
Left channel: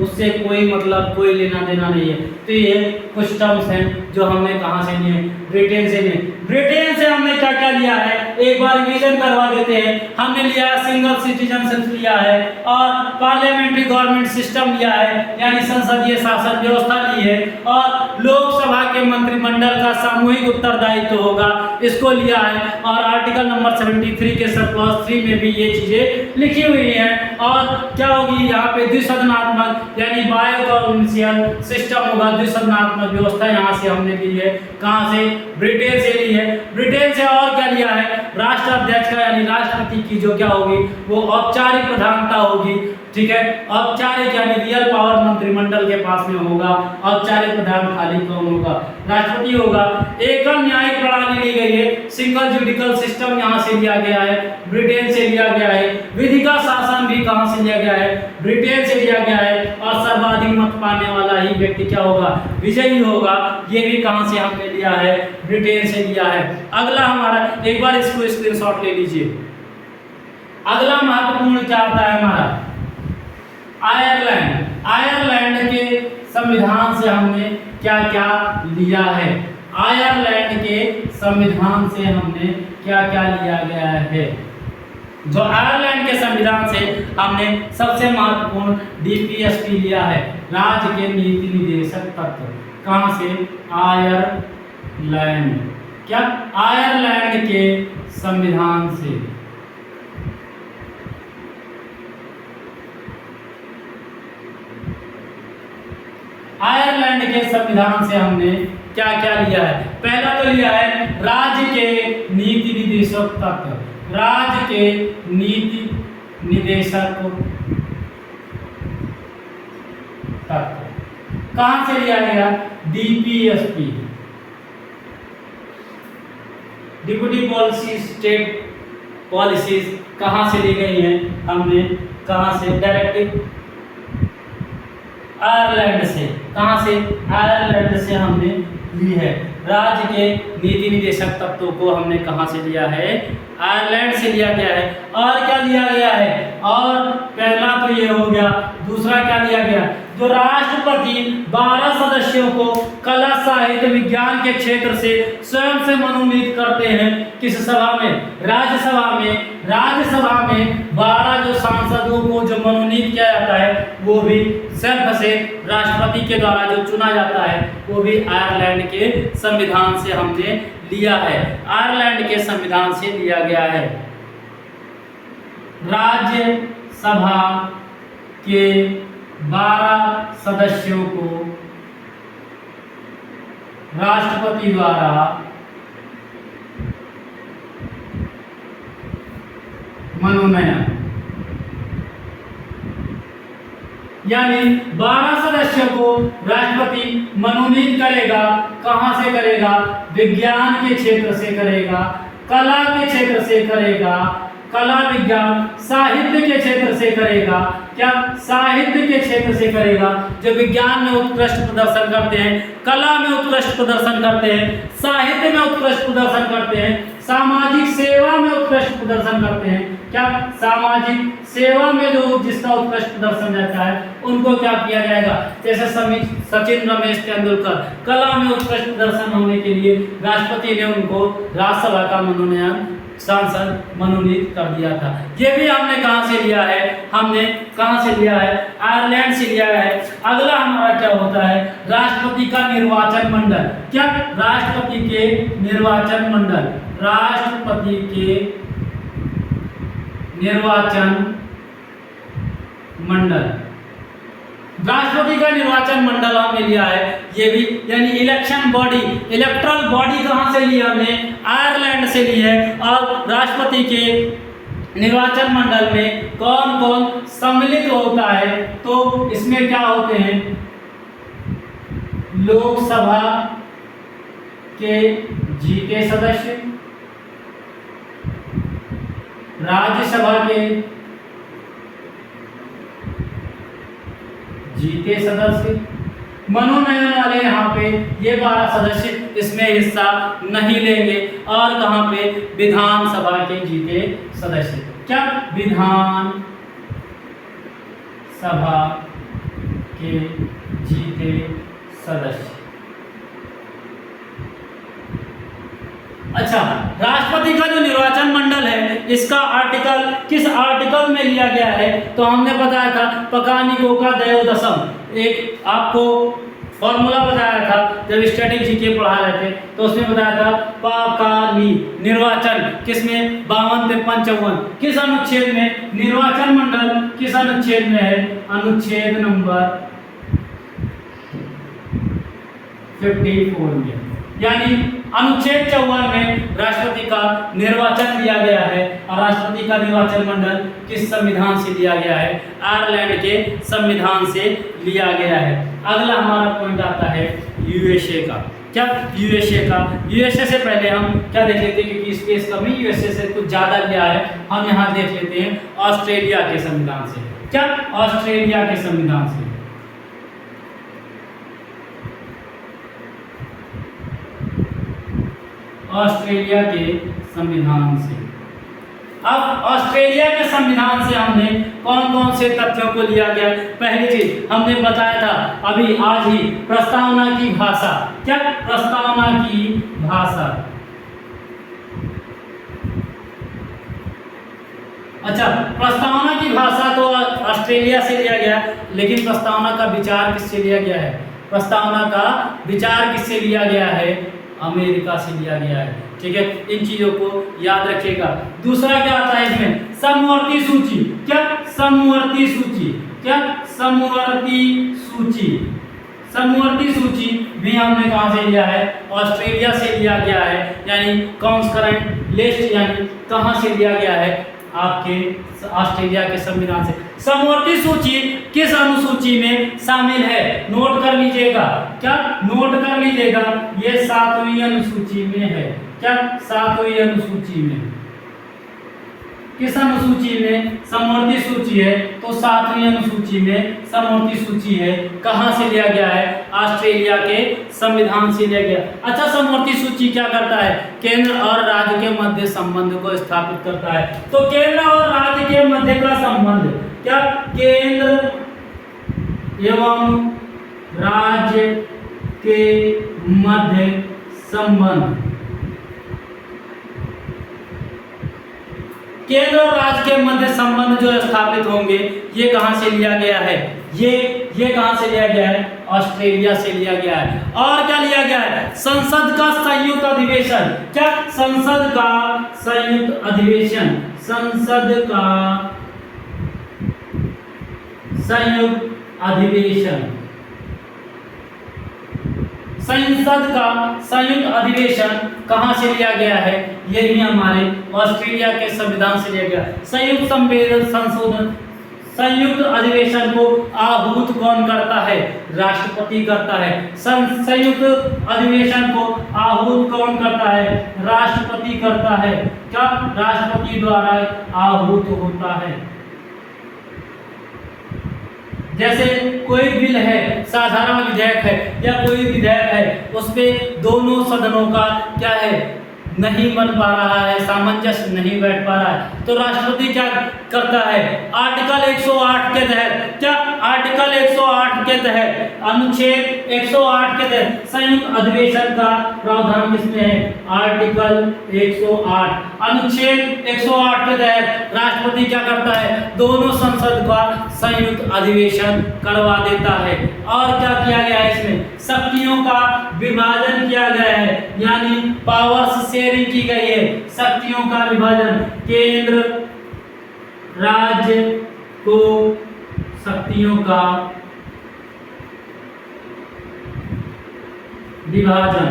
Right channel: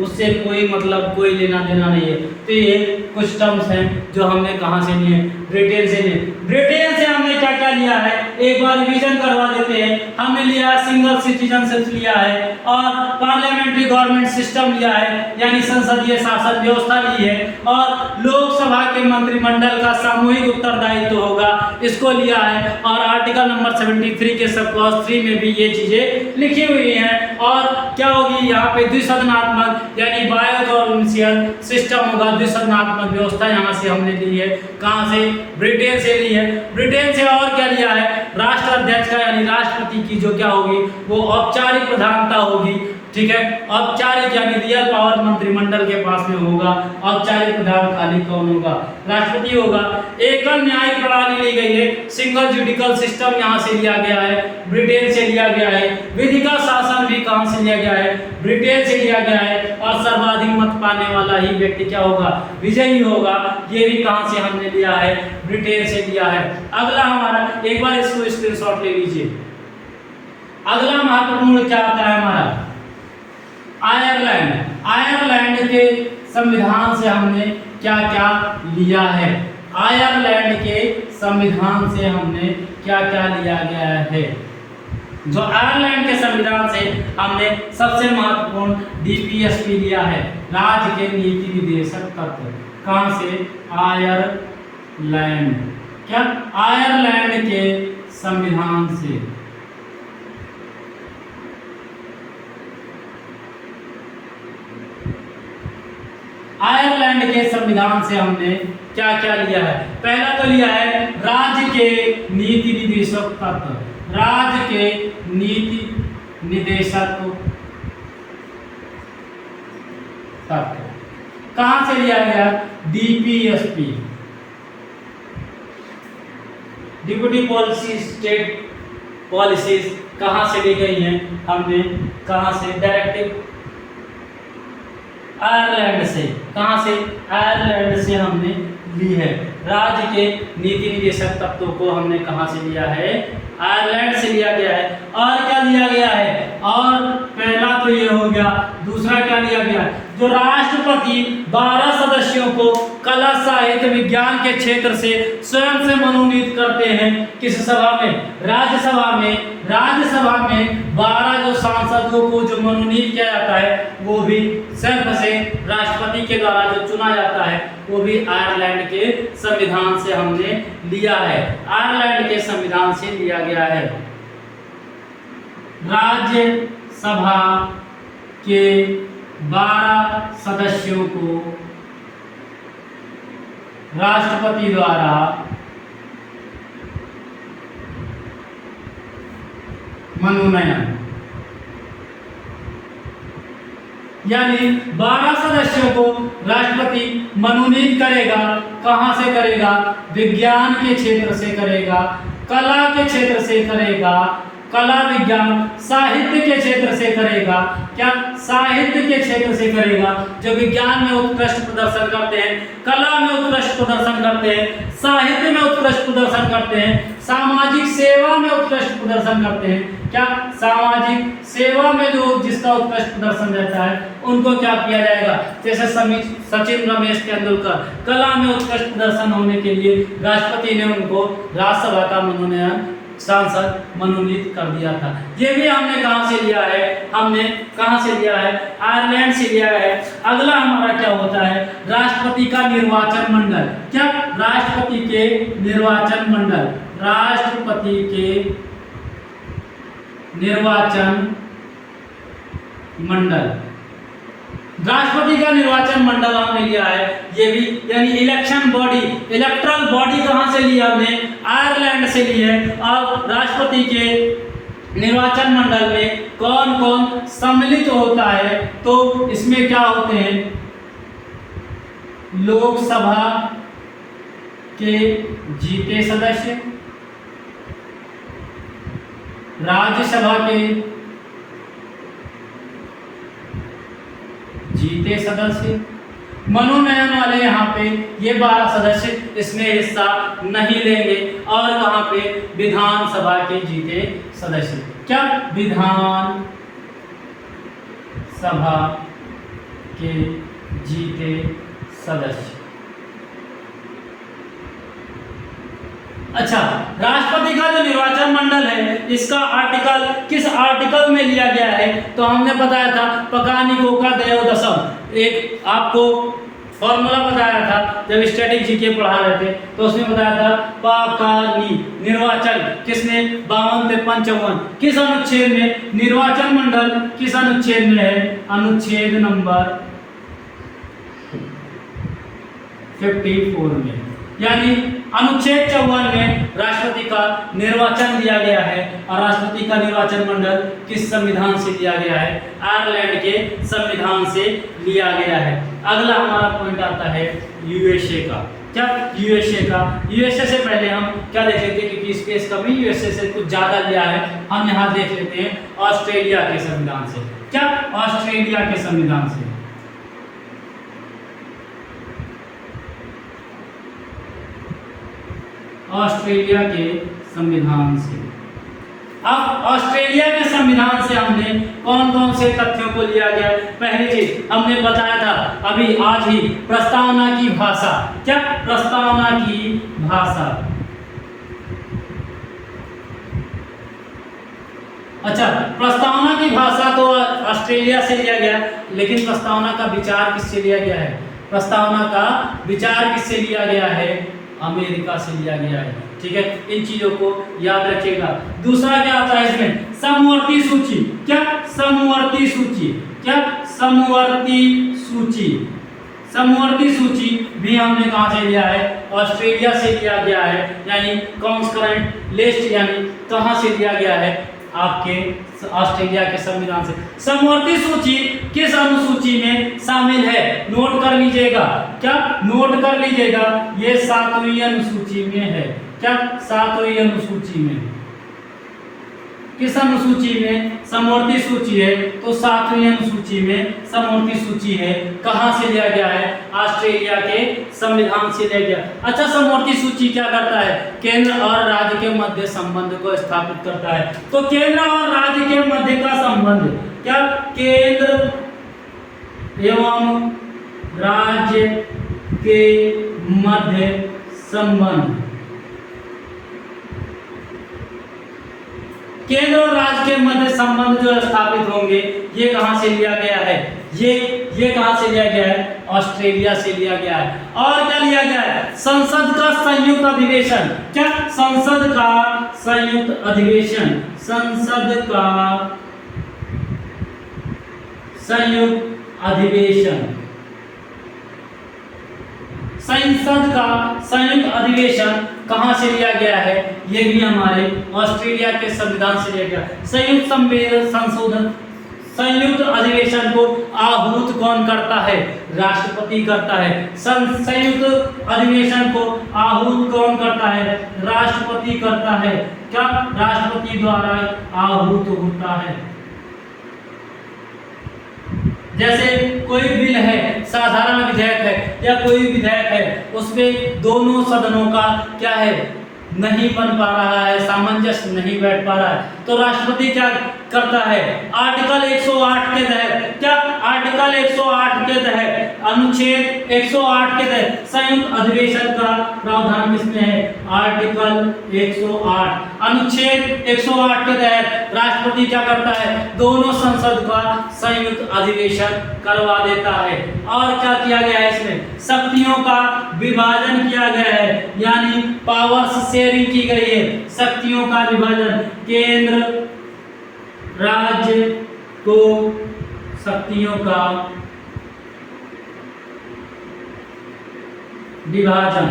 उससे कोई मतलब कोई लेना देना नहीं है। तो ये कुछ टर्म्स हैं जो हमने कहाँ से लिए, ब्रिटेन से लिए। ब्रिटेन से हमने क्या क्या लिया है एक बार रिवीजन करवा देते हैं। हमने लिया है सिंगल सिटीजनशिप लिया है और पार्लियामेंट्री गवर्नमेंट सिस्टम लिया है यानी संसदीय शासन व्यवस्था ली है और लोकसभा के मंत्रिमंडल का सामूहिक उत्तरदायित्व होगा इसको लिया है। और आर्टिकल नंबर 73 के सब क्लॉज 3 में भी ये चीजें लिखी हुई हैं। और क्या होगी यहाँ पे द्विसदनात्मक यानी बायोगवर्नेंशियल सिस्टम होगा, द्विसदनात्मक व्यवस्था यहाँ से हमने ली है। कहाँ से, ब्रिटेन से ली है। ब्रिटेन से और क्या लिया है, राष्ट्राध्यक्ष का यानी राष्ट्रपति की जो क्या होगी वो औपचारिक प्रधानता होगी। ठीक है, औपचारिक यानी रियल पावर मंत्रिमंडल के पास में होगा, औपचारिक प्रधान खाली कौन होगा, राष्ट्रपति होगा। एकल न्यायिक प्रणाली ली गई है, सिंगल जुडिकल सिस्टम यहाँ से लिया गया है, ब्रिटेन से लिया गया है। विधि का शासन भी कहाँ से लिया गया है, ब्रिटेन से लिया गया है। और सर्वाधिक मत पाने वाला ही व्यक्ति क्या होगा, विजयी होगा। ये भी कहाँ से हमने लिया है, ब्रिटेन से लिया है। अगला हमारा, एक बार इसको स्क्रीनशॉट ले लीजिए। अगला महत्वपूर्ण क्या होता है हमारा, आयरलैंड। आयरलैंड के संविधान से हमने क्या क्या लिया है, आयरलैंड के संविधान से हमने क्या क्या लिया गया है। जो आयरलैंड के संविधान से हमने सबसे महत्वपूर्ण डीपीएसपी लिया है, राज्य के नीति निर्देशक तत्व। कहां से, आयरलैंड, क्या आयरलैंड के संविधान से। आयरलैंड के संविधान से हमने क्या क्या लिया है, पहला तो लिया है राज्य के नीति निर्देशक तत्व, राज्य के नीति निर्देशक तत्व कहां से लिया गया, DPSP, deputy policy state policies कहां से ली गई हैं, हमने कहां से, डायरेक्टिव आयरलैंड से। कहां से, आयरलैंड से हमने ली है। राज्य के नीति निर्देशक तत्वों को हमने कहां से लिया है, आयरलैंड से लिया गया है। और क्या लिया गया है, और पहला तो ये हो गया, दूसरा क्या लिया गया, जो राष्ट्रपति 12 सदस्यों को कला साहित्य विज्ञान के क्षेत्र से स्वयं से मनोनीत करते हैं। किस सभा में, राज्यसभा में। राज्यसभा में 12 जो सांसदों को जो मनोनीत किया जाता है वो भी स्वयं से राष्ट्रपति के द्वारा जो चुना जाता है वो भी आयरलैंड के संविधान से हमने लिया है, आयरलैंड के संविधान से लिया गया है। राज्यसभा के 12 सदस्यों को राष्ट्रपति द्वारा मनोनयन, यानी 12 सदस्यों को राष्ट्रपति मनोनीत करेगा। कहां से करेगा, विज्ञान के क्षेत्र से करेगा, कला के क्षेत्र से करेगा, कला विज्ञान साहित्य के क्षेत्र से करेगा। क्या, साहित्य के क्षेत्र से करेगा। जो विज्ञान में उत्कृष्ट प्रदर्शन करते हैं, कला में उत्कृष्ट प्रदर्शन करते हैं, साहित्य में उत्कृष्ट प्रदर्शन करते हैं, सामाजिक सेवा में उत्कृष्ट प्रदर्शन करते हैं। क्या, सामाजिक सेवा में जो जिसका उत्कृष्ट प्रदर्शन रहता है उनको क्या किया जाएगा, जैसे सचिन रमेश तेंदुलकर कला में उत्कृष्ट प्रदर्शन होने के लिए राष्ट्रपति ने उनको राज्यसभा का मनोनयन, सांसद मनोनीत कर दिया था। ये भी हमने कहां से लिया है, हमने कहां से लिया है, आयरलैंड से लिया है। अगला हमारा क्या होता है, राष्ट्रपति का निर्वाचन मंडल। क्या, राष्ट्रपति के निर्वाचन मंडल, राष्ट्रपति के निर्वाचन मंडल, राष्ट्रपति का निर्वाचन मंडल हमने लिया है। ये भी यानी इलेक्शन बॉडी, इलेक्ट्रल बॉडी कहां से ली हमने, आयरलैंड से ली है। और राष्ट्रपति के निर्वाचन मंडल में कौन कौन सम्मिलित होता है, तो इसमें क्या होते हैं, लोकसभा के जीते सदस्य, राज्यसभा के जीते सदस्य। मनोनयन वाले यहाँ पे ये 12 सदस्य इसमें हिस्सा नहीं लेंगे। और कहाँ पे, विधानसभा के जीते सदस्य। क्या, विधान सभा के जीते सदस्य। अच्छा, राष्ट्रपति का जो निर्वाचन मंडल है इसका आर्टिकल किस आर्टिकल में लिया गया है, तो हमने बताया था पकानिको का त्रयोदशम। एक आपको फॉर्मूला बताया था जब स्टैटिक जीके पढ़ा रहे थे, तो उसमें बताया था पकानी निर्वाचन किसमें, 52 पे 55 किस अनुच्छेद में, निर्वाचन मंडल किस अनुच्छेद में है, अनुच्छेद नंबर 54 में। यानी अनुच्छेद 54 में राष्ट्रपति का निर्वाचन दिया गया है। और राष्ट्रपति का निर्वाचन मंडल किस संविधान से लिया गया है, आयरलैंड के संविधान से लिया गया है। अगला हमारा पॉइंट आता है यूएसए का। क्या, यूएसए का। यूएसए से पहले हम क्या देख लेते हैं, क्योंकि स्पेस कम ही यूएसए से कुछ ज्यादा लिया है, हम यहाँ देख लेते हैं ऑस्ट्रेलिया के संविधान से। क्या, ऑस्ट्रेलिया के संविधान से। ऑस्ट्रेलिया के संविधान से। अब ऑस्ट्रेलिया के संविधान से हमने कौन कौन से तथ्यों को लिया गया, पहली चीज हमने बताया था अभी आज ही, प्रस्तावना की भाषा। क्या, प्रस्तावना की भाषा। अच्छा, प्रस्तावना की भाषा तो ऑस्ट्रेलिया से लिया गया, लेकिन प्रस्तावना का विचार किससे लिया गया है, प्रस्तावना का विचार किससे लिया गया है, अमेरिका से लिया गया है। ठीक है, इन चीजों को याद रखिएगा। दूसरा क्या आता है इसमें, समवर्ती सूची। क्या, समवर्ती सूची। क्या, समवर्ती सूची। समवर्ती सूची भी हमने कहां से लिया है, ऑस्ट्रेलिया से लिया गया है। यानी कॉन्करेंट लिस्ट, यानी कहां से लिया गया है, आपके ऑस्ट्रेलिया के संविधान से। समवर्ती सूची किस अनुसूची में शामिल है, नोट कर लीजिएगा। क्या, नोट कर लीजिएगा, ये 7वीं अनुसूची में है। क्या, 7वीं अनुसूची में। किस अनुसूची में, समवर्ती सूची है, तो 7वीं अनुसूची में समवर्ती सूची है। कहां से लिया गया है, ऑस्ट्रेलिया के संविधान से लिया गया। अच्छा, समवर्ती सूची क्या करता है, केंद्र और राज्य के मध्य संबंध को स्थापित करता है। तो केंद्र और राज्य के मध्य का संबंध, क्या, केंद्र एवं राज्य के मध्य संबंध। केंद्र और राज्य के मध्य संबंध जो स्थापित होंगे, ये कहां से लिया गया है, ये कहां से लिया गया है, ऑस्ट्रेलिया से लिया गया है। और क्या लिया गया है, संसद का संयुक्त अधिवेशन। क्या, संसद का संयुक्त अधिवेशन। संसद का संयुक्त अधिवेशन। संसद का संयुक्त अधिवेशन कहां से लिया गया है, ये भी हमारे ऑस्ट्रेलिया के संविधान से लिया गया। संयुक्त संशोधन, संयुक्त अधिवेशन को आहूत कौन करता है, राष्ट्रपति करता है। संयुक्त अधिवेशन को आहूत कौन करता है, राष्ट्रपति करता है। क्या, राष्ट्रपति द्वारा आहूत होता है। जैसे कोई बिल है, साधारण विधेयक है या कोई विधेयक है, उसमें दोनों सदनों का क्या है, नहीं बन पा रहा है, सामंजस्य नहीं बैठ पा रहा है, तो राष्ट्रपति क्या करता है, आर्टिकल 108 के तहत। क्या, आर्टिकल 108 के तहत, अनुच्छेद 108 के तहत संयुक्त अधिवेशन का प्रावधान किसमें है, आर्टिकल 108। अनुच्छेद 108 के तहत राष्ट्रपति क्या करता है, दोनों संसद का संयुक्त अधिवेशन करवा देता है। और क्या किया गया है, इसमें शक्तियों का विभाजन किया गया है, यानी पावर्स शेयरिंग की गई है। शक्तियों का विभाजन, केंद्र राज्य को शक्तियों का विभाजन,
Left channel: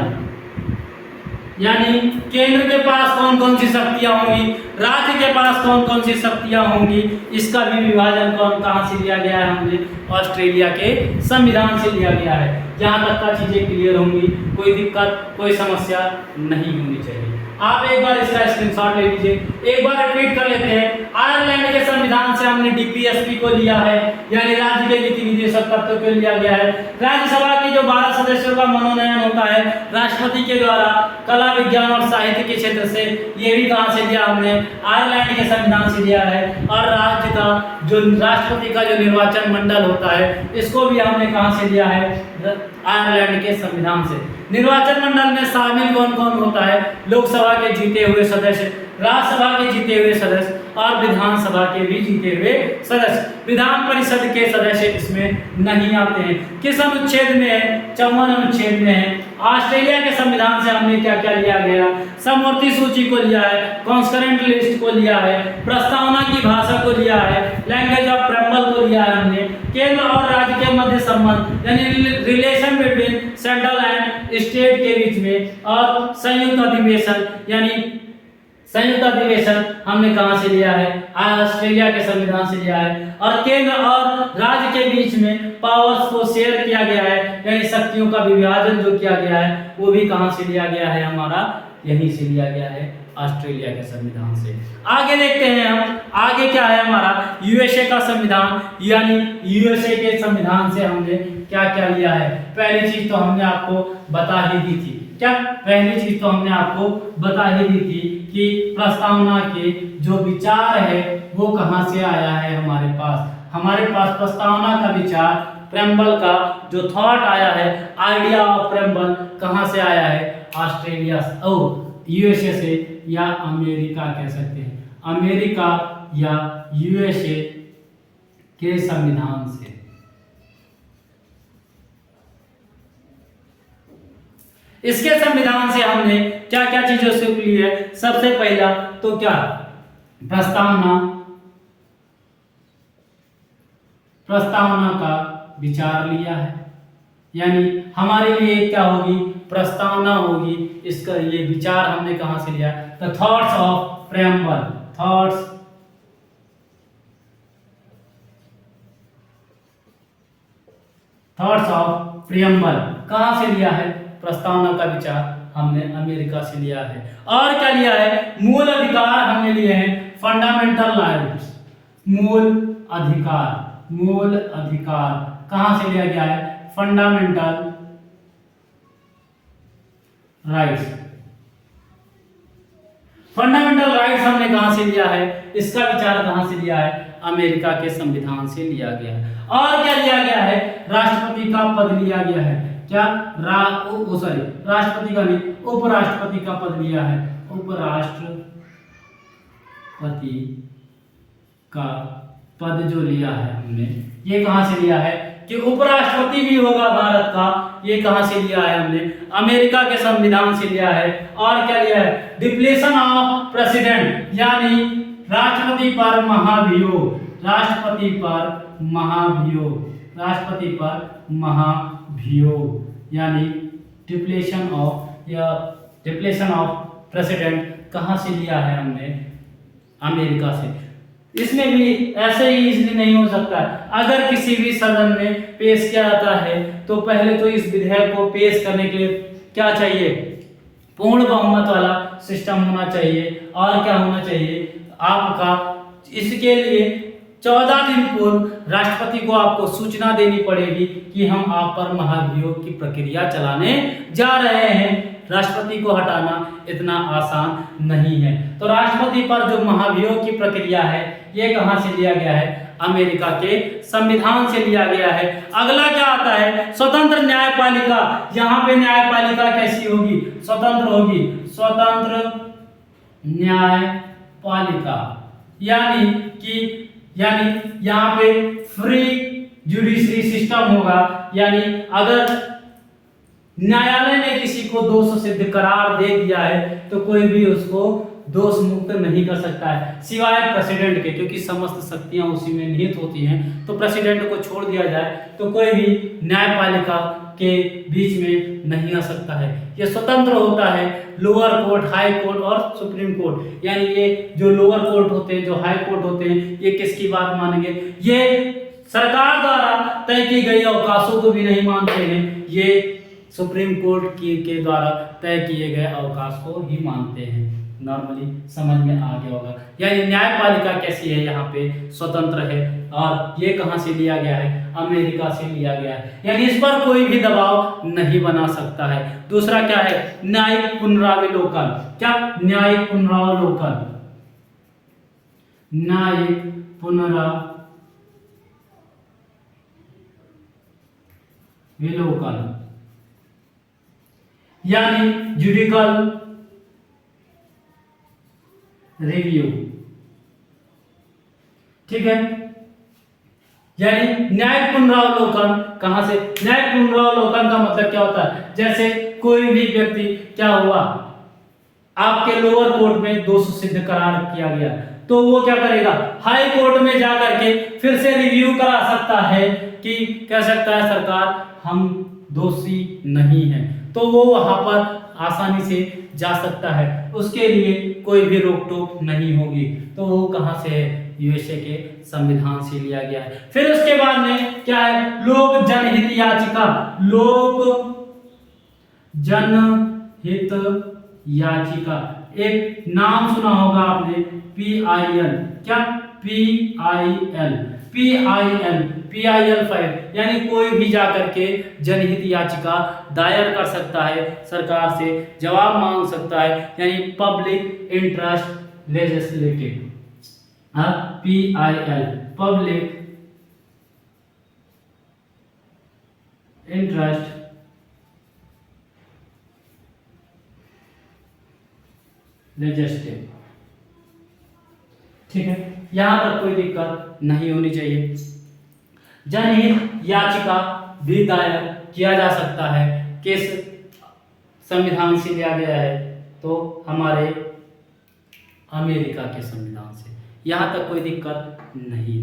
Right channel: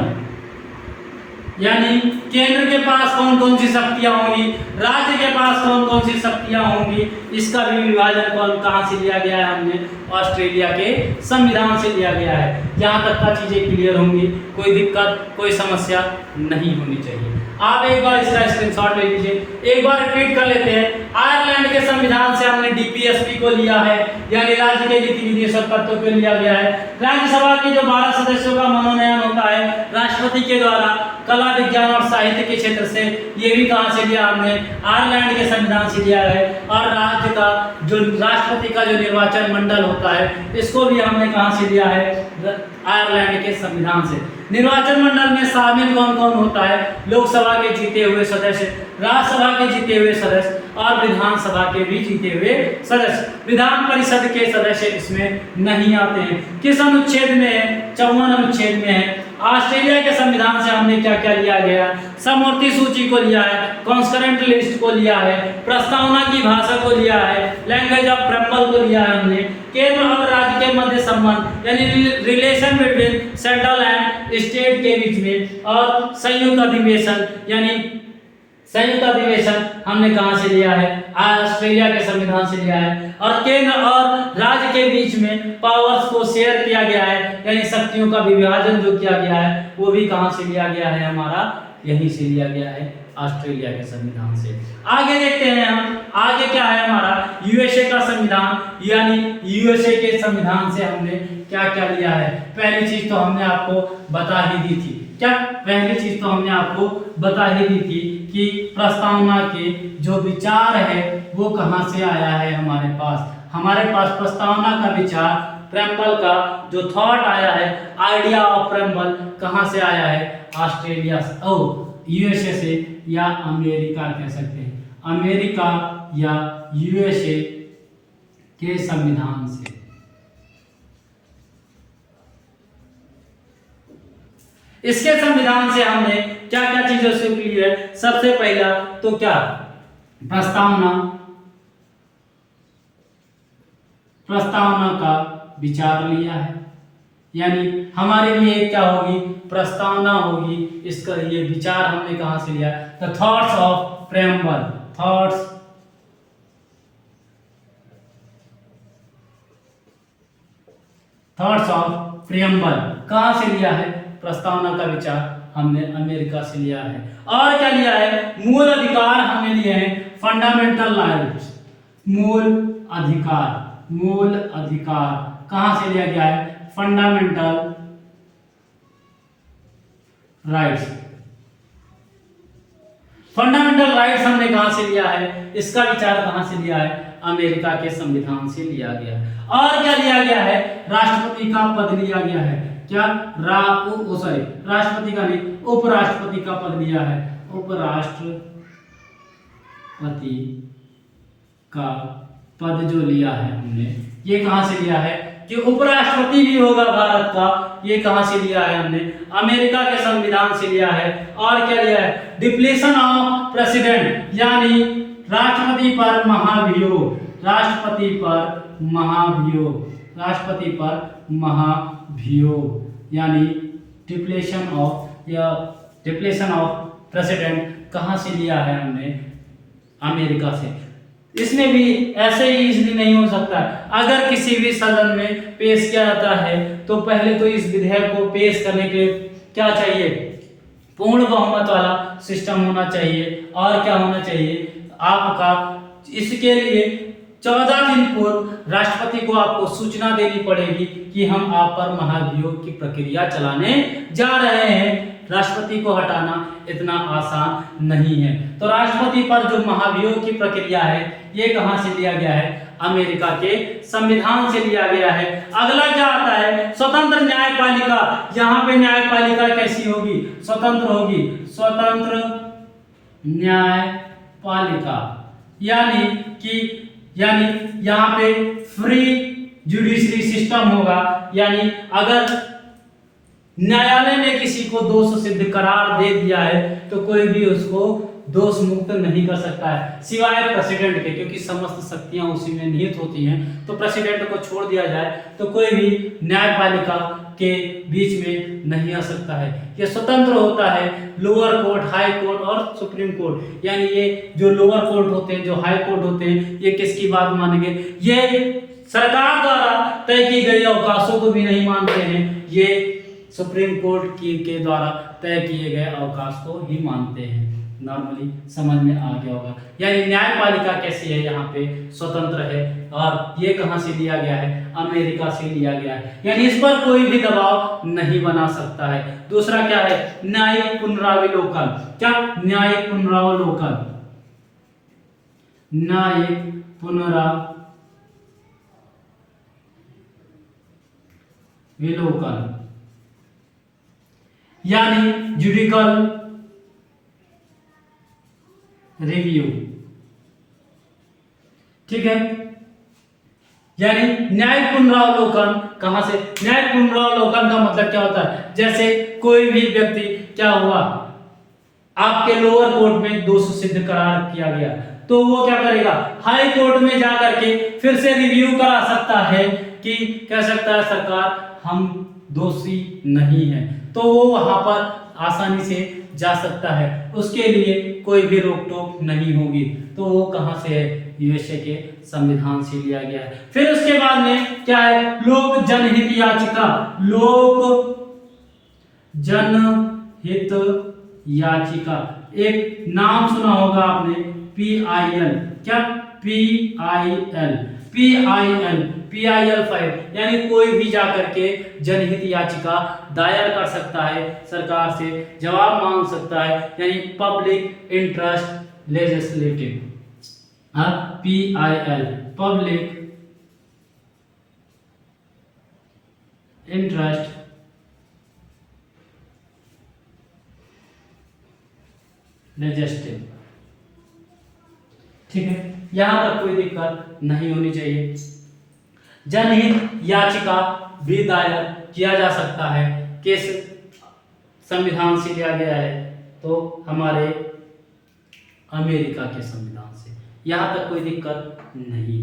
यानी केंद्र के पास कौन कौन सी शक्तियां होंगी, राज्य के पास कौन कौन सी शक्तियां होंगी, इसका भी विभाजन कहां से लिया गया है, हमने ऑस्ट्रेलिया के संविधान से लिया गया है। जहां तक का चीजें क्लियर होंगी, कोई दिक्कत कोई समस्या नहीं होनी चाहिए। आप एक बार इसका स्क्रीनशॉट ले लीजिए। एक बार रिपीट कर लेते हैं। आयरलैंड के संविधान से हमने डीपीएसपी को लिया है, यानी राज्य के नीति निर्देशक तत्वों को लिया गया है। राज्यसभा की जो 12 सदस्यों का मनोनयन होता है राष्ट्रपति के द्वारा कला, विज्ञान और साहित्य के क्षेत्र से, ये भी कहां से लिया हमने? आयरलैंड के संविधान से लिया है। और राज्य का जो राष्ट्रपति का जो निर्वाचन मंडल होता है इसको भी हमने कहां से लिया है? आयरलैंड के संविधान से। निर्वाचन मंडल में शामिल कौन कौन होता है? लोकसभा के जीते हुए सदस्य, राज्यसभा के जीते हुए सदस्य और विधानसभा के भी जीते हुए सदस्य। विधान परिषद के सदस्य इसमें नहीं आते हैं। किस अनुच्छेद में है? 54 अनुच्छेद में है। ऑस्ट्रेलिया के संविधान से हमने क्या क्या लिया गया? समवर्ती सूची को लिया है, कॉन्करेंट लिस्ट को लिया है, प्रस्तावना की भाषा को लिया है, लैंग्वेज ऑफ प्रेम्बल को लिया है हमने, केंद्र और राज्य के मध्य संबंध यानी relation between central and state के बीच में, और संयुक्त अधिवेशन यानी संयुक्त अधिवेशन हमने कहां से लिया है? ऑस्ट्रेलिया के संविधान से लिया है। और केंद्र और राज्य के बीच में पावर्स को शेयर किया गया है, यानी शक्तियों का विभाजन जो किया गया है वो भी कहां से लिया गया है? हमारा यहीं से लिया गया है, ऑस्ट्रेलिया के संविधान से। आगे देखते हैं हम, आगे क्या है हमारा? यूएसए का संविधान, यानी यूएसए के संविधान से हमने क्या क्या लिया है? पहली चीज तो हमने आपको बता ही दी थी। क्या? पहली चीज तो हमने आपको बता ही दी थी कि प्रस्तावना के जो विचार है वो कहां से आया है हमारे पास? हमारे पास प्रस्तावना का विचार, प्रेम्बल का जो थॉट आया है, आइडिया ऑफ प्रेम्बल कहां से आया है? ऑस्ट्रेलिया यूएसए से, या अमेरिका कह सकते हैं, अमेरिका या यूएसए के संविधान से। इसके संविधान से हमने क्या क्या चीजों से ली है? सबसे पहला तो क्या? प्रस्तावना का विचार लिया है, यानी हमारे लिए क्या होगी? प्रस्तावना होगी। इसका ये विचार हमने कहां से लिया? The thoughts of preamble, thoughts of preamble कहां से लिया है? प्रस्तावना का विचार हमने अमेरिका से लिया है। और क्या लिया है? मूल अधिकार हमने लिए हैं, फंडामेंटल राइट्स, मूल अधिकार कहां से लिया गया है? Fundamental rights. फंडामेंटल राइट्स हमने कहां से लिया है? इसका विचार कहां से लिया है? अमेरिका के संविधान से लिया गया है। और क्या लिया गया है? राष्ट्रपति का पद लिया गया है। क्या? राष्ट्रपति का नहीं, उपराष्ट्रपति का पद लिया है। उपराष्ट्रपति का पद जो लिया है हमने, ये कहां से लिया है? कि उपराष्ट्रपति भी होगा भारत का, ये कहां से लिया है हमने? अमेरिका के संविधान से लिया है। और क्या लिया है? डिप्लेशन ऑफ प्रेसिडेंट, यानी राष्ट्रपति पर महाभियोग, राष्ट्रपति पर यानी डिप्लेशन ऑफ प्रेसिडेंट कहां से लिया है हमने? अमेरिका से। इसमें भी ऐसे ही इजली नहीं हो सकता। अगर किसी भी सदन में पेश किया जाता है तो पहले तो इस विधेयक को पेश करने के लिए क्या चाहिए? पूर्ण बहुमत वाला सिस्टम होना चाहिए। और क्या होना चाहिए आपका? इसके लिए 14 दिन पूर्व राष्ट्रपति को आपको सूचना देनी पड़ेगी कि हम आप पर महाभियोग की प्रक्रिया चलाने जा रहे हैं। राष्ट्रपति को हटाना इतना आसान नहीं है। तो राष्ट्रपति पर जो महाभियोग की प्रक्रिया है ये कहां से लिया गया है? अमेरिका के संविधान से लिया गया है। अगला क्या आता है? स्वतंत्र न्यायपालिका। यहाँ पे न्यायपालिका कैसी होगी? स्वतंत्र होगी, स्वतंत्र न्यायपालिका, यानी यहाँ पे फ्री जुडिशरी सिस्टम होगा। यानी अगर न्यायालय ने किसी को दोष सिद्ध करार दे दिया है तो कोई भी उसको दोष मुक्त नहीं कर सकता है, सिवाय प्रेसिडेंट के, क्योंकि समस्त शक्तियां उसी में निहित होती हैं। तो प्रेसिडेंट को छोड़ दिया जाए तो कोई भी न्यायपालिका के बीच में नहीं आ सकता है। ये स्वतंत्र होता है। लोअर कोर्ट, हाई कोर्ट और सुप्रीम कोर्ट, यानी ये जो लोअर कोर्ट होते हैं, जो हाई कोर्ट होते हैं, ये किसकी बात मानेंगे? ये सरकार द्वारा तय की गई अवकाशों को भी नहीं मानते हैं। ये सुप्रीम कोर्ट के द्वारा तय किए गए अवकाश को ही मानते हैं। नॉर्मली समझ में आ गया होगा। यानी न्यायपालिका कैसी है, यहाँ पे स्वतंत्र है, और ये कहाँ से लिया गया है, अमेरिका से लिया गया है। यानी इस पर कोई भी दबाव नहीं बना सकता है। दूसरा क्या है, न्यायिक पुनरावलोकन। क्या, न्यायिक पुनरावलोकन, न्यायिक पुनरावलोकन यानी जुडिकल रिव्यू। ठीक है, यानी न्यायिक पुनरावलोकन कहां से, न्यायिक पुनरावलोकन का मतलब क्या होता है, जैसे कोई भी व्यक्ति, क्या हुआ, आपके लोअर कोर्ट में दोष सिद्ध करार किया गया, तो वो क्या करेगा, हाई कोर्ट में जाकर के फिर से रिव्यू करा सकता है कि कह सकता है सरकार हम दोषी नहीं है, तो वो वहां पर आसानी से जा सकता है, उसके लिए कोई भी रोक टोक नहीं होगी। तो वो कहां से है, यूएसए के संविधान से लिया गया है। फिर उसके बाद में क्या है, लोक जनहित याचिका। लोक जनहित याचिका, एक नाम सुना होगा आपने, PIL। क्या, PIL, PIL फाइल, यानी कोई भी जाकर के जनहित याचिका दायर कर सकता है, सरकार से जवाब मांग सकता है, यानी public interest legislative. PIL, public interest legislative. ठीक है, यहां पर कोई दिक्कत नहीं होनी चाहिए। जनहित याचिका भी दायर किया जा सकता है, किस संविधान से लिया गया है, तो हमारे अमेरिका के संविधान से, यहां तक कोई दिक्कत नहीं।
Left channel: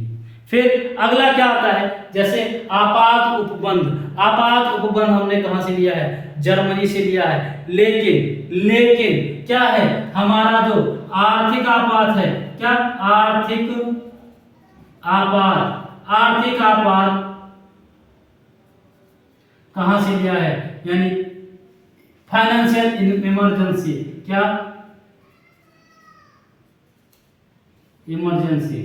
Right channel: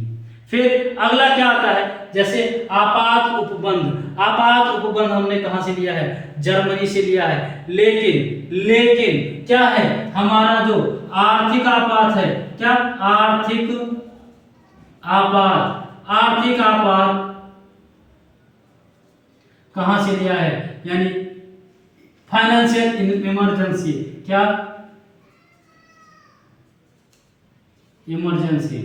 फिर अगला क्या आता है, जैसे आपात उपबंध। आपात उपबंध हमने कहां से लिया है, जर्मनी से लिया है, लेकिन क्या है, हमारा जो आर्थिक आपात है, क्या, आर्थिक आपात कहां से लिया है, यानी फाइनेंशियल इमरजेंसी। क्या, इमरजेंसी,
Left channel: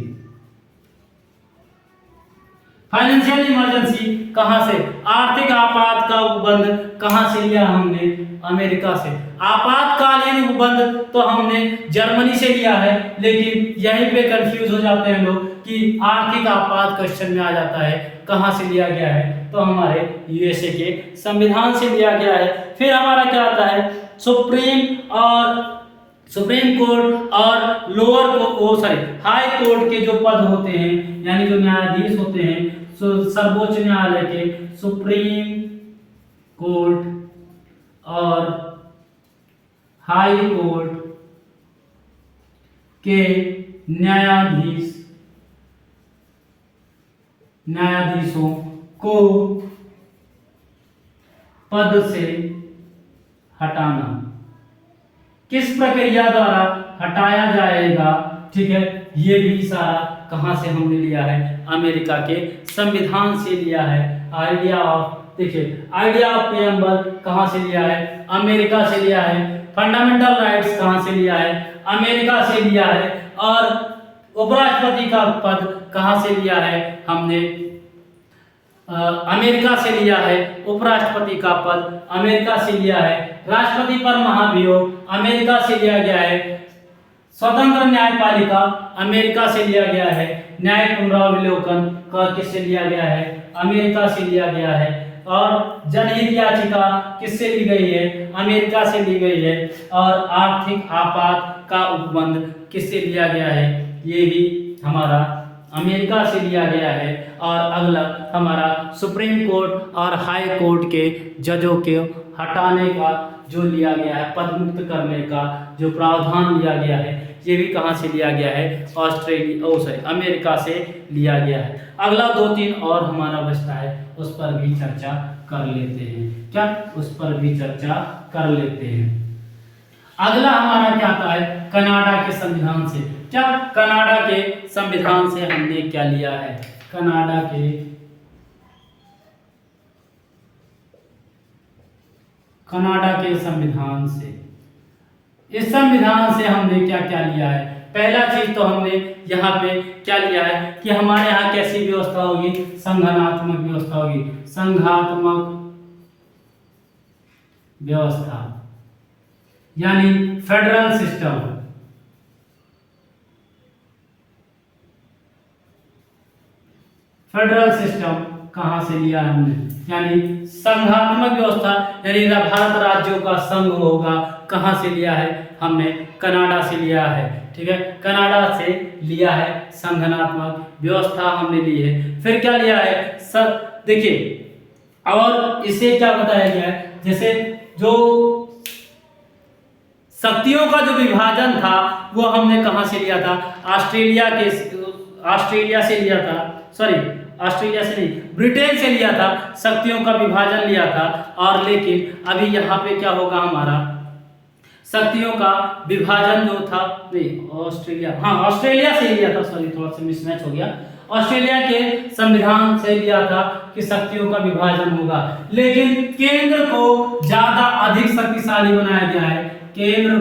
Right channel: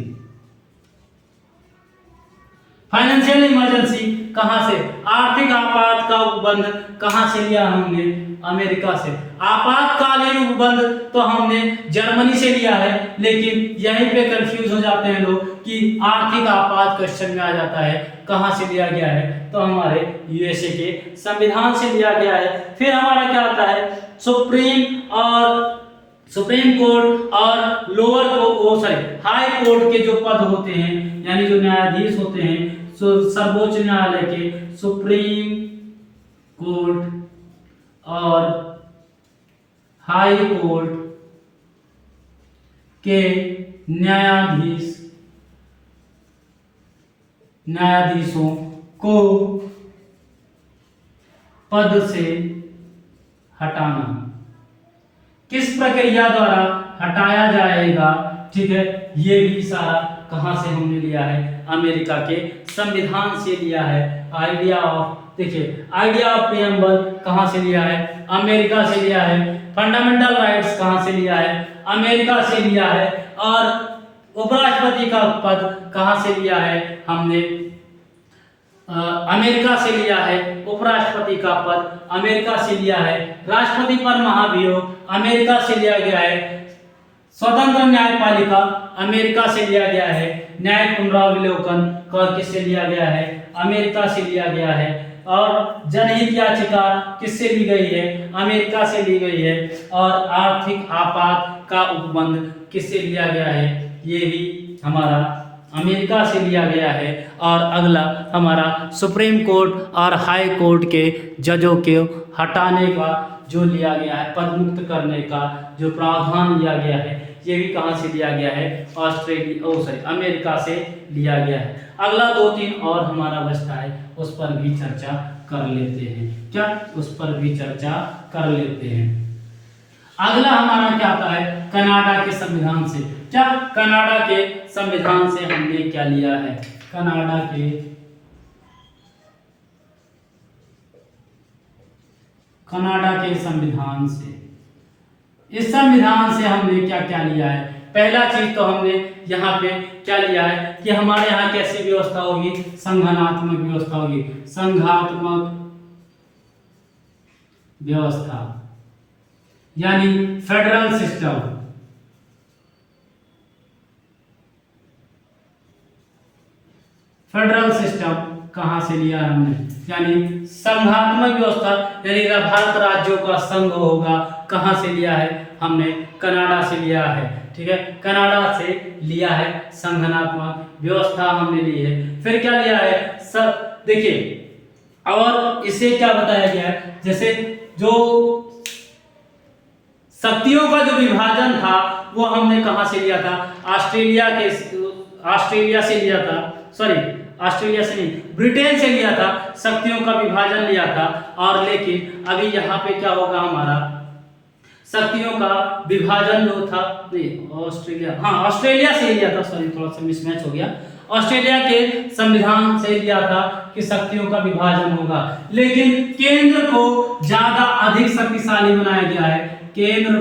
फाइनेंशियल इमरजेंसी कहां से, आर्थिक आपात का उपबंध कहां से लिया हमने, अमेरिका से। आपातकालीन उपबंध तो हमने जर्मनी से लिया है, लेकिन यहीं पे कंफ्यूज हो जाते हैं लोग कि आर्थिक आपात क्वेश्चन में आ जाता है, कहां से लिया गया है, तो हमारे यूएसए के संविधान से लिया गया है। फिर हमारा क्या आता है, सुप्रीम कोर्ट और लोअर हाई कोर्ट के जो पद होते हैं, यानी जो न्यायाधीश होते हैं, सर्वोच्च न्यायालय के सुप्रीम कोर्ट और हाई कोर्ट के न्यायाधीशों को पद से हटाना, किस प्रक्रिया द्वारा हटाया जाएगा, ठीक है, ये भी सारा कहां से हमने लिया है, अमेरिका के संविधान से लिया है। आइडिया ऑफ प्रीएम्बल कहां से लिया है, अमेरिका से लिया है। फंडामेंटल राइट्स कहां से लिया है, अमेरिका से लिया है। और उपराष्ट्रपति का पद कहां से लिया है, हमने अमेरिका से लिया है। उपराष्ट्रपति का पद अमेरिका से लिया है। राष्ट्रपति पर महाभियोग अमेरिका से लिया गया है। स्वतंत्र न्यायपालिका अमेरिका से लिया गया है। न्यायिक पुनरावलोकन किससे लिया गया है, अमेरिका से लिया गया है। और जनहित याचिका किससे ली गई है, अमेरिका से ली गई है। और आर्थिक आपात का उपबंध किससे लिया गया है, ये भी हमारा अमेरिका से लिया गया है। और अगला हमारा सुप्रीम कोर्ट और हाई कोर्ट के जजों के हटाने का जो लिया गया है, पद मुक्त करने का जो प्रावधान लिया गया है, ये भी कहाँ से लिया गया है, अमेरिका से लिया गया है। अगला 2-3 और हमारा बचता है, उस पर भी चर्चा कर लेते हैं। क्या, उस पर भी चर्चा कर लेते हैं। अगला हमारा क्या आता है, कनाडा के संविधान से। क्या, कनाडा के संविधान से हमने क्या लिया है, कनाडा के कनाडा के संविधान से। इस संविधान से हमने क्या क्या लिया है? पहला चीज तो हमने यहाँ पे क्या लिया है कि हमारे यहाँ कैसी व्यवस्था होगी? संघनात्मक व्यवस्था होगी, संघात्मक व्यवस्था यानी फेडरल सिस्टम। फेडरल सिस्टम कहाँ से लिया है हमने? यानी संघात्मक व्यवस्था, यानी भारत राज्यों का संघ होगा। कहाँ से लिया है? हमने कनाडा से लिया है। ठीक है, कनाडा से लिया है संघनात्मक व्यवस्था हमने ली है। फिर क्या लिया है? देखिए, और इसे क्या बताया गया है? जैसे जो शक्तियों का जो विभाजन था वो हमने कहाँ से लिया था? ऑस्ट्रेलिया से लिया था। सॉरी, ऑस्ट्रेलिया से नहीं, ब्रिटेन से लिया था। शक्तियों का विभाजन लिया था। और लेकिन अभी यहाँ पे क्या होगा? हमारा शक्तियों का विभाजन जो था, नहीं ऑस्ट्रेलिया से लिया था। सॉरी, थोड़ा सा मिसमैच हो गया। ऑस्ट्रेलिया के संविधान से लिया था कि शक्तियों का विभाजन होगा, लेकिन केंद्र को ज्यादा अधिक शक्तिशाली बनाया गया है। केंद्र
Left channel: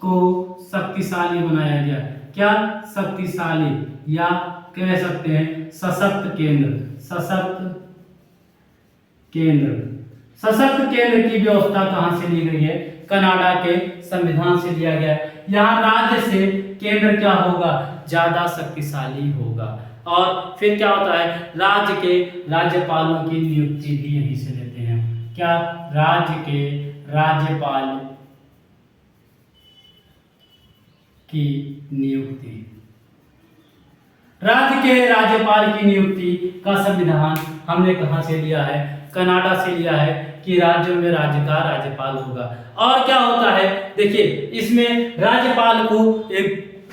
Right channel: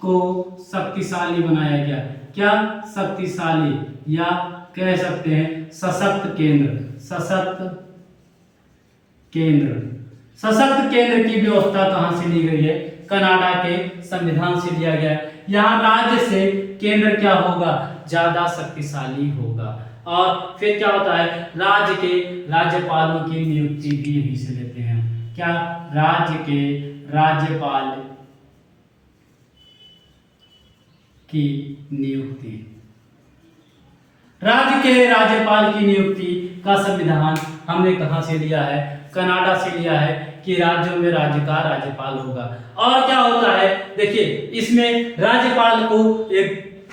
को शक्तिशाली बनाया गया। क्या? शक्तिशाली, या कह सकते हैं सशक्त केंद्र। सशक्त केंद्र की व्यवस्था कहां से ली गई है? कनाडा के संविधान से लिया गया है। यहाँ राज्य से केंद्र क्या होगा? ज्यादा शक्तिशाली होगा। और फिर क्या होता है? राज्य के राज्यपालों की नियुक्ति भी यहीं से लेते हैं। क्या? राज्य के राज्यपाल की नियुक्ति। राज्य के राज्यपाल की नियुक्ति का संविधान हमने कहां से लिया है? कनाडा से लिया है कि राज्यों में राज्य का राज्यपाल होगा। और क्या होता है? देखिए, इसमें राज्यपाल को एक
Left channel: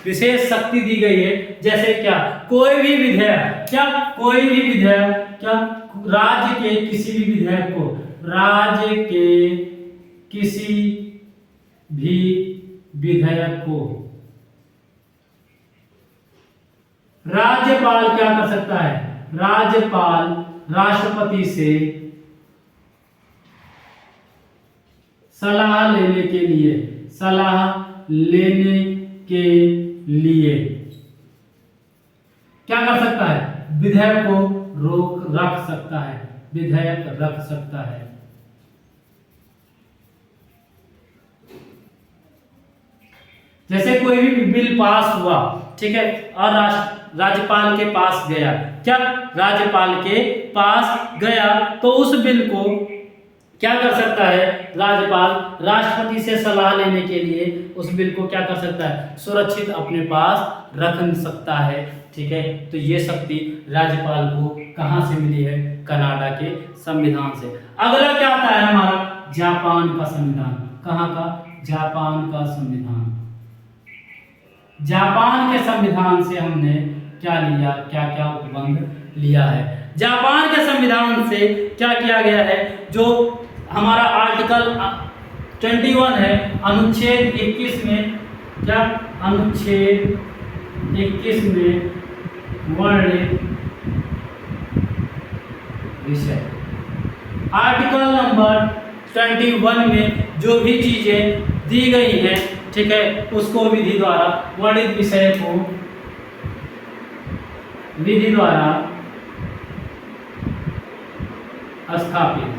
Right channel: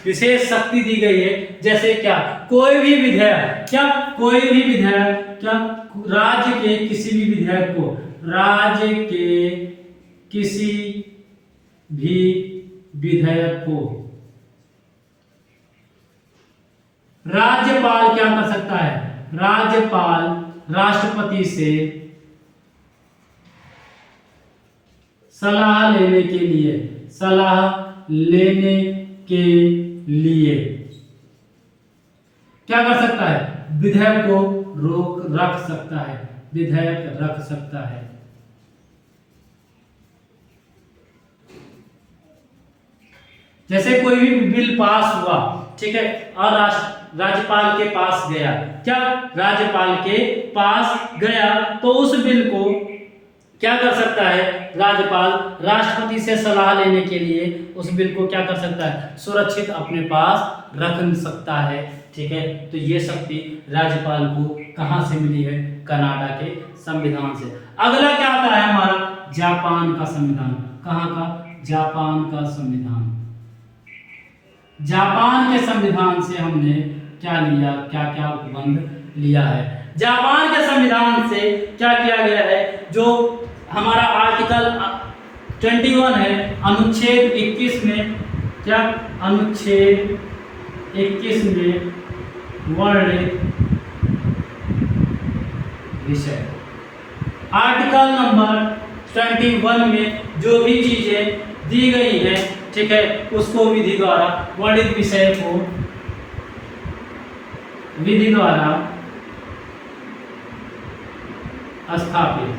विशेष शक्ति दी गई है। जैसे क्या? कोई भी विधेयक, राज्य के किसी भी विधेयक को राज्यपाल क्या कर सकता है? राज्यपाल राष्ट्रपति से सलाह लेने के लिए क्या कर सकता है? विधेयक को रख सकता है। जैसे कोई भी बिल पास हुआ, ठीक है, और राज्यपाल के पास गया। क्या? राज्यपाल के पास गया तो उस बिल को क्या कर सकता है? राज्यपाल राष्ट्रपति से सलाह लेने के लिए उस बिल को क्या कर सकता है? सुरक्षित अपने पास रख सकता है। ठीक है, तो ये शक्ति राज्यपाल को कहां से मिली है? कनाडा के संविधान से। अगला क्या आता है हमारा? जापान का संविधान। कहां का? जापान का संविधान। जापान के संविधान से हमने क्या लिया? क्या उपबंध लिया है? जापान के संविधान से क्या किया गया है? जो हमारा आर्टिकल 21 है, अनुच्छेद 21 में क्या? अनुच्छेद 21 में वर्णित विषय, आर्टिकल नंबर 21 में जो भी चीजें दी गई है, ठीक है, उसको विधि द्वारा वर्णित विषय को विधि द्वारा स्थापित।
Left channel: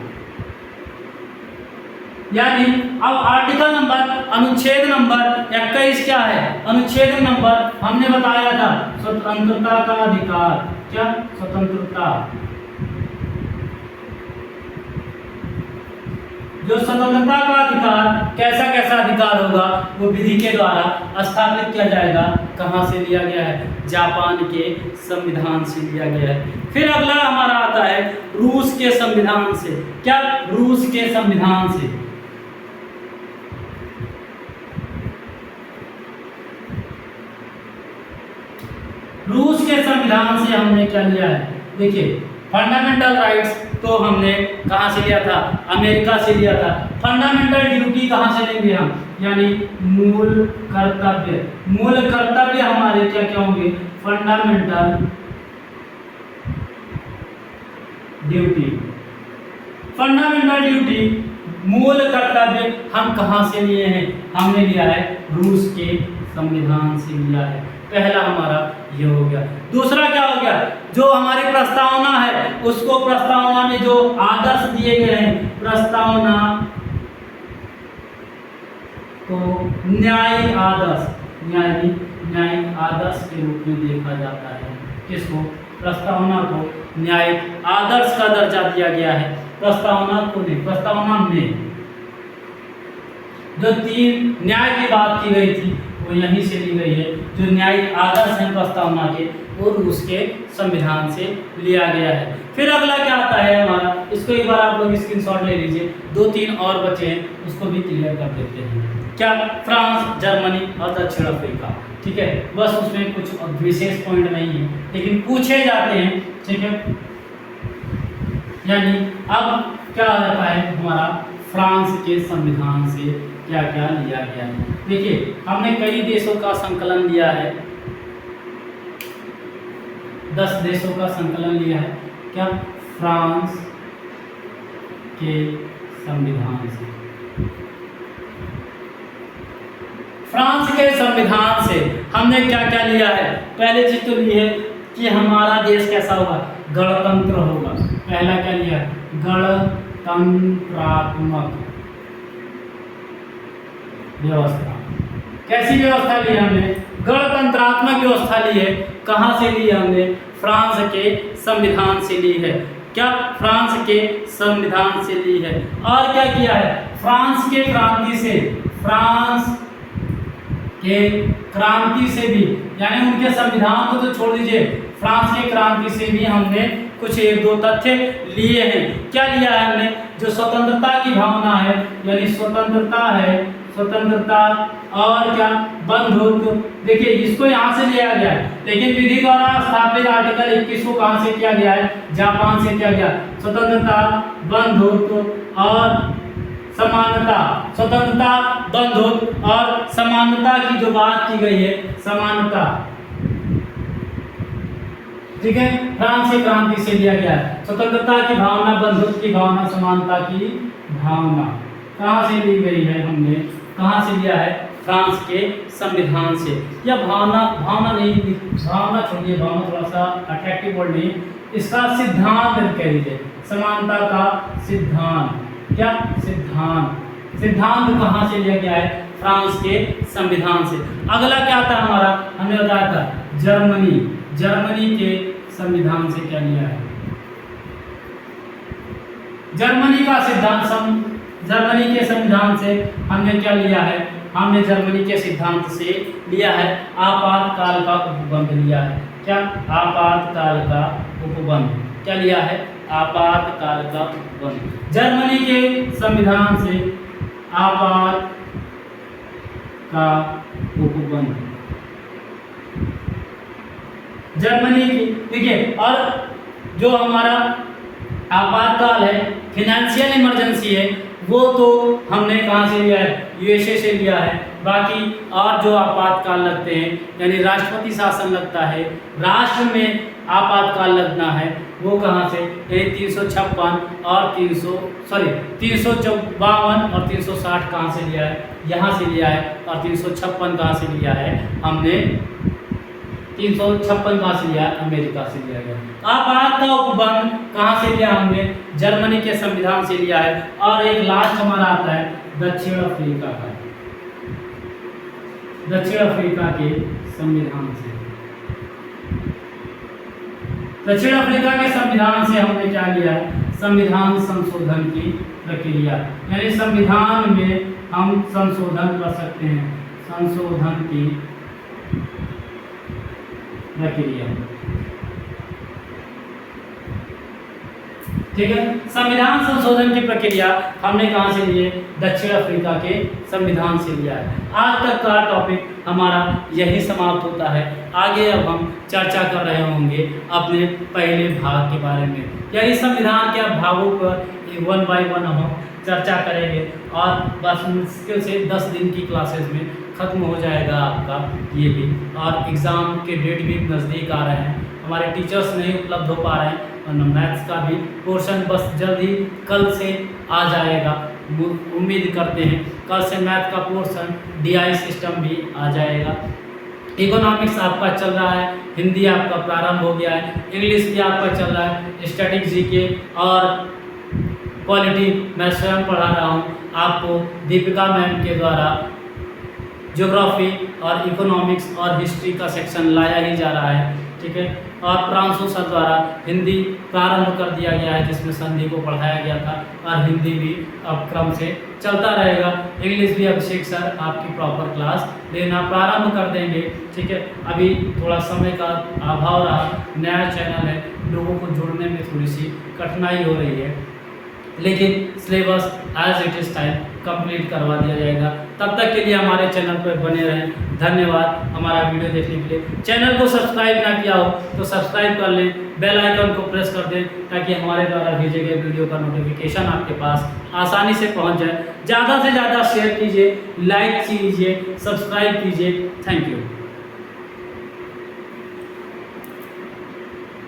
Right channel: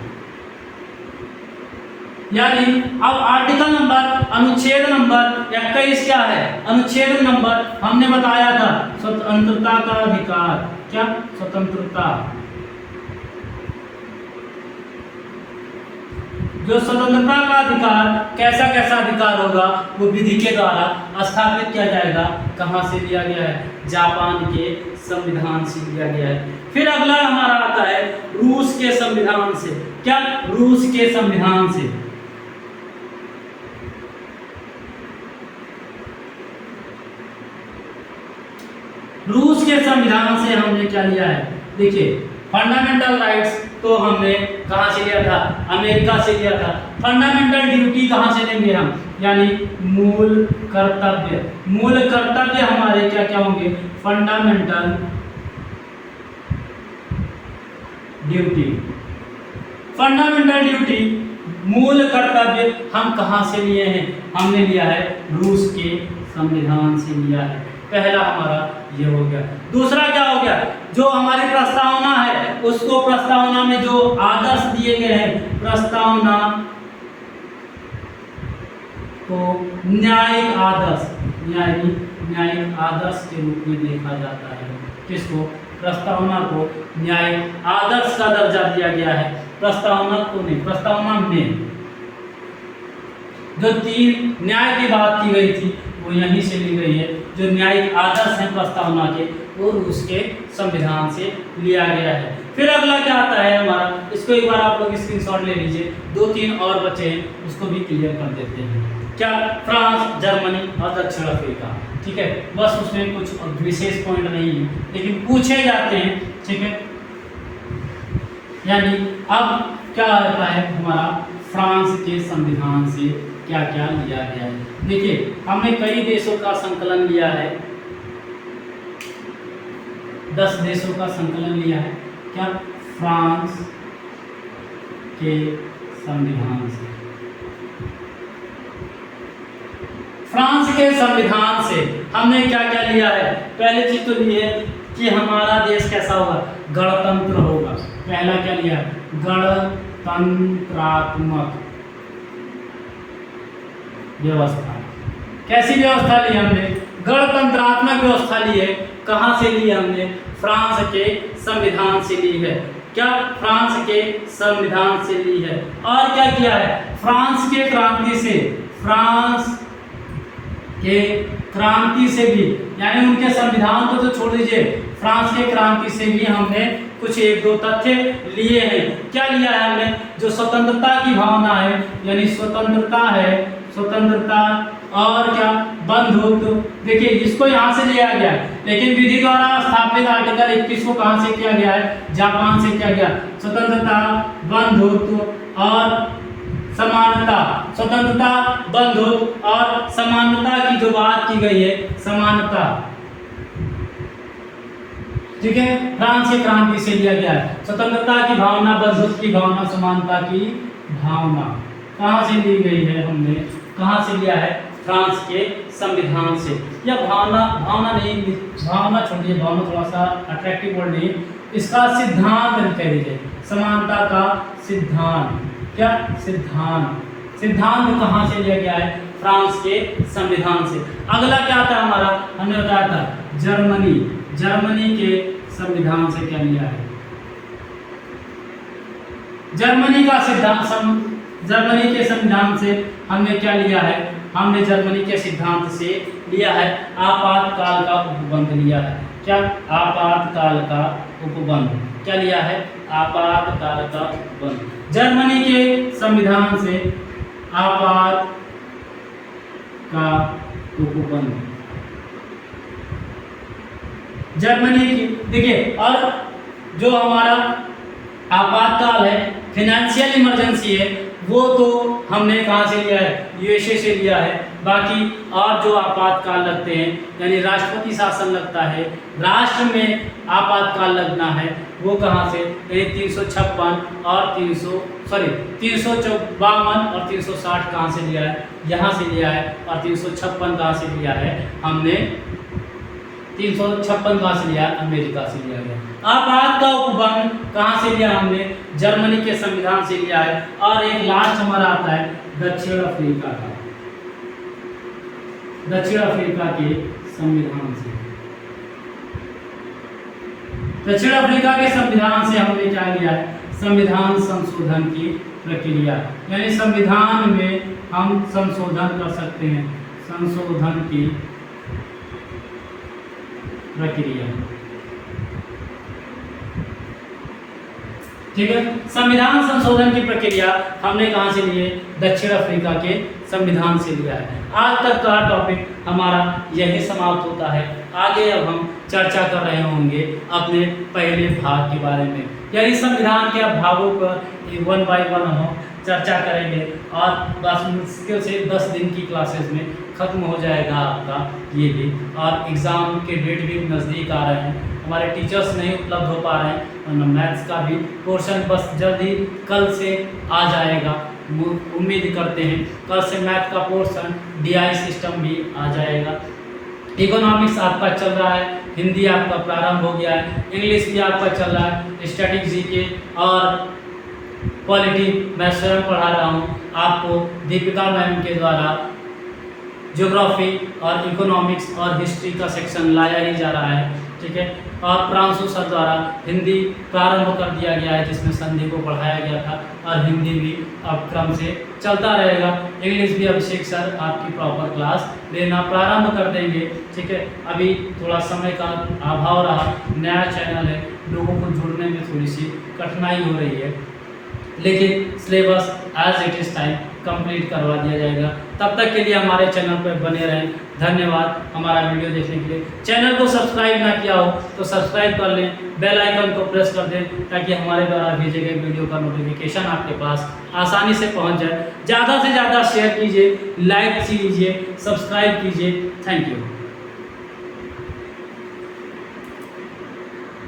यानी अब आर्टिकल नंबर, अनुच्छेद नंबर 21 क्या है? अनुच्छेद नंबर हमने बताया था स्वतंत्रता का अधिकार। क्या? स्वतंत्रता। जो स्वतंत्रता का अधिकार, कैसा अधिकार होगा? वो विधि के द्वारा स्थापित किया जाएगा। कहां से लिया गया है? जापान के संविधान से लिया गया है। फिर अगला हमारा आता है रूस के संविधान से। क्या? रूस के संविधान से। रूस के संविधान से हमने क्या लिया है? देखिए, फंडामेंटल राइट्स तो हमने कहां से लिया था? अमेरिका से लिया था। फंडामेंटल ड्यूटी कहां से लेंगे हम? यानी मूल कर्तव्य हमारे क्या होंगे? फंडामेंटल ड्यूटी मूल कर्तव्य हम कहाँ से लिए हैं? हमने लिया है रूस के संविधान से लिया है। पहला हमारा ये हो गया। दूसरा क्या हो गया? जो हमारी प्रस्तावना है उसको, प्रस्तावना में जो आदर्श दिए गए हैं, प्रस्तावना तो न्यायिक आदर्श, न्यायिक आदर्श के रूप में देखा जाता है। किसको? प्रस्तावना को न्यायिक आदर्श का दर्जा दिया गया है। प्रस्तावना को नहीं, प्रस्तावना में जो 3 न्याय की बात की गई थी वो यहीं से ली गई है। जो न्यायिक आदर्श हैं प्रस्तावना के, वो रूस के संविधान से लिया गया है। फिर अगला क्या आता है हमारा, इसको एक बार आप लोग स्क्रीनशॉट ले लीजिए। 2-3 और बचे हैं, उसको भी क्लियर कर देते हैं। क्या? फ्रांस, जर्मनी और दक्षिण अफ्रीका। ठीक है, बस उसमें कुछ विशेष पॉइंट नहीं है, लेकिन पूछे जाते हैं। ठीक है, यानी अब क्या आता है हमारा, फ्रांस के संविधान से क्या क्या लिया गया है। देखिए, हमने कई देशों का संकलन लिया है, 10 देशों का संकलन लिया है। क्या? फ्रांस के संविधान से। फ्रांस के संविधान से हमने क्या क्या लिया है? पहले चीज तो ली है कि हमारा देश कैसा होगा, गणतंत्र होगा। पहला क्या लिया? गणतंत्रात्मक व्यवस्था। कैसी व्यवस्था ली हमने? गणतंत्रात्मक व्यवस्था ली है। कहां से ली है हमने? फ्रांस के संविधान से ली है। क्या? फ्रांस के संविधान से ली है। और क्या किया है? फ्रांस के क्रांति से, फ्रांस के क्रांति से भी, यानी उनके संविधान को तो छोड़ दीजिए, फ्रांस के क्रांति से भी हमने कुछ 1-2 तथ्य लिए हैं। क्या लिया है हमने? जो स्वतंत्रता की भावना है, यानी स्वतंत्रता है, स्वतंत्रता और क्या, बंधुत्व। देखिए, इसको यहाँ से लिया गया है, लेकिन विधि द्वारा स्थापित आर्टिकल 21 को कहाँ से किया गया है? जापान से किया गया। स्वतंत्रता, बंधुत्व और समानता, स्वतंत्रता, बंधुत्व और समानता की जो बात की गई है, समानता। ठीक है, फ्रांस की क्रांति से लिया गया है। स्वतंत्रता की भावना, बंधुत्व की भावना, समानता की भावना कहाँ से ली गई है? हमने कहाँ से लिया है? फ्रांस के संविधान से। या भावना नहीं, भावना छोड़िए, भावना थोड़ा सा अट्रैक्टिव वर्ड नहीं, इसका सिद्धांत कह दीजिए, समानता का सिद्धांत। क्या? सिद्धांत कहाँ से लिया गया है? फ्रांस के संविधान से। अगला क्या आता है हमारा? हमने बताया था जर्मनी के संविधान से क्या लिया है? जर्मनी के संविधान से हमने क्या लिया है? हमने जर्मनी के सिद्धांत से लिया है आपातकाल का उपबंध लिया है। क्या? आपातकाल का उपबंध। क्या लिया है? आपातकाल का उपबंध। जर्मनी के संविधान से आपात का उपबंध। जर्मनी की, देखिए, और जो हमारा आपातकाल है, फाइनेंशियल इमरजेंसी है, वो तो हमने कहाँ से लिया है? यूएसए से लिया है। बाकी और जो आपातकाल लगते हैं, यानी राष्ट्रपति शासन लगता है, राष्ट्र में आपातकाल लगना है, वो कहाँ से? 356 और 352 और 360 कहाँ से लिया है? यहाँ से लिया है। और 356 कहाँ से लिया है? हमने 356 कहाँ से लिया? अमेरिका से लिया गया। आपात का उपबंध कहाँ से लिया? हमने जर्मनी के संविधान से लिया है। और एक लास्ट हमारा आता है दक्षिण अफ्रीका का, दक्षिण अफ्रीका के संविधान से। दक्षिण अफ्रीका के संविधान से हमने क्या लिया है? संविधान संशोधन की प्रक्रिया, यानी संविधान में हम संशोधन कर सकते हैं, संशोधन की प्रक्रिया। ठीक है, संविधान संशोधन की प्रक्रिया हमने कहां से ली है? दक्षिण अफ्रीका के संविधान से लिया है। आज तक का टॉपिक हमारा यही समाप्त होता है। आगे अब हम चर्चा कर रहे होंगे अपने पहले भाग के बारे में, यानी संविधान के भागों पर 1 बाय 1 हम चर्चा करेंगे। और बस मुश्किल से 10 दिन की क्लासेस में ख़त्म हो जाएगा आपका ये भी। और एग्ज़ाम के डेट भी नज़दीक आ रहे हैं, हमारे टीचर्स नहीं उपलब्ध हो पा रहे हैं, और मैथ्स का भी पोर्शन बस जल्द ही कल से आ जाएगा। उम्मीद करते हैं। कल से मैथ का पोर्शन DI सिस्टम भी आ जाएगा। इकोनॉमिक्स आपका चल रहा है, हिंदी आपका प्रारंभ हो गया है, इंग्लिश भी आपका चल रहा है, स्टैटिक जीके और पॉलिटी मैं स्वयं पढ़ा रहा हूँ आपको दीपिका मैम के द्वारा। ज्योग्राफी और इकोनॉमिक्स और हिस्ट्री का सेक्शन लाया ही जा रहा है, ठीक है। और प्रांशु सर द्वारा हिंदी प्रारंभ कर दिया गया है, जिसमें संधि को पढ़ाया गया था, और हिंदी भी अब क्रम से चलता रहेगा। इंग्लिश भी अभिषेक सर आपकी प्रॉपर क्लास लेना प्रारंभ कर देंगे, ठीक है। अभी थोड़ा समय का अभाव रहा, नया चैनल है, लोगों को जुड़ने में थोड़ी सी कठिनाई हो रही है, लेकिन syllabus as it is time complete करवा दिया जाएगा। तब तक के लिए हमारे चैनल पर बने रहें। धन्यवाद हमारा वीडियो देखने के लिए। चैनल को सब्सक्राइब ना किया हो तो सब्सक्राइब कर लें, बेल आइकन को प्रेस कर दें, ताकि हमारे द्वारा भेजे गए वीडियो का नोटिफिकेशन आपके पास आसानी से पहुंच जाए। ज़्यादा से ज़्यादा शेयर कीजिए, लाइक कीजिए, सब्सक्राइब कीजिए। Thank you.